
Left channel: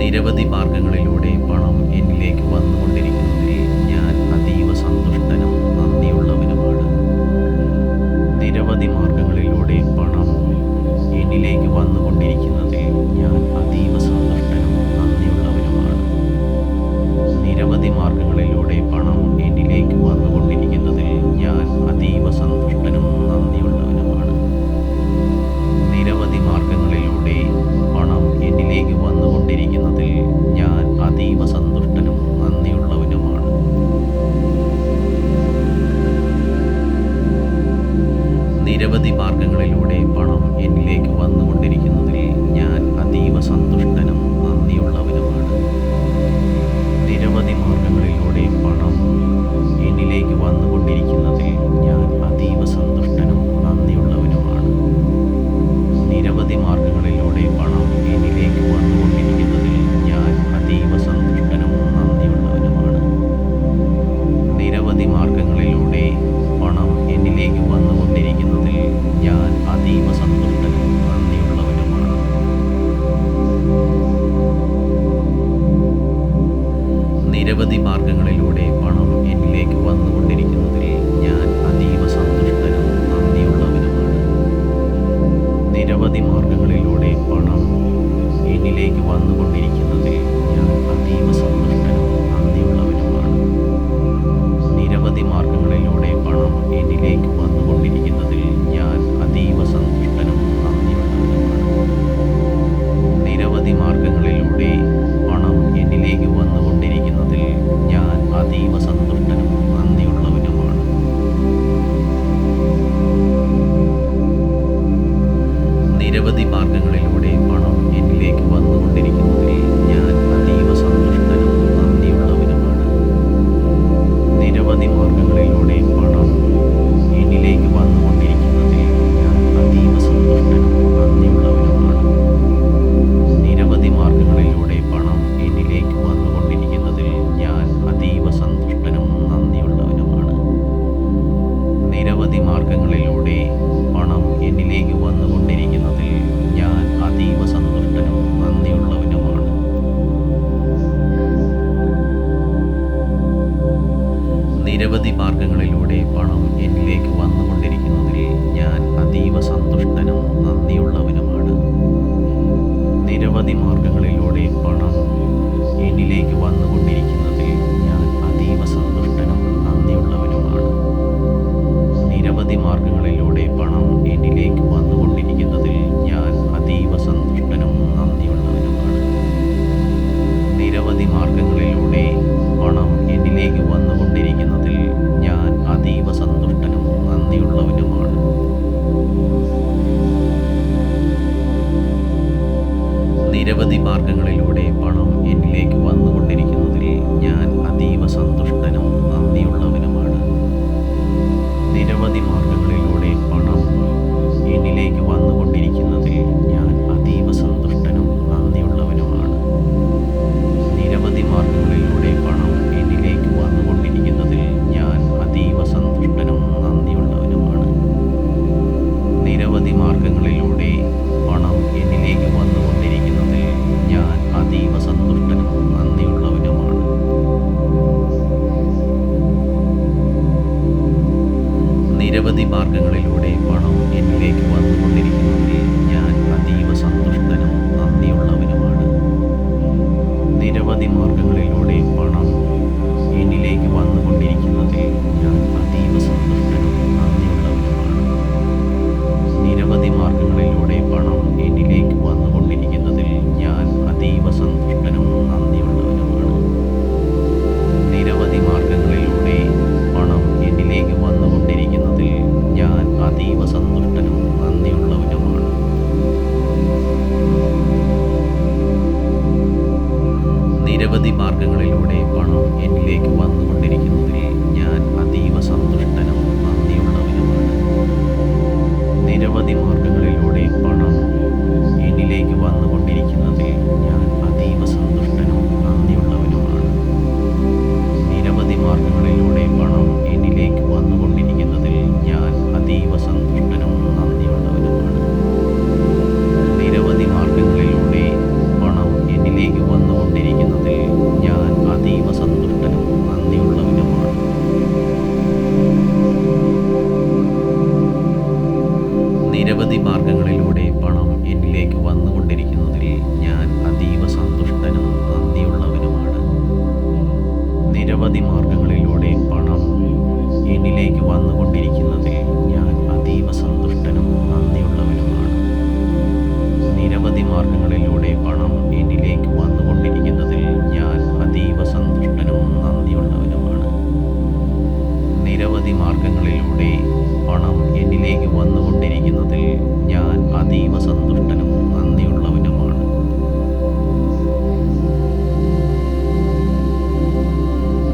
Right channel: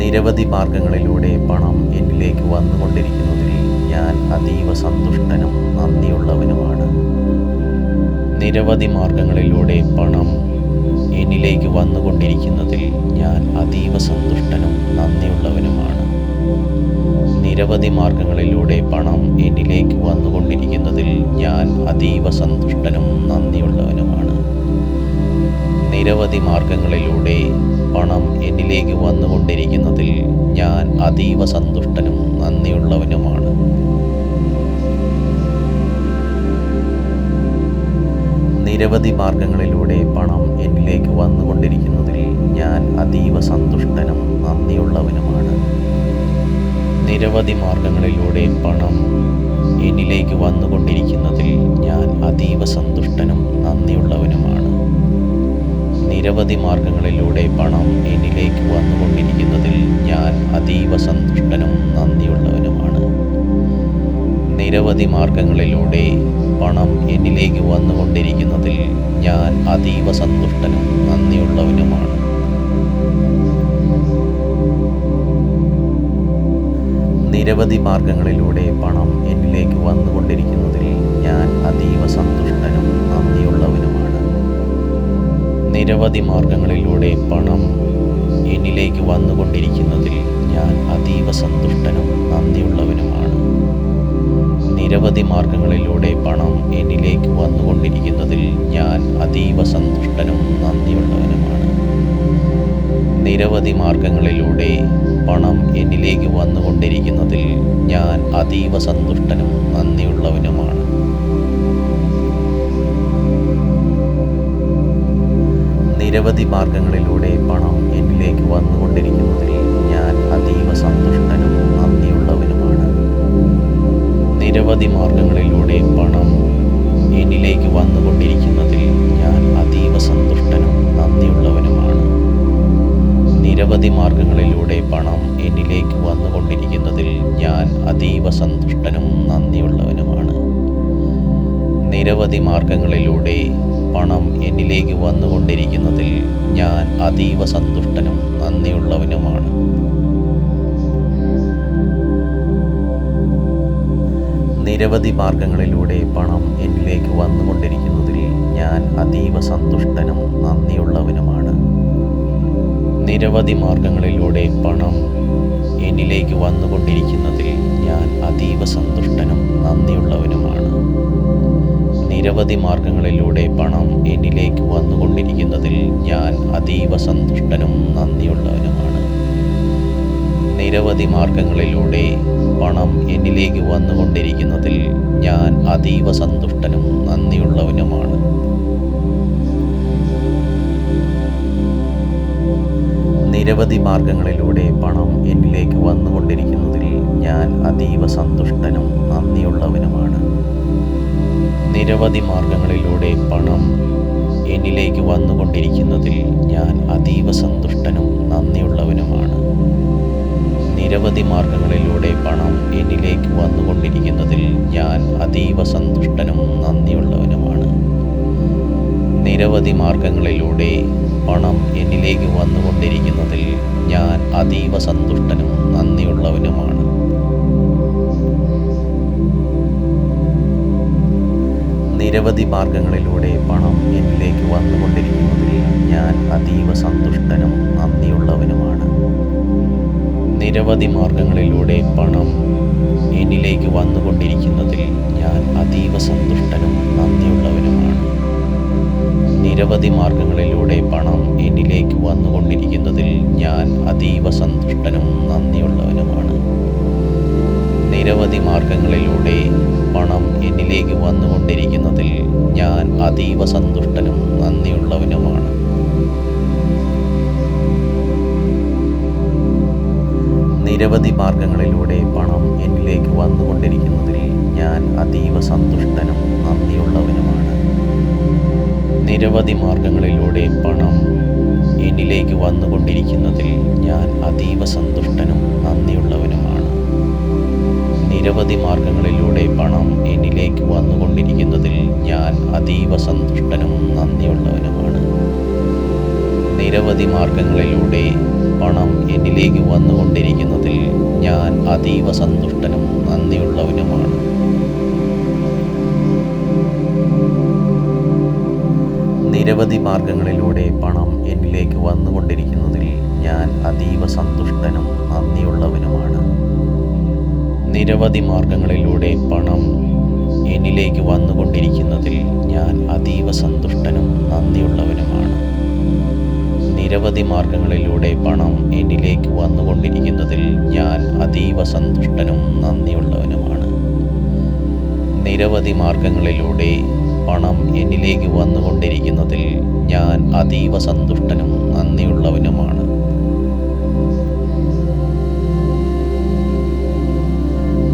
നിരവധി മാർഗങ്ങളിലൂടെ പണം എന്നിലേക്ക് വന്നുകൊണ്ടിരിക്കുന്നതിൽ ഞാൻ അതീവ സന്തുഷ്ടനും നന്ദിയുള്ളവനുമാണ്. നിരവധി മാർഗങ്ങളിലൂടെ പണം എന്നിലേക്ക് വന്നുകൊണ്ടിരിക്കുന്നതിൽ ഞാൻ അതീവ സന്തുഷ്ടനും നന്ദിയുള്ളവനുമാണ്. നിരവധി മാർഗങ്ങളിലൂടെ പണം എന്നിലേക്ക് വന്നുകൊണ്ടിരിക്കുന്നതിൽ ഞാൻ അതീവ സന്തുഷ്ടനും നന്ദിയുള്ളവനുമാണ്. നിരവധി മാർഗങ്ങളിലൂടെ പണം എന്നിലേക്ക് വന്നുകൊണ്ടിരിക്കുന്നതിൽ ഞാൻ അതീവ സന്തുഷ്ടനും നന്ദിയുള്ളവനുമാണ്. നിരവധി മാർഗങ്ങളിലൂടെ പണം എന്നിലേക്ക് വന്നുകൊണ്ടിരിക്കുന്നതിൽ ഞാൻ അതീവ സന്തുഷ്ടനും നന്ദിയുള്ളവനുമാണ്. നിരവധി മാർഗങ്ങളിലൂടെ പണം എന്നിലേക്ക് വന്നുകൊണ്ടിരിക്കുന്നതിൽ ഞാൻ അതീവ സന്തുഷ്ടനും നന്ദിയുള്ളവനുമാണ്. നിരവധി മാർഗങ്ങളിലൂടെ പണം എന്നിലേക്ക് വന്നുകൊണ്ടിരിക്കുന്നതിൽ ഞാൻ അതീവ സന്തുഷ്ടനും നന്ദിയുള്ളവനുമാണ്. നിരവധി മാർഗങ്ങളിലൂടെ പണം എന്നിലേക്ക് വന്നുകൊണ്ടിരിക്കുന്നതിൽ ഞാൻ അതീവ സന്തുഷ്ടനും നന്ദിയുള്ളവനുമാണ്. നിരവധി മാർഗങ്ങളിലൂടെ പണം എന്നിലേക്ക് വന്നുകൊണ്ടിരിക്കുന്നതിൽ ഞാൻ അതീവ സന്തുഷ്ടനും നന്ദിയുള്ളവനുമാണ്. നിരവധി മാർഗങ്ങളിലൂടെ പണം എന്നിലേക്ക് വന്നുകൊണ്ടിരിക്കുന്നതിൽ ഞാൻ അതീവ സന്തുഷ്ടനും നന്ദിയുള്ളവനുമാണ്. നിരവധി മാർഗങ്ങളിലൂടെ പണം എന്നിലേക്ക് വന്നുകൊണ്ടിരിക്കുന്നതിൽ ഞാൻ അതീവ സന്തുഷ്ടനും നന്ദിയുള്ളവനുമാണ്. നിരവധി മാർഗങ്ങളിലൂടെ പണം എന്നിലേക്ക് വന്നുകൊണ്ടിരിക്കുന്നതിൽ ഞാൻ അതീവ സന്തുഷ്ടനും നന്ദിയുള്ളവനുമാണ്. നിരവധി മാർഗങ്ങളിലൂടെ പണം എന്നിലേക്ക് വന്നുകൊണ്ടിരിക്കുന്നതിൽ ഞാൻ അതീവ സന്തുഷ്ടനും നന്ദിയുള്ളവനുമാണ്. നിരവധി മാർഗങ്ങളിലൂടെ പണം എന്നിലേക്ക് വന്നുകൊണ്ടിരിക്കുന്നതിൽ ഞാൻ അതീവ സന്തുഷ്ടനും നന്ദിയുള്ളവനുമാണ്. നിരവധി മാർഗങ്ങളിലൂടെ പണം എന്നിലേക്ക് വന്നുകൊണ്ടിരിക്കുന്നതിൽ ഞാൻ അതീവ സന്തുഷ്ടനും നന്ദിയുള്ളവനുമാണ്. നിരവധി മാർഗങ്ങളിലൂടെ പണം എന്നിലേക്ക് വന്നുകൊണ്ടിരിക്കുന്നതിൽ ഞാൻ അതീവ സന്തുഷ്ടനും നന്ദിയുള്ളവനുമാണ്. നിരവധി മാർഗങ്ങളിലൂടെ പണം എന്നിലേക്ക് വന്നുകൊണ്ടിരിക്കുന്നതിൽ ഞാൻ അതീവ സന്തുഷ്ടനും നന്ദിയുള്ളവനുമാണ്. നിരവധി മാർഗങ്ങളിലൂടെ പണം എന്നിലേക്ക് വന്നുകൊണ്ടിരിക്കുന്നതിൽ ഞാൻ അതീവ സന്തുഷ്ടനും നന്ദിയുള്ളവനുമാണ്. നിരവധി മാർഗങ്ങളിലൂടെ പണം എന്നിലേക്ക് വന്നുകൊണ്ടിരിക്കുന്നതിൽ ഞാൻ അതീവ സന്തുഷ്ടനും നന്ദിയുള്ളവനുമാണ്. നിരവധി മാർഗങ്ങളിലൂടെ പണം എന്നിലേക്ക് വന്നുകൊണ്ടിരിക്കുന്നതിൽ ഞാൻ അതീവ സന്തുഷ്ടനും നന്ദിയുള്ളവനുമാണ്. നിരവധി മാർഗങ്ങളിലൂടെ പണം എന്നിലേക്ക് വന്നുകൊണ്ടിരിക്കുന്നതിൽ ഞാൻ അതീവ സന്തുഷ്ടനും നന്ദിയുള്ളവനുമാണ്. നിരവധി മാർഗങ്ങളിലൂടെ പണം എന്നിലേക്ക് വന്നുകൊണ്ടിരിക്കുന്നതിൽ ഞാൻ അതീവ സന്തുഷ്ടനും നന്ദിയുള്ളവനുമാണ്. നിരവധി മാർഗങ്ങളിലൂടെ പണം എന്നിലേക്ക് വന്നുകൊണ്ടിരിക്കുന്നതിൽ ഞാൻ അതീവ സന്തുഷ്ടനും നന്ദിയുള്ളവനുമാണ്. നിരവധി മാർഗങ്ങളിലൂടെ പണം എന്നിലേക്ക് വന്നുകൊണ്ടിരിക്കുന്നതിൽ ഞാൻ അതീവ സന്തുഷ്ടനും നന്ദിയുള്ളവനുമാണ്. നിരവധി മാർഗങ്ങളിലൂടെ പണം എന്നിലേക്ക് വന്നുകൊണ്ടിരിക്കുന്നതിൽ ഞാൻ അതീവ സന്തുഷ്ടനും നന്ദിയുള്ളവനുമാണ്. നിരവധി മാർഗങ്ങളിലൂടെ പണം എന്നിലേക്ക് വന്നുകൊണ്ടിരിക്കുന്നതിൽ ഞാൻ അതീവ സന്തുഷ്ടനും നന്ദിയുള്ളവനുമാണ്. നിരവധി മാർഗങ്ങളിലൂടെ പണം എന്നിലേക്ക് വന്നുകൊണ്ടിരിക്കുന്നതിൽ ഞാൻ അതീവ സന്തുഷ്ടനും നന്ദിയുള്ളവനുമാണ്. നിരവധി മാർഗങ്ങളിലൂടെ പണം എന്നിലേക്ക് വന്നുകൊണ്ടിരിക്കുന്നതിൽ ഞാൻ അതീവ സന്തുഷ്ടനും നന്ദിയുള്ളവനുമാണ്. നിരവധി മാർഗങ്ങളിലൂടെ പണം എന്നിലേക്ക് വന്നുകൊണ്ടിരിക്കുന്നതിൽ ഞാൻ അതീവ സന്തുഷ്ടനും നന്ദിയുള്ളവനുമാണ്. നിരവധി മാർഗങ്ങളിലൂടെ പണം എന്നിലേക്ക് വന്നുകൊണ്ടിരിക്കുന്നതിൽ ഞാൻ അതീവ സന്തുഷ്ടനും നന്ദിയുള്ളവനുമാണ്. നിരവധി മാർഗങ്ങളിലൂടെ പണം എന്നിലേക്ക് വന്നുകൊണ്ടിരിക്കുന്നതിൽ ഞാൻ അതീവ സന്തുഷ്ടനും നന്ദിയുള്ളവനുമാണ്. നിരവധി മാർഗങ്ങളിലൂടെ പണം എന്നിലേക്ക് വന്നുകൊണ്ടിരിക്കുന്നതിൽ ഞാൻ അതീവ സന്തുഷ്ടനും നന്ദിയുള്ളവനുമാണ്. നിരവധി മാർഗങ്ങളിലൂടെ പണം എന്നിലേക്ക് വന്നുകൊണ്ടിരിക്കുന്നതിൽ ഞാൻ അതീവ സന്തുഷ്ടനും നന്ദിയുള്ളവനുമാണ്. നിരവധി മാർഗങ്ങളിലൂടെ പണം എന്നിലേക്ക് വന്നുകൊണ്ടിരിക്കുന്നതിൽ ഞാൻ അതീവ സന്തുഷ്ടനും നന്ദിയുള്ളവനുമാണ്. നിരവധി മാർഗങ്ങളിലൂടെ പണം എന്നിലേക്ക് വന്നുകൊണ്ടിരിക്കുന്നതിൽ ഞാൻ അതീവ സന്തുഷ്ടനും നന്ദിയുള്ളവനുമാണ്. നിരവധി മാർഗങ്ങളിലൂടെ പണം എന്നിലേക്ക് വന്നുകൊണ്ടിരിക്കുന്നതിൽ ഞാൻ അതീവ സന്തുഷ്ടനും നന്ദിയുള്ളവനുമാണ്.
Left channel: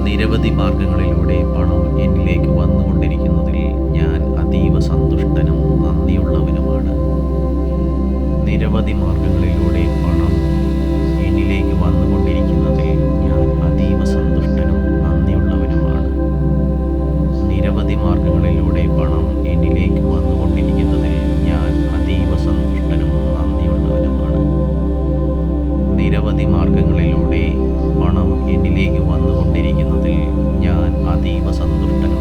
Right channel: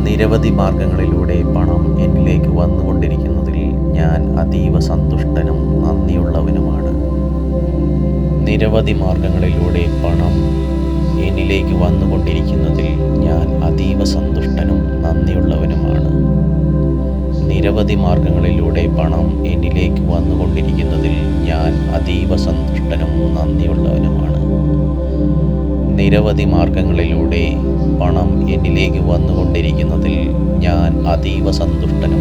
നിരവധി മാർഗങ്ങളിലൂടെ പണം എന്നിലേക്ക് വന്നുകൊണ്ടിരിക്കുന്നതിൽ ഞാൻ അതീവ സന്തുഷ്ടനും നന്ദിയുള്ളവനുമാണ്. നിരവധി മാർഗങ്ങളിലൂടെ പണം എന്നിലേക്ക് വന്നുകൊണ്ടിരിക്കുന്നതിൽ ഞാൻ അതീവ സന്തുഷ്ടനും നന്ദിയുള്ളവനുമാണ്. നിരവധി മാർഗങ്ങളിലൂടെ പണം എന്നിലേക്ക് വന്നുകൊണ്ടിരിക്കുന്നതിൽ ഞാൻ അതീവ സന്തുഷ്ടനും നന്ദിയുള്ളവനുമാണ്. നിരവധി മാർഗങ്ങളിലൂടെ പണം എന്നിലേക്ക് വന്നുകൊണ്ടിരിക്കുന്നതിൽ ഞാൻ അതീവ സന്തുഷ്ടനും